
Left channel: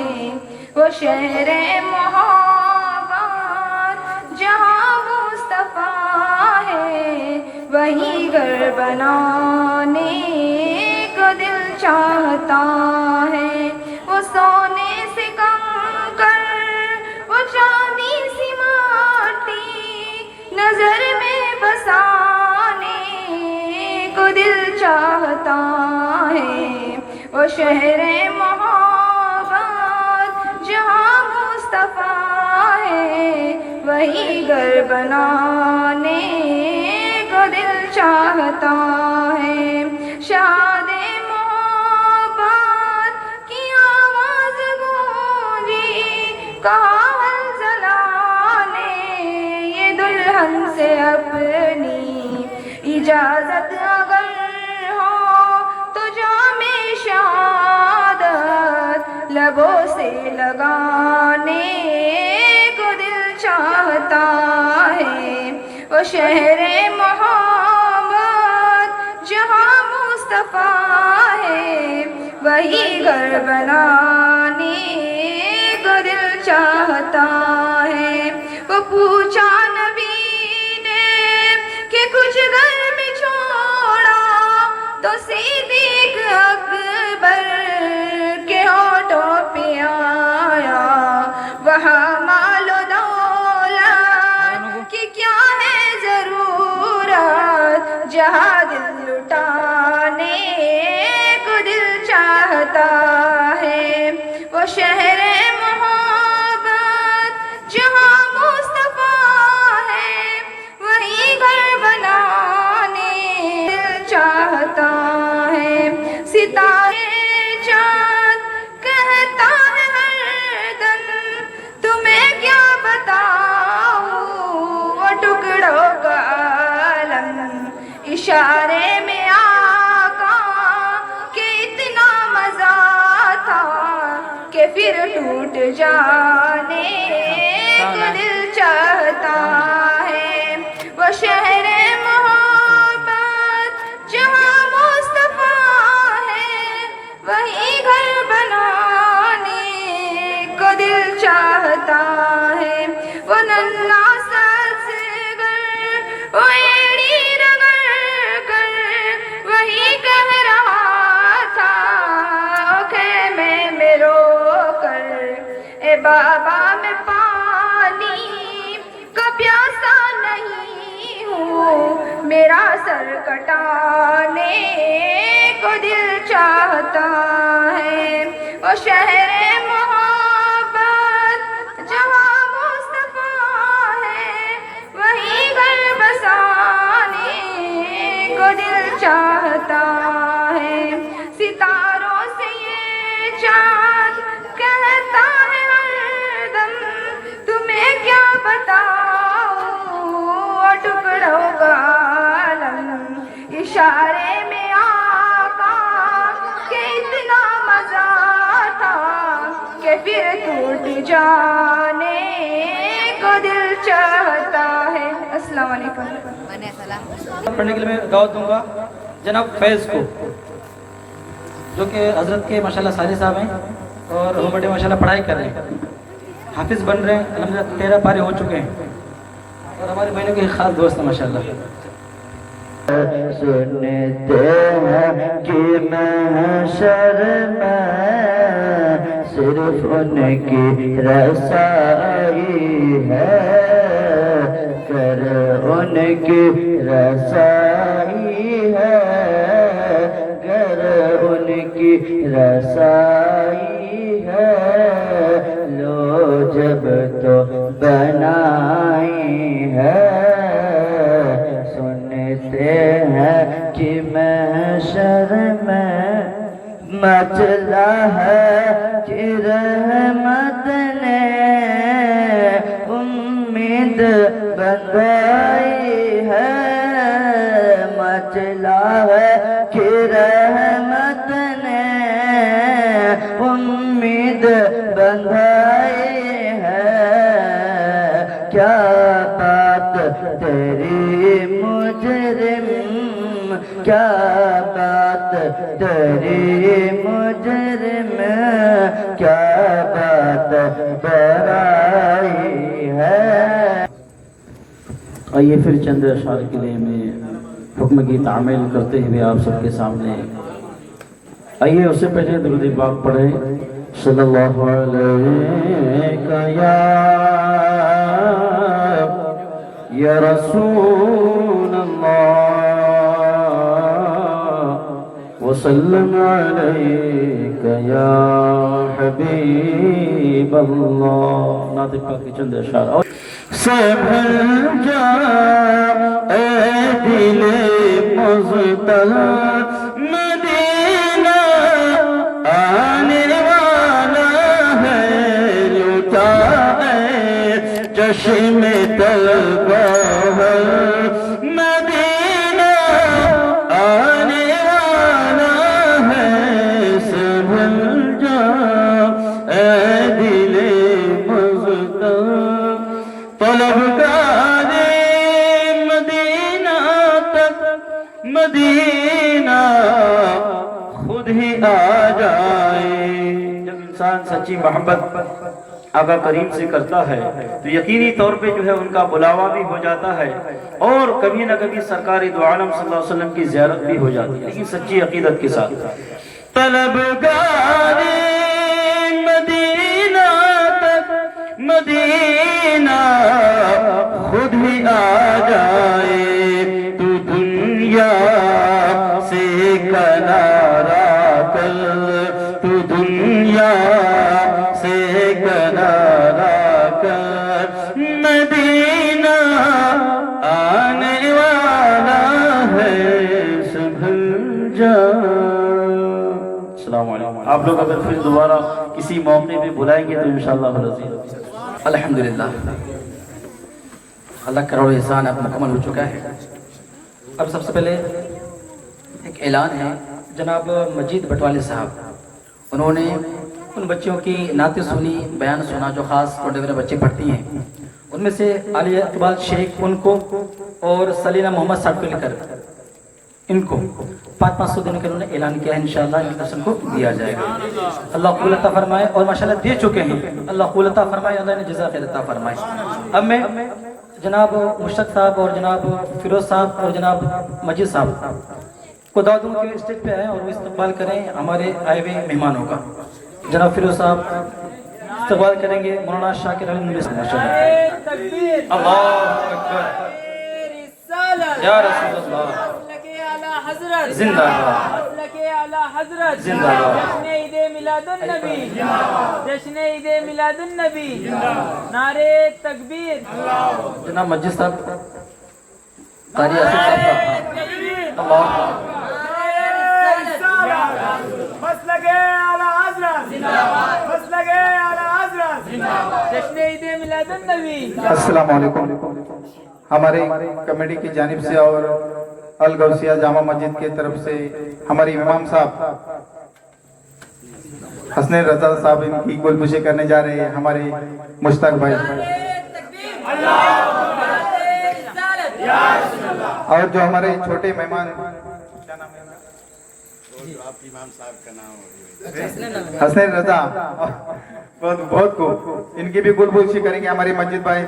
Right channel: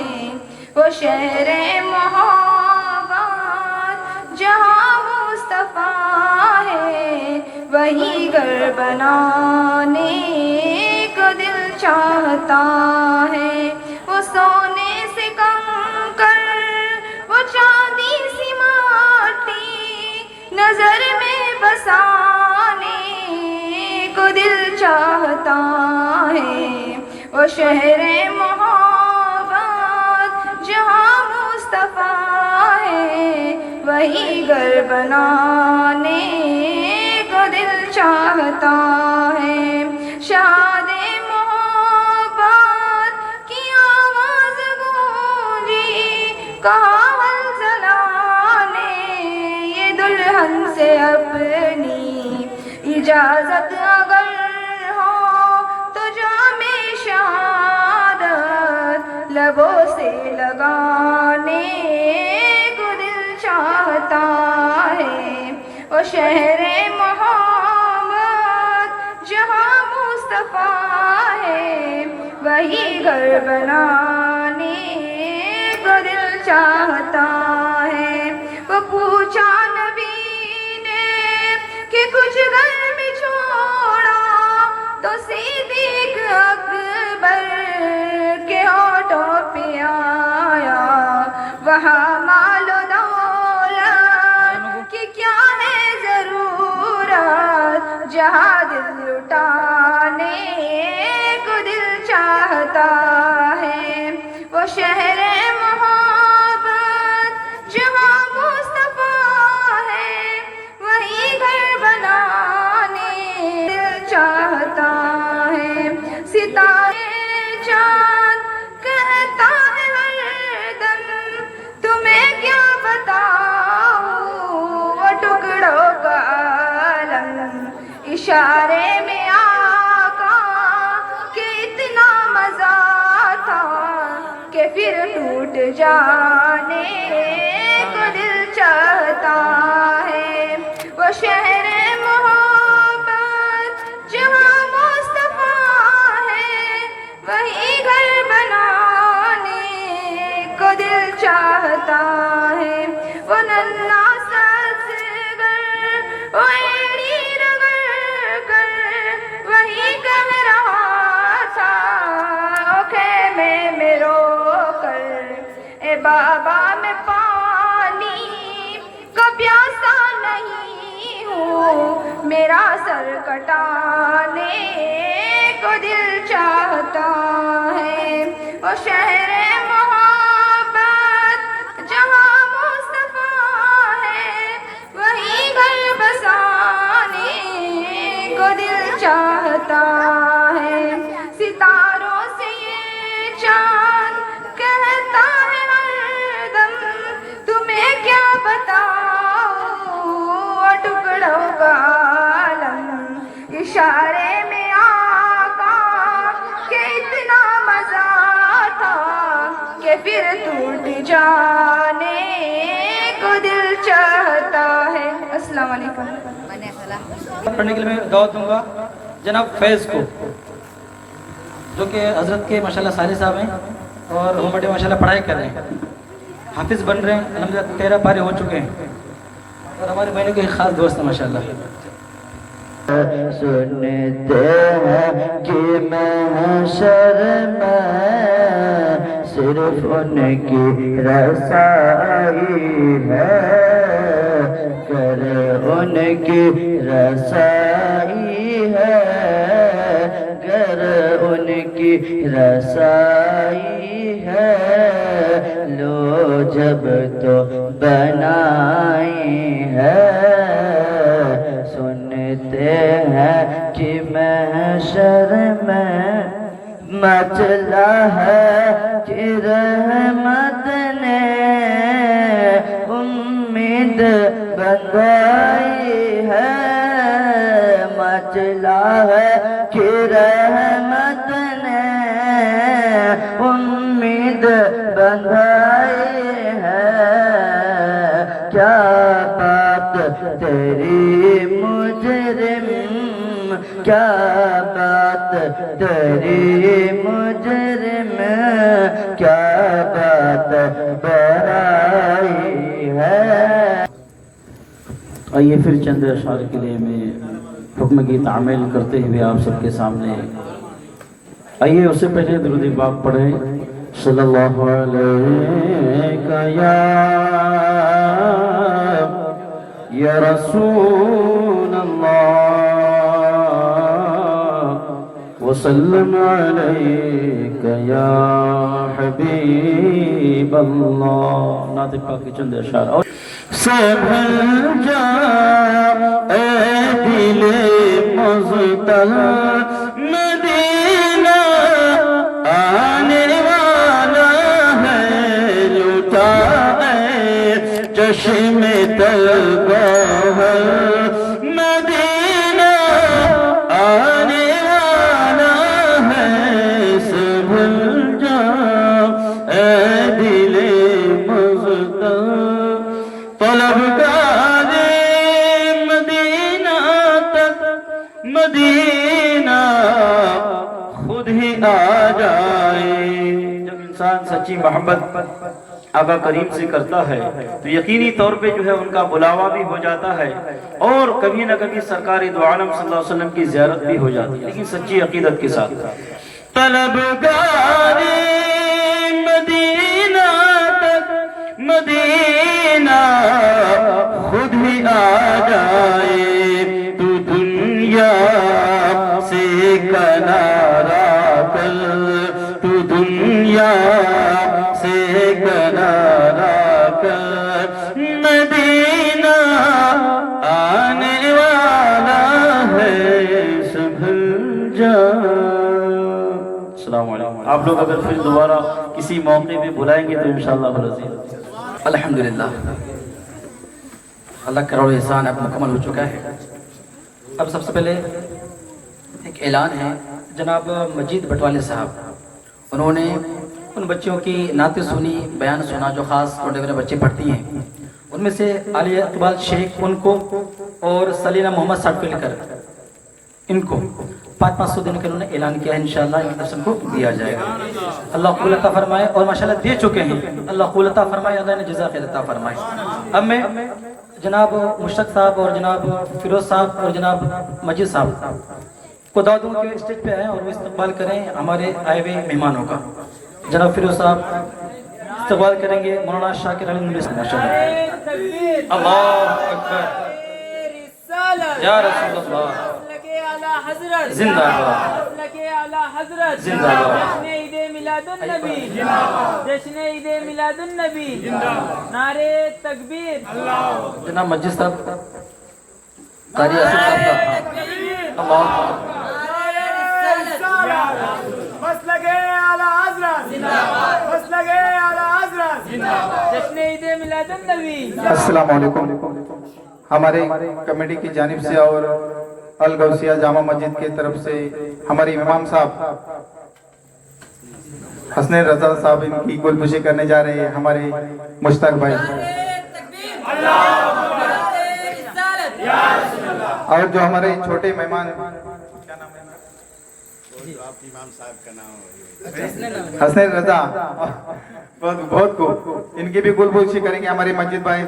वो शहरे मोहब्बत जहाँ मुस्तफा है, वही घर बनाने को दिल चाहता है। वो सोने से चांदी सी माटी नजर में बसाने को दिल चाहता है। वो शहरे मोहब्बत जहाँ मुस्तफा है, वही घर बनाने को दिल चाहता है। शादे मोहब्बत की आवाज गूंजी कहावत से अपनी इजाजत अगर हो तो जामे शहादत लबों से लगाने को दिल चाहता है। वो शहरे मोहब्बत जहाँ मुस्तफा है, वही घर बनाने को दिल جہاں دل لٹانے کو دل چاہتا ہے، وہ شہر محبت جہاں مصطفیٰ ہے، وہی گھر بنانے دل چاہتا ہے۔ ستارے چاند کہتا ہے ہر دم، تمہیں کیا بتاؤں وہ ٹکڑوں کا عالم، اشارے میں آقا کہ اتنا مزہ تھا کہ پھر ٹوٹ جانے کو دل چاہتا ہے، وہ شہر محبت جہاں مصطفیٰ ہے، وہی گھر بنانے کو دل چاہتا ہے، وہ ننھا سا اصغر وہ ایڑی رگڑ کر وہی کہہ رہا تھا خیمے میں رو کر، اے بابا میں پانی کا پیاسا نہیں ہوں، میرا سر کٹانے کو دل چاہتا ہے، وہ شہر محبت جہاں مصطفیٰ ہے، وہی گھر بسانے کو دل چاہتا ہے۔ ستاروں سے یہ چاند کہتا ہے ہر دم، تمہیں کیا بتاؤں وہ ٹکڑوں کا عالم، اشارے میں آقا کہ اتنا مزہ تھا کہ پھر ٹوٹ جانے کو دل چاہتا ہے۔ السلام علیکم۔ پڑھنے کے لیے میں دعوت دوں گا جناب فیض کو، جو کہ حضرت کے ماشاءاللہ سارے صاحب ہیں اور وہ بڑے ماشاءاللہ پڑھائی کر رہے ہیں، حافظ بن رہے ہیں، الحمدللہ 13 پارے ہو چکے ہیں اور ہمارے بہنوں کے ایک خاص دوست ہیں ماشاءاللہ۔ سنتے ہیں کہ محشر میں صرف ان کی رسائی ہے، کرے ان کی رسائی ہے، گر ان کی رسائی ہے، لو جب تو بنائی ہے، سنتے ہیں کہ محشر میں مچلا ہے کہ رحمت نے امید بندائی ہے، مچلا ہے کہ رحمت نے امید بندائی ہے، کیا بات تیری مجرم، کیا بات تیری مجرم، کیا بات برائی ہے۔ آئیے پھر چند اشعار کے لیے میں حکم کی تعمیل کرتے ہوئے آپ سب کے سامنے آئیے، اس سے پہلے درود پاک پڑھیں صلی اللہ علیہ یا رسول اللہ وسلم علیک یا حبیب اللہ۔ نعت پاک کی چند اشعار سبھل جا اے دل مزدل، مدینہ آنے والا ہے، لٹا ہے چشم طلبہ ہے، مدینہ آنے والا ہے، سبھل جا اے دل مزدل، طلبگار مدینہ تک مدینہ خود ہی آ جائے۔ جب انسان سچی محبت آقا کریم سے کرتا ہے تو یقینی طور پہ جو ہے ان کا بلاوا بھی ہو جاتا ہے، اور کبھی نہ کبھی سرکار دو عالم صلی اللہ علیہ وسلم کی زیارت بھی ہو جاتی ہے، لیکن سچی عقیدت کے ساتھ۔ طلبگار مدینہ تک مدینہ خود ہی آ جائے، تو دنیا आप लोग अगर फिर दोबारा किसी मौके पे बुलाएंगे तो इंशाअल्लाह रज़ी। अल्हम्दुलिल्लाह, अल्लाह करोड़ एहसान अब मुकम्मल हो चुका है। अब सबसे पहले एक ऐलान है, जनाब मजीद बटवाले साहब, उन्होंने उन बच्चों की नाते सुनी, बयान सुना जो ख़ास छोटे बड़े बच्चे पढ़ती हैं, उनमें से आलिया इकबाल शेख उनको और सलीना मोहम्मद सर्टिफिकेट इनको 500 देने का उन्होंने ऐलान किया है। इंशाअल्लाह इन दर्शन को दिया जाएगा। अल्लाह कबूल अता फरमाए, और माशाअल्लाह दे चुके हैं। अल्लाह कबूल अता फरमाए, अल्लाह ने जज़ा खैर अता फरमाए। अब मैं जनाब मुशरफ साहब और जनाब फिरोज साहब और जनाब मजीद साहब को दावत दूं के स्टेज पे आए और वो इस्तकबाल करें हमारे आए हुए मेहमानों का। जनाब फिरोज साहब इस्तकबाल करेंगे मौलाना शाकिर अली मुंडी से। माशाअल्लाह, अल्लाहु अकबर, या रसूल अल्लाह, जिंदाबाद, जिंदाबाद, जश्न ईद मिलादुन नबी, नारे तकबीर, जनाब मस्जिद साहब कारी आसिफ साहब का अल्लाह जश्न ईद मिलादुन नबी। अस्सलाम वालेकुम। हमारे कमेटी की जानिब से और अल गौसिया जामा मस्जिद की तरफ से हमारे इमाम साहब हसन रजा साहब इनकी गोलपुशी करने जा रहे हैं। हमारे मुश्ताक भाई और जो हमारे छोटे मेहमान हसन रजा बहुत को इनकी भी गुलबुशी करेंगे हमारे मस्जिद भाई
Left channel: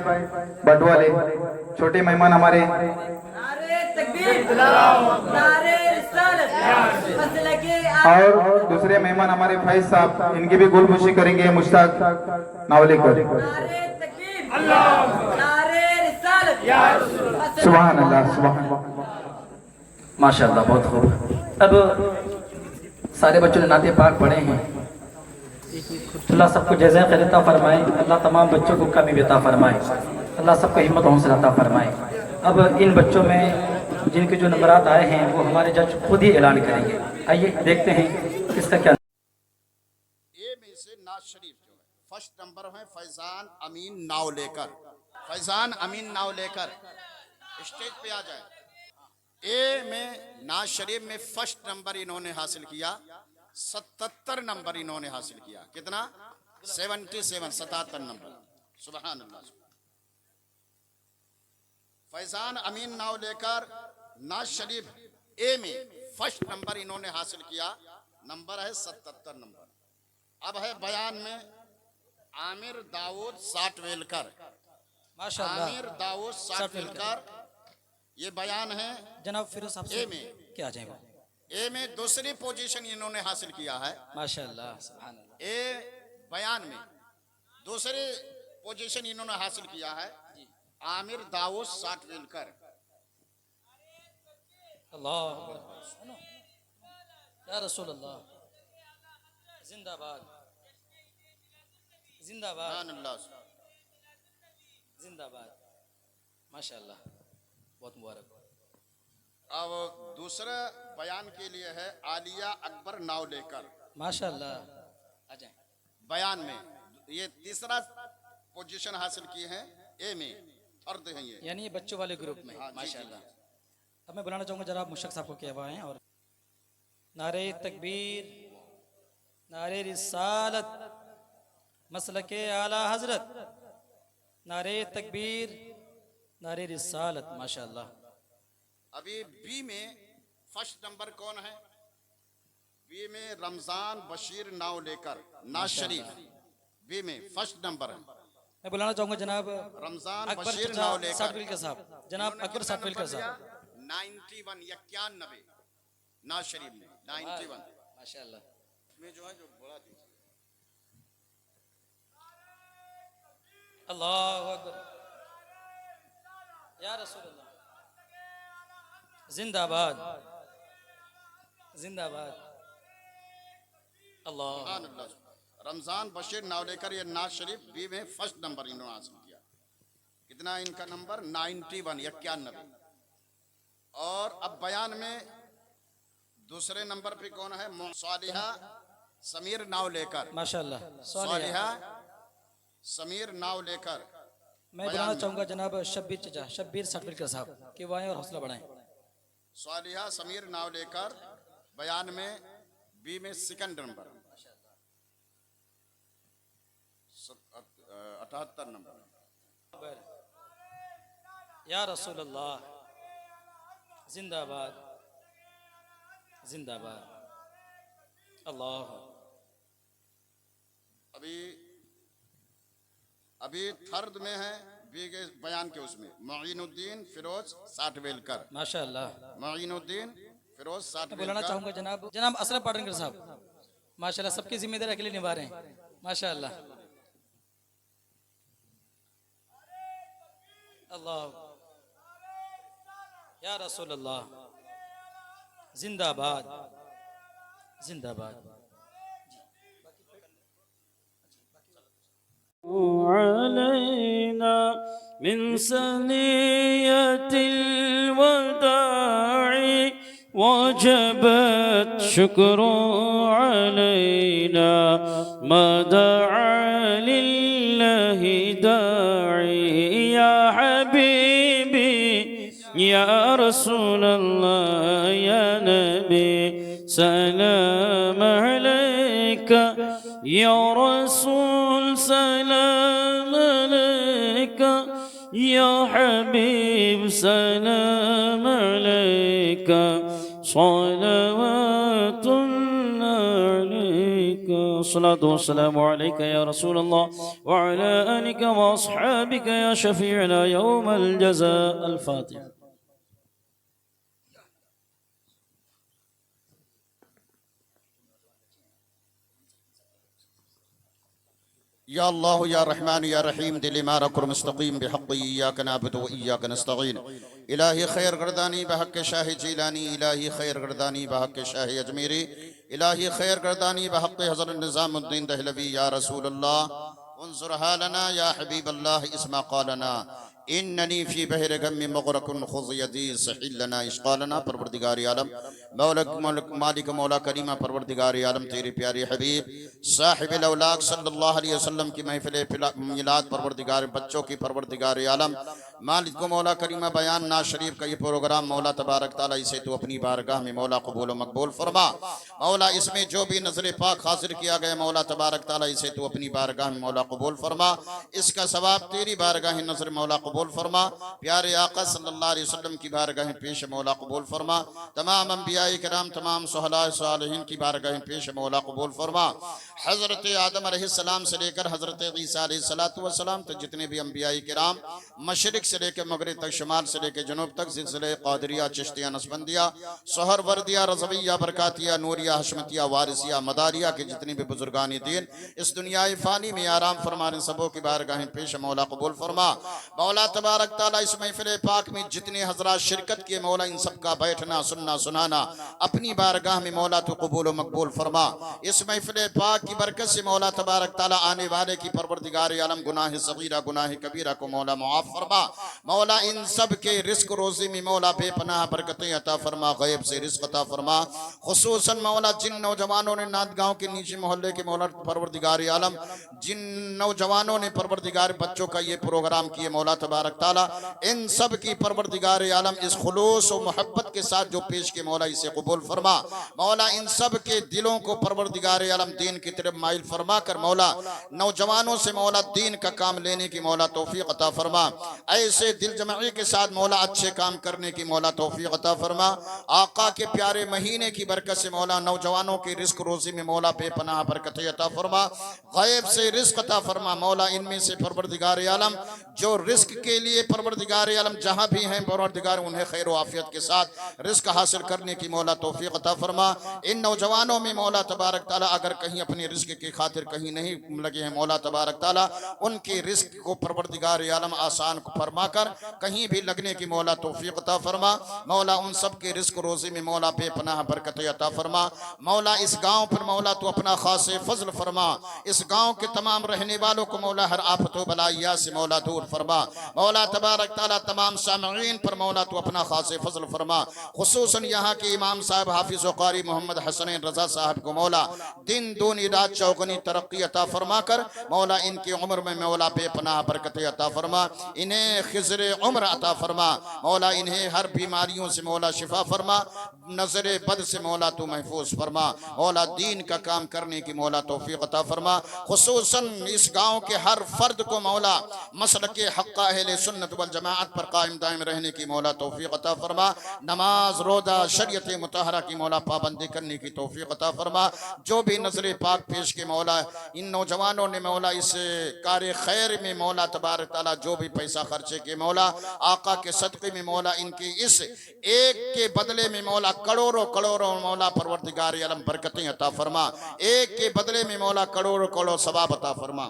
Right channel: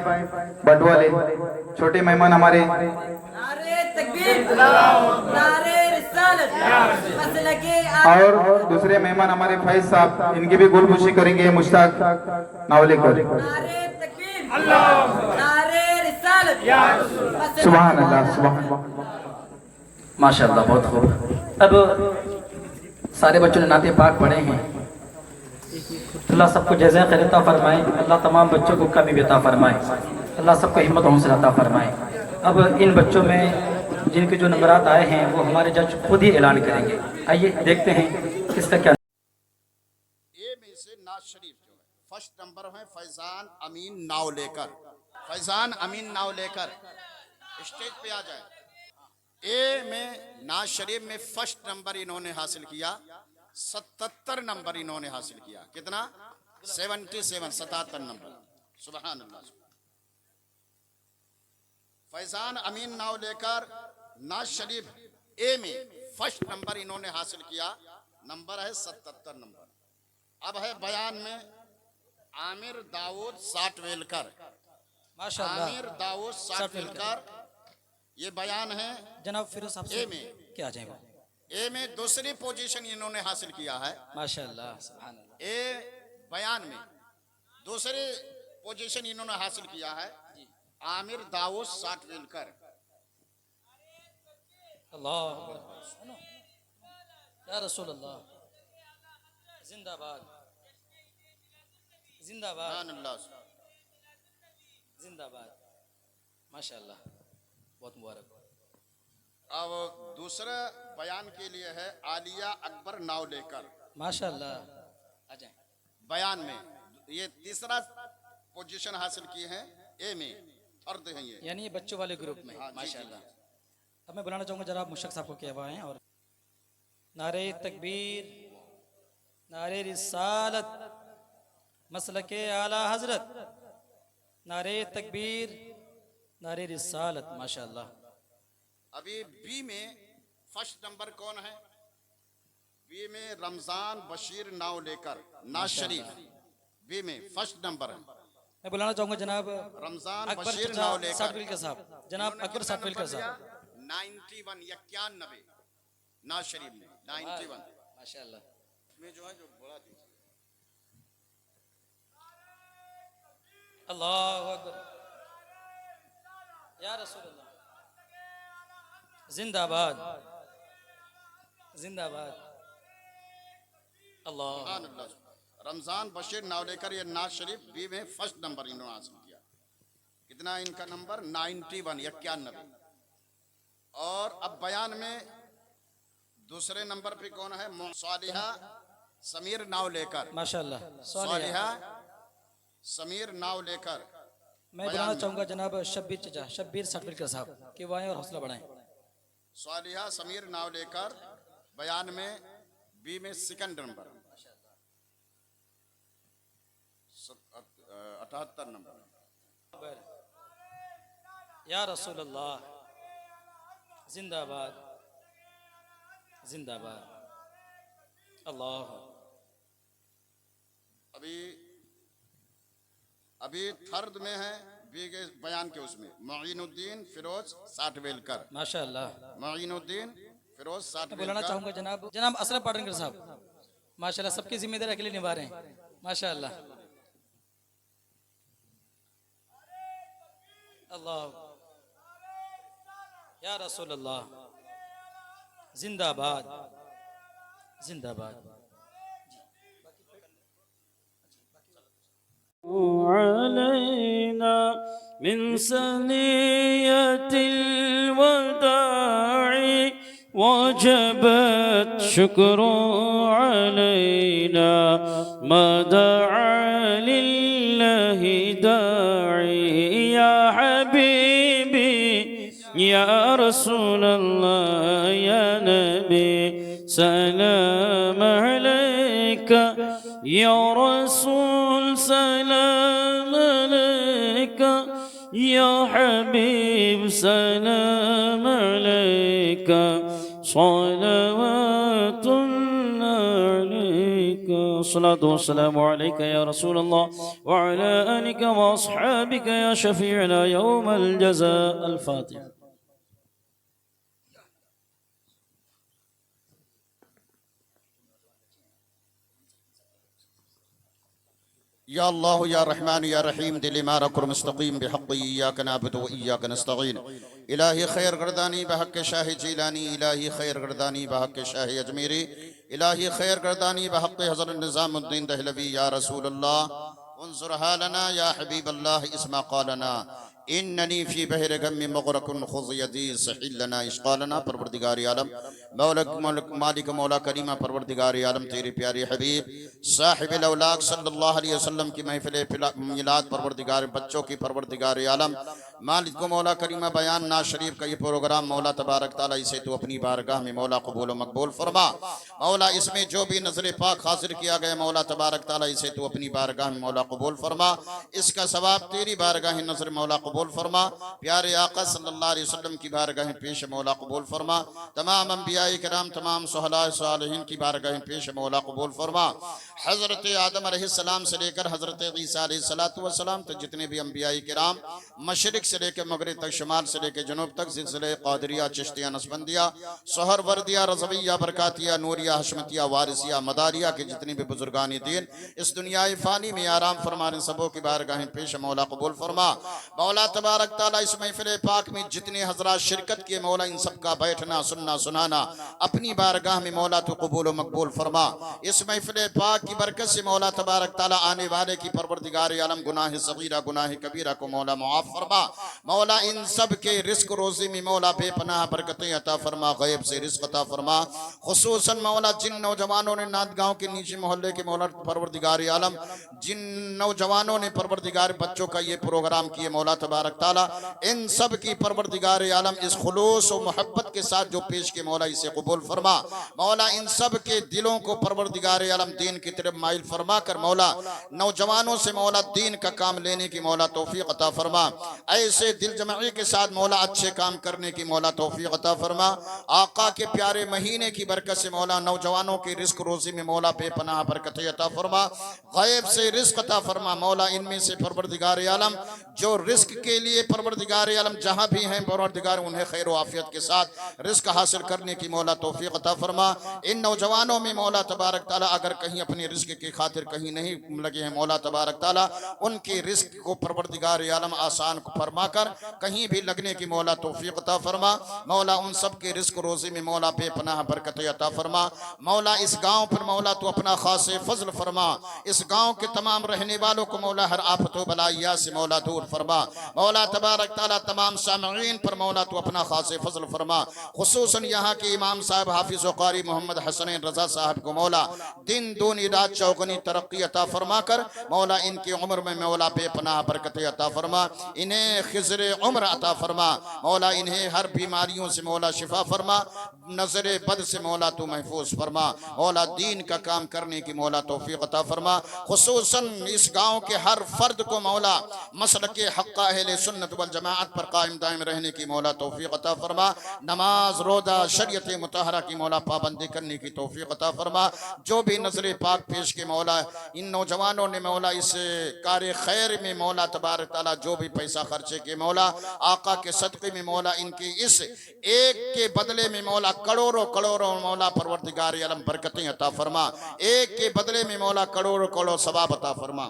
बटवाले। छोटे मेहमान हमारे और दूसरे मेहमान हमारे फैज साहब, इनकी भी गुलबुशी करेंगे मुश्ताक नावलेकर। सुभान अल्लाह, सुभान अल्लाह, माशाअल्लाह, बहुत खूब। अब सारे बच्चों ने नाते पाक पढ़े हैं, अल्लाह सबको जज़ा खैर अता फरमाए, अल्लाह तमाम बच्चों को कमी अता फरमाए, अल्लाह सबको हिम्मत हौसला अता फरमाए। अब इन बच्चों में जिनके जो नंबरात आए हैं वो हमारे जज खुद ही ऐलान करेंगे। आइए देखते हैं इसका क्या। ए में से नाज शरीफ जो है फर्स्ट नंबर है फैजान अमीन नाव लेकर, फैजान अमीन नाव लेकर स्टेज पे आ जाए। ए में नाज शरीफ में फर्स्ट नंबर इन्होंने हासिल किया, 77 नंबर इन्होंने हासिल किया। कितना? 77 नंबर। सुभान अल्लाह। फैजान अमीन नाव लेकर नाज शरीफ ए में फर्स्ट नंबर इन्होंने हासिल किया, नंबर है 77 नंबर। अब है बयान में आमिर दाऊद साटवेलकर, माशाअल्लाह, आमिर दाऊद साटवेलकर, ये बयान है जनाब फिरोज साहब ए में। क्या जाएगा? ए में दूसरी पोजीशन इन्होंने हासिल किया है, माशाअल्लाह, सुभान अल्लाह। ए बयान में दूसरी पोजीशन इन्होंने हासिल किया है, आमिर दाऊद साटवेलकर। अल्लाह या रसूल अल्लाह, जिंदाबाद, जिंदाबाद, जिंदाबाद, माशाअल्लाह, बहुत मुबारक। अब दूसरा बयान के लिए है आलिया अकबर नाव लेकर, माशाअल्लाह, आ जाए। बयान में ये तीसरा पोजीशन हासिल की है, ए में फर्द है ये, यानी ये बच्चों वाले ग्रुप में। माशाअल्लाह। अब मैं बुलाना चाहूँगा जनाब मुशरफ साहब को क्या आए और नारे तकबीर, नारे रिसालत, मसलके आला हजरत, नारे तकबीर, नारे रिसालत, माशाअल्लाह। अभी बी में फर्स्ट नंबर कौन है? बी में रमजान बशीर नाव लेकर, नाज शरीफ, बी में फर्स्ट नंबर है। मैं बुलाना चाहूँगा जनाब रमजान अकबर बशीर नाव लेकर साटविलकर साहब, जनाब अकबर साटविलकर साहब, 91 नाज शरीफ में 91 माशाअल्लाह। में जो है जो बड़ा थी। अल्लाहु अकबर, या रसूल अल्लाह, जिंदाबाद, जिंदाबाद, अल्लाह। रमजान बशीर नाव लेकर ये नाज शरीफ बी में फर्स्ट नंबर इन्होंने हासिल किया। कितना इनका नंबर? 91। और अब बयान में दूसरे नंबर पे कौन है? सालिहा समीर नाव लेकर, माशाल्लाह। सालिहा समीर नाव लेकर। मैं बुलाना चाहूँगा जनाब शब्बीर चचा, शब्बीर सर्टिफिकेट साहब कि वो आएं और हौसला बढ़ाएं। सालिहा समीर नाव लेकर बयान में बी में सेकंड नंबर 78 नंबर। या रसूल अल्लाह जिंदाबाद जिंदाबाद। अल्लाह अभी थर्ड में है बी के बयान के उसमें मोइनुद्दीन फिरोज साठवेलकर। माशाल्लाह। मोइनुद्दीन फिरोज मैं बुलाना साठवेलकर। चाहूँगा जनाब असरफ पाटनकर साहब, माशाल्लाह सबकी जिम्मेदारी अकेले निभा रहे हैं, माशाल्लाह। अल्लाह या रसूल अल्लाह जिंदाबाद जिंदाबाद। علينا من ثنية الوداع وجبت شكر علينا ما دعا لله داعي يا حبيبي يا رسول الله يا نبي سلام عليك يا رسول سلام عليك يا حبيب سلام عليك صلوات عليك الصلاة والسلام عليك يا رسول الله وعلى آلك وأصحابك يا شفيعنا يوم الجزاء الفاتحة. या अल्लाह या रहमान या रहीम दिल मारा कुर मुस्तकीम बिहक़्क़ि इय्याक नअबुदु व इय्याक नस्तईन। इलाही खैर गर्दानी बहक़्क़े शाह जीलानी, इलाही खैर गर्दानी बहक़्क़े शाह अजमेरी, इलाही खैर गर्दानी बहक़्क़े हज़रत निज़ामुद्दीन दहलवी। या रसूल अल्लाह उन्ज़ुर हालना या हबीब अल्लाह इस्मा क़ालना इन्ननी फ़ी बहर गम्मी मुग़रक़ुन ख़ुज़ यदी सहिल लना इश्क़ालना। परवरदिगार आलम मालिक मौला करीमा परवरदिगार आलम तेरे प्यारे हबीब साहिब औलाक सल्लल्लाहु अलैहि वसल्लम की महफिल मिलाद परवरदिगार बच्चों की परवरदिगार आलम मालिक मौला करीमा बयान ना शरीफ का ये प्रोग्राम मौला तबारक ताला इसे तो अपनी बारगाह में मौला कबूल व मकबूल फरमा। मौला इसमें जो भी नजर पाक हाजिर किया गया मौला तबारक ताला इसे तो अपनी बारगाह में मौला कबूल फरमा। इसका सवाब तेरी बारगाह नजर मौला कबूल फरमा। प्यारे आका सल्लल्लाहु अलैहि वसल्लम की बारगाह पेश मौला कबूल फरमा। तमाम अंबिया किराम तमाम सुहला सालिहीन की बारगाह पेश मौला कबूल फरमा। हजरत आदम अलैहिस्सलाम से लेकर हजरत ईसा अलैहिस्सलाम तक जितने भी अंबिया किराम मशरिक से लेकर मगरिब तक, शुमाल से लेकर जनूब तक, सिलसिले क़ादिरिया चिश्तिया नस्बंदिया सोहरवर्दिया रज़विया बरकातिया नूरिया हशमतिया वारिसिया मदारिया के जितने भी बुजुर्गान दीन इस दुनिया फ़ानी में आराम फरमाने सबों की बारगाह पेश मौला कबूल फरमा। मौला तबारक ताला इस महफिल पाक में जितने हजरात शिरकत किए मौला इन सब का बैठना सुनना सुनाना अपनी बारगाह में मौला तो कबूल मकबूल फरमा। इस महफिल पाक की बरकत से मौला तबारक ताला आने वाले की परवरदिगार आलम गुनाह सगीरा गुनाह कबीरा को मौला मुआफ फरमा। मौला इन सब के रिस्क रोजी में मौला बेपनाह बरकतें अता फरमा, गैब से रिस्क अता फरमा। खुसूसन मौला जिन नौजवानों ने नादगांव के नीचे मोहल्ले के मौला परवरदिगार आलम जिन नौजवानों ने परवरदिगार बच्चों का ये प्रोग्राम किए मौला तबारक ताला इन सब की परवरदिगार आलम इस खुलूस और मोहब्बत के साथ जो पेश के मौला इसे कबूल फरमा। मौला इन सब के दिलों को परवरदिगार आलम दीन की तरफ माइल फरमा कर मौला नौजवानों से मौला दीन का काम लेने की मौला तौफीक अता फरमा। ऐसे दिल जमाई के साथ मौला अच्छे काम करने की मौला तौफीक अता फरमा। आका के प्यारे महीने की बरकत से मौला नौजवानों की रिस्क रोजी में मौला बेपनाह बरकत अता फरमा, गैब से रिस्क अता फरमा। मौला इनमें से परवरदिगार आलम जो रिस्क के लिए परवरदिगार आलम जहाँ भी हैं परवरदिगार उन्हें खैर आफियत के साथ रिस्क हासिल करने की मौला तौफीक अता फरमा। इन नौजवानों में मौला तबारक ताला अगर कहीं अपने रिस्क की खातिर कहीं नहीं लगे हैं मौला तबारक ताला उनके रिस्क को परवरदिगार आलम आसान फरमा कर कहीं भी लगने की मौला तौफीक अता फरमा। मौला उन सब के रिस्क रोजी में मौला बेपनाह बरकत अता फरमा। मौला इस गांव पर मौला तो अपना खास फजल फरमा। इस गांव के तमाम रहने वालों को मौला हर आफत व बलाइया से मौला दूर फरमा। मौला तबारक ताला तमाम सामईन पर मौला तू अपना खास फजल फरमा। खुसूसन यहाँ के इमाम साहब हाफिज व कारी मोहम्मद हसनैन रजा साहब को मौला दिन दूनी रात चौगनी तरक्की अता फरमा कर मौला इनकी उम्र में मौला बेपनाह बरकत अता फरमा, इन्हें खिज़र उम्र अता फरमा मौला, इन्हें हर बीमारियों से मौला शिफा फरमा, नजर बद से मौला तू महफूज फरमा मौला, दीन का काम करने की मौला तौफीक अता फरमा। खुसूसन इस गाँव के हर फर्द को मौला मसलक हक़ अहले सुन्नत वल जमाअत पर कायम दायम रहने की मौला तौफीक अता फरमा, नमाज रोज़ा शरीयत मुतहरा की मौला पाबंदी करने की तौफीक अता फरमा। जो भी नजर पाक पेश के मौला इन नौजवानों ने मौला इस कार्य खैर में मौला तबारक ताला जो भी पैसा खर्चे के मौला आका के सदक़े में मौला इनकी इस एक के बदले में मौला करोड़ों करोड़ों मौला परवरदिगार आलम बरकतें अता फरमा, एक के बदले में मौला करोड़ों करोड़ों सवाब अता फरमा।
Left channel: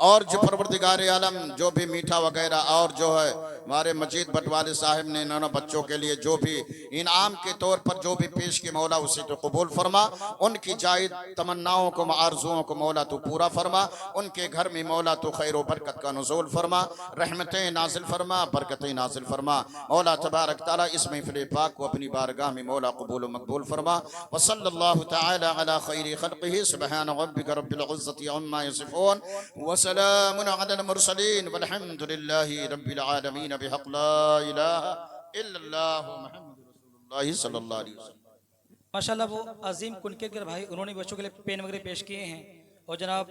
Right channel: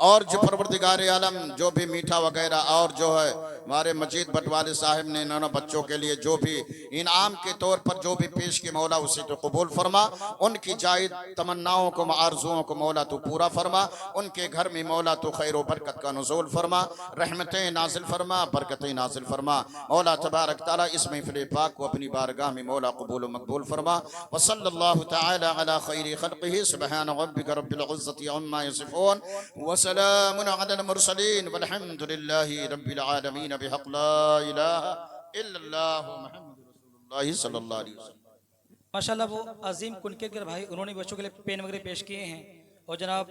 और जो परवरदिगार आलम जो भी मीठा वगैरह और जो है हमारे मजीद बटवाले साहब ने इन बच्चों के लिए जो भी इनाम के तौर पर जो भी पेश की मौला उसे तो कबूल फरमा, उनकी जायद तमन्नाओं को आरजुओं को मौला तो पूरा फरमा, उनके घर में मौला तो खैर व बरकत का नुज़ूल फरमा, रहमतें नाजिल फरमा, बरकतें नाजिल फरमा मौला तबारक ताला इस महफिल पाक को अपनी बारगाह में मौला कबूल व मकबूल फरमा। व सल्लल्लाहु तआला अला खैरि खल्क़िही सुब्हान रब्बिका रब्बिल इज़्ज़ति अम्मा यसिफून व सलामुन अलल मुरसलीन वल्हम्दुलिल्लाहि रब्बिल आलमीन बिहक़ ला इलाहा इल्लल्लाह मुहम्मदुर रसूलुल्लाह सल्लल्लाहु अलैहि वसल्लम। माशाल्लाह वो अजीम कुनकेकर भाई उन्होंने बच्चों के लिए पेन वगैरह पेश किए हैं और जनाब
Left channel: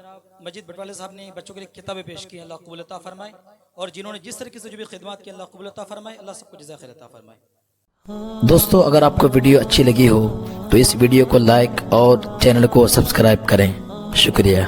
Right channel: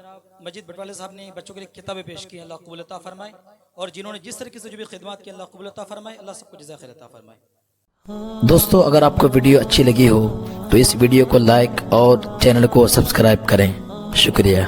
मजीद बटवाले साहब ने बच्चों के लिए किताबें पेश की, अल्लाह कबूल अता फरमाए, और जिन्होंने जिस तरीके से जो भी खिदमत की अल्लाह कबूल अता फरमाए, अल्लाह सबको जज़ा खैर अता फरमाए। दोस्तों अगर आपको वीडियो अच्छी लगी हो तो इस वीडियो को लाइक और चैनल को सब्सक्राइब करें। शुक्रिया।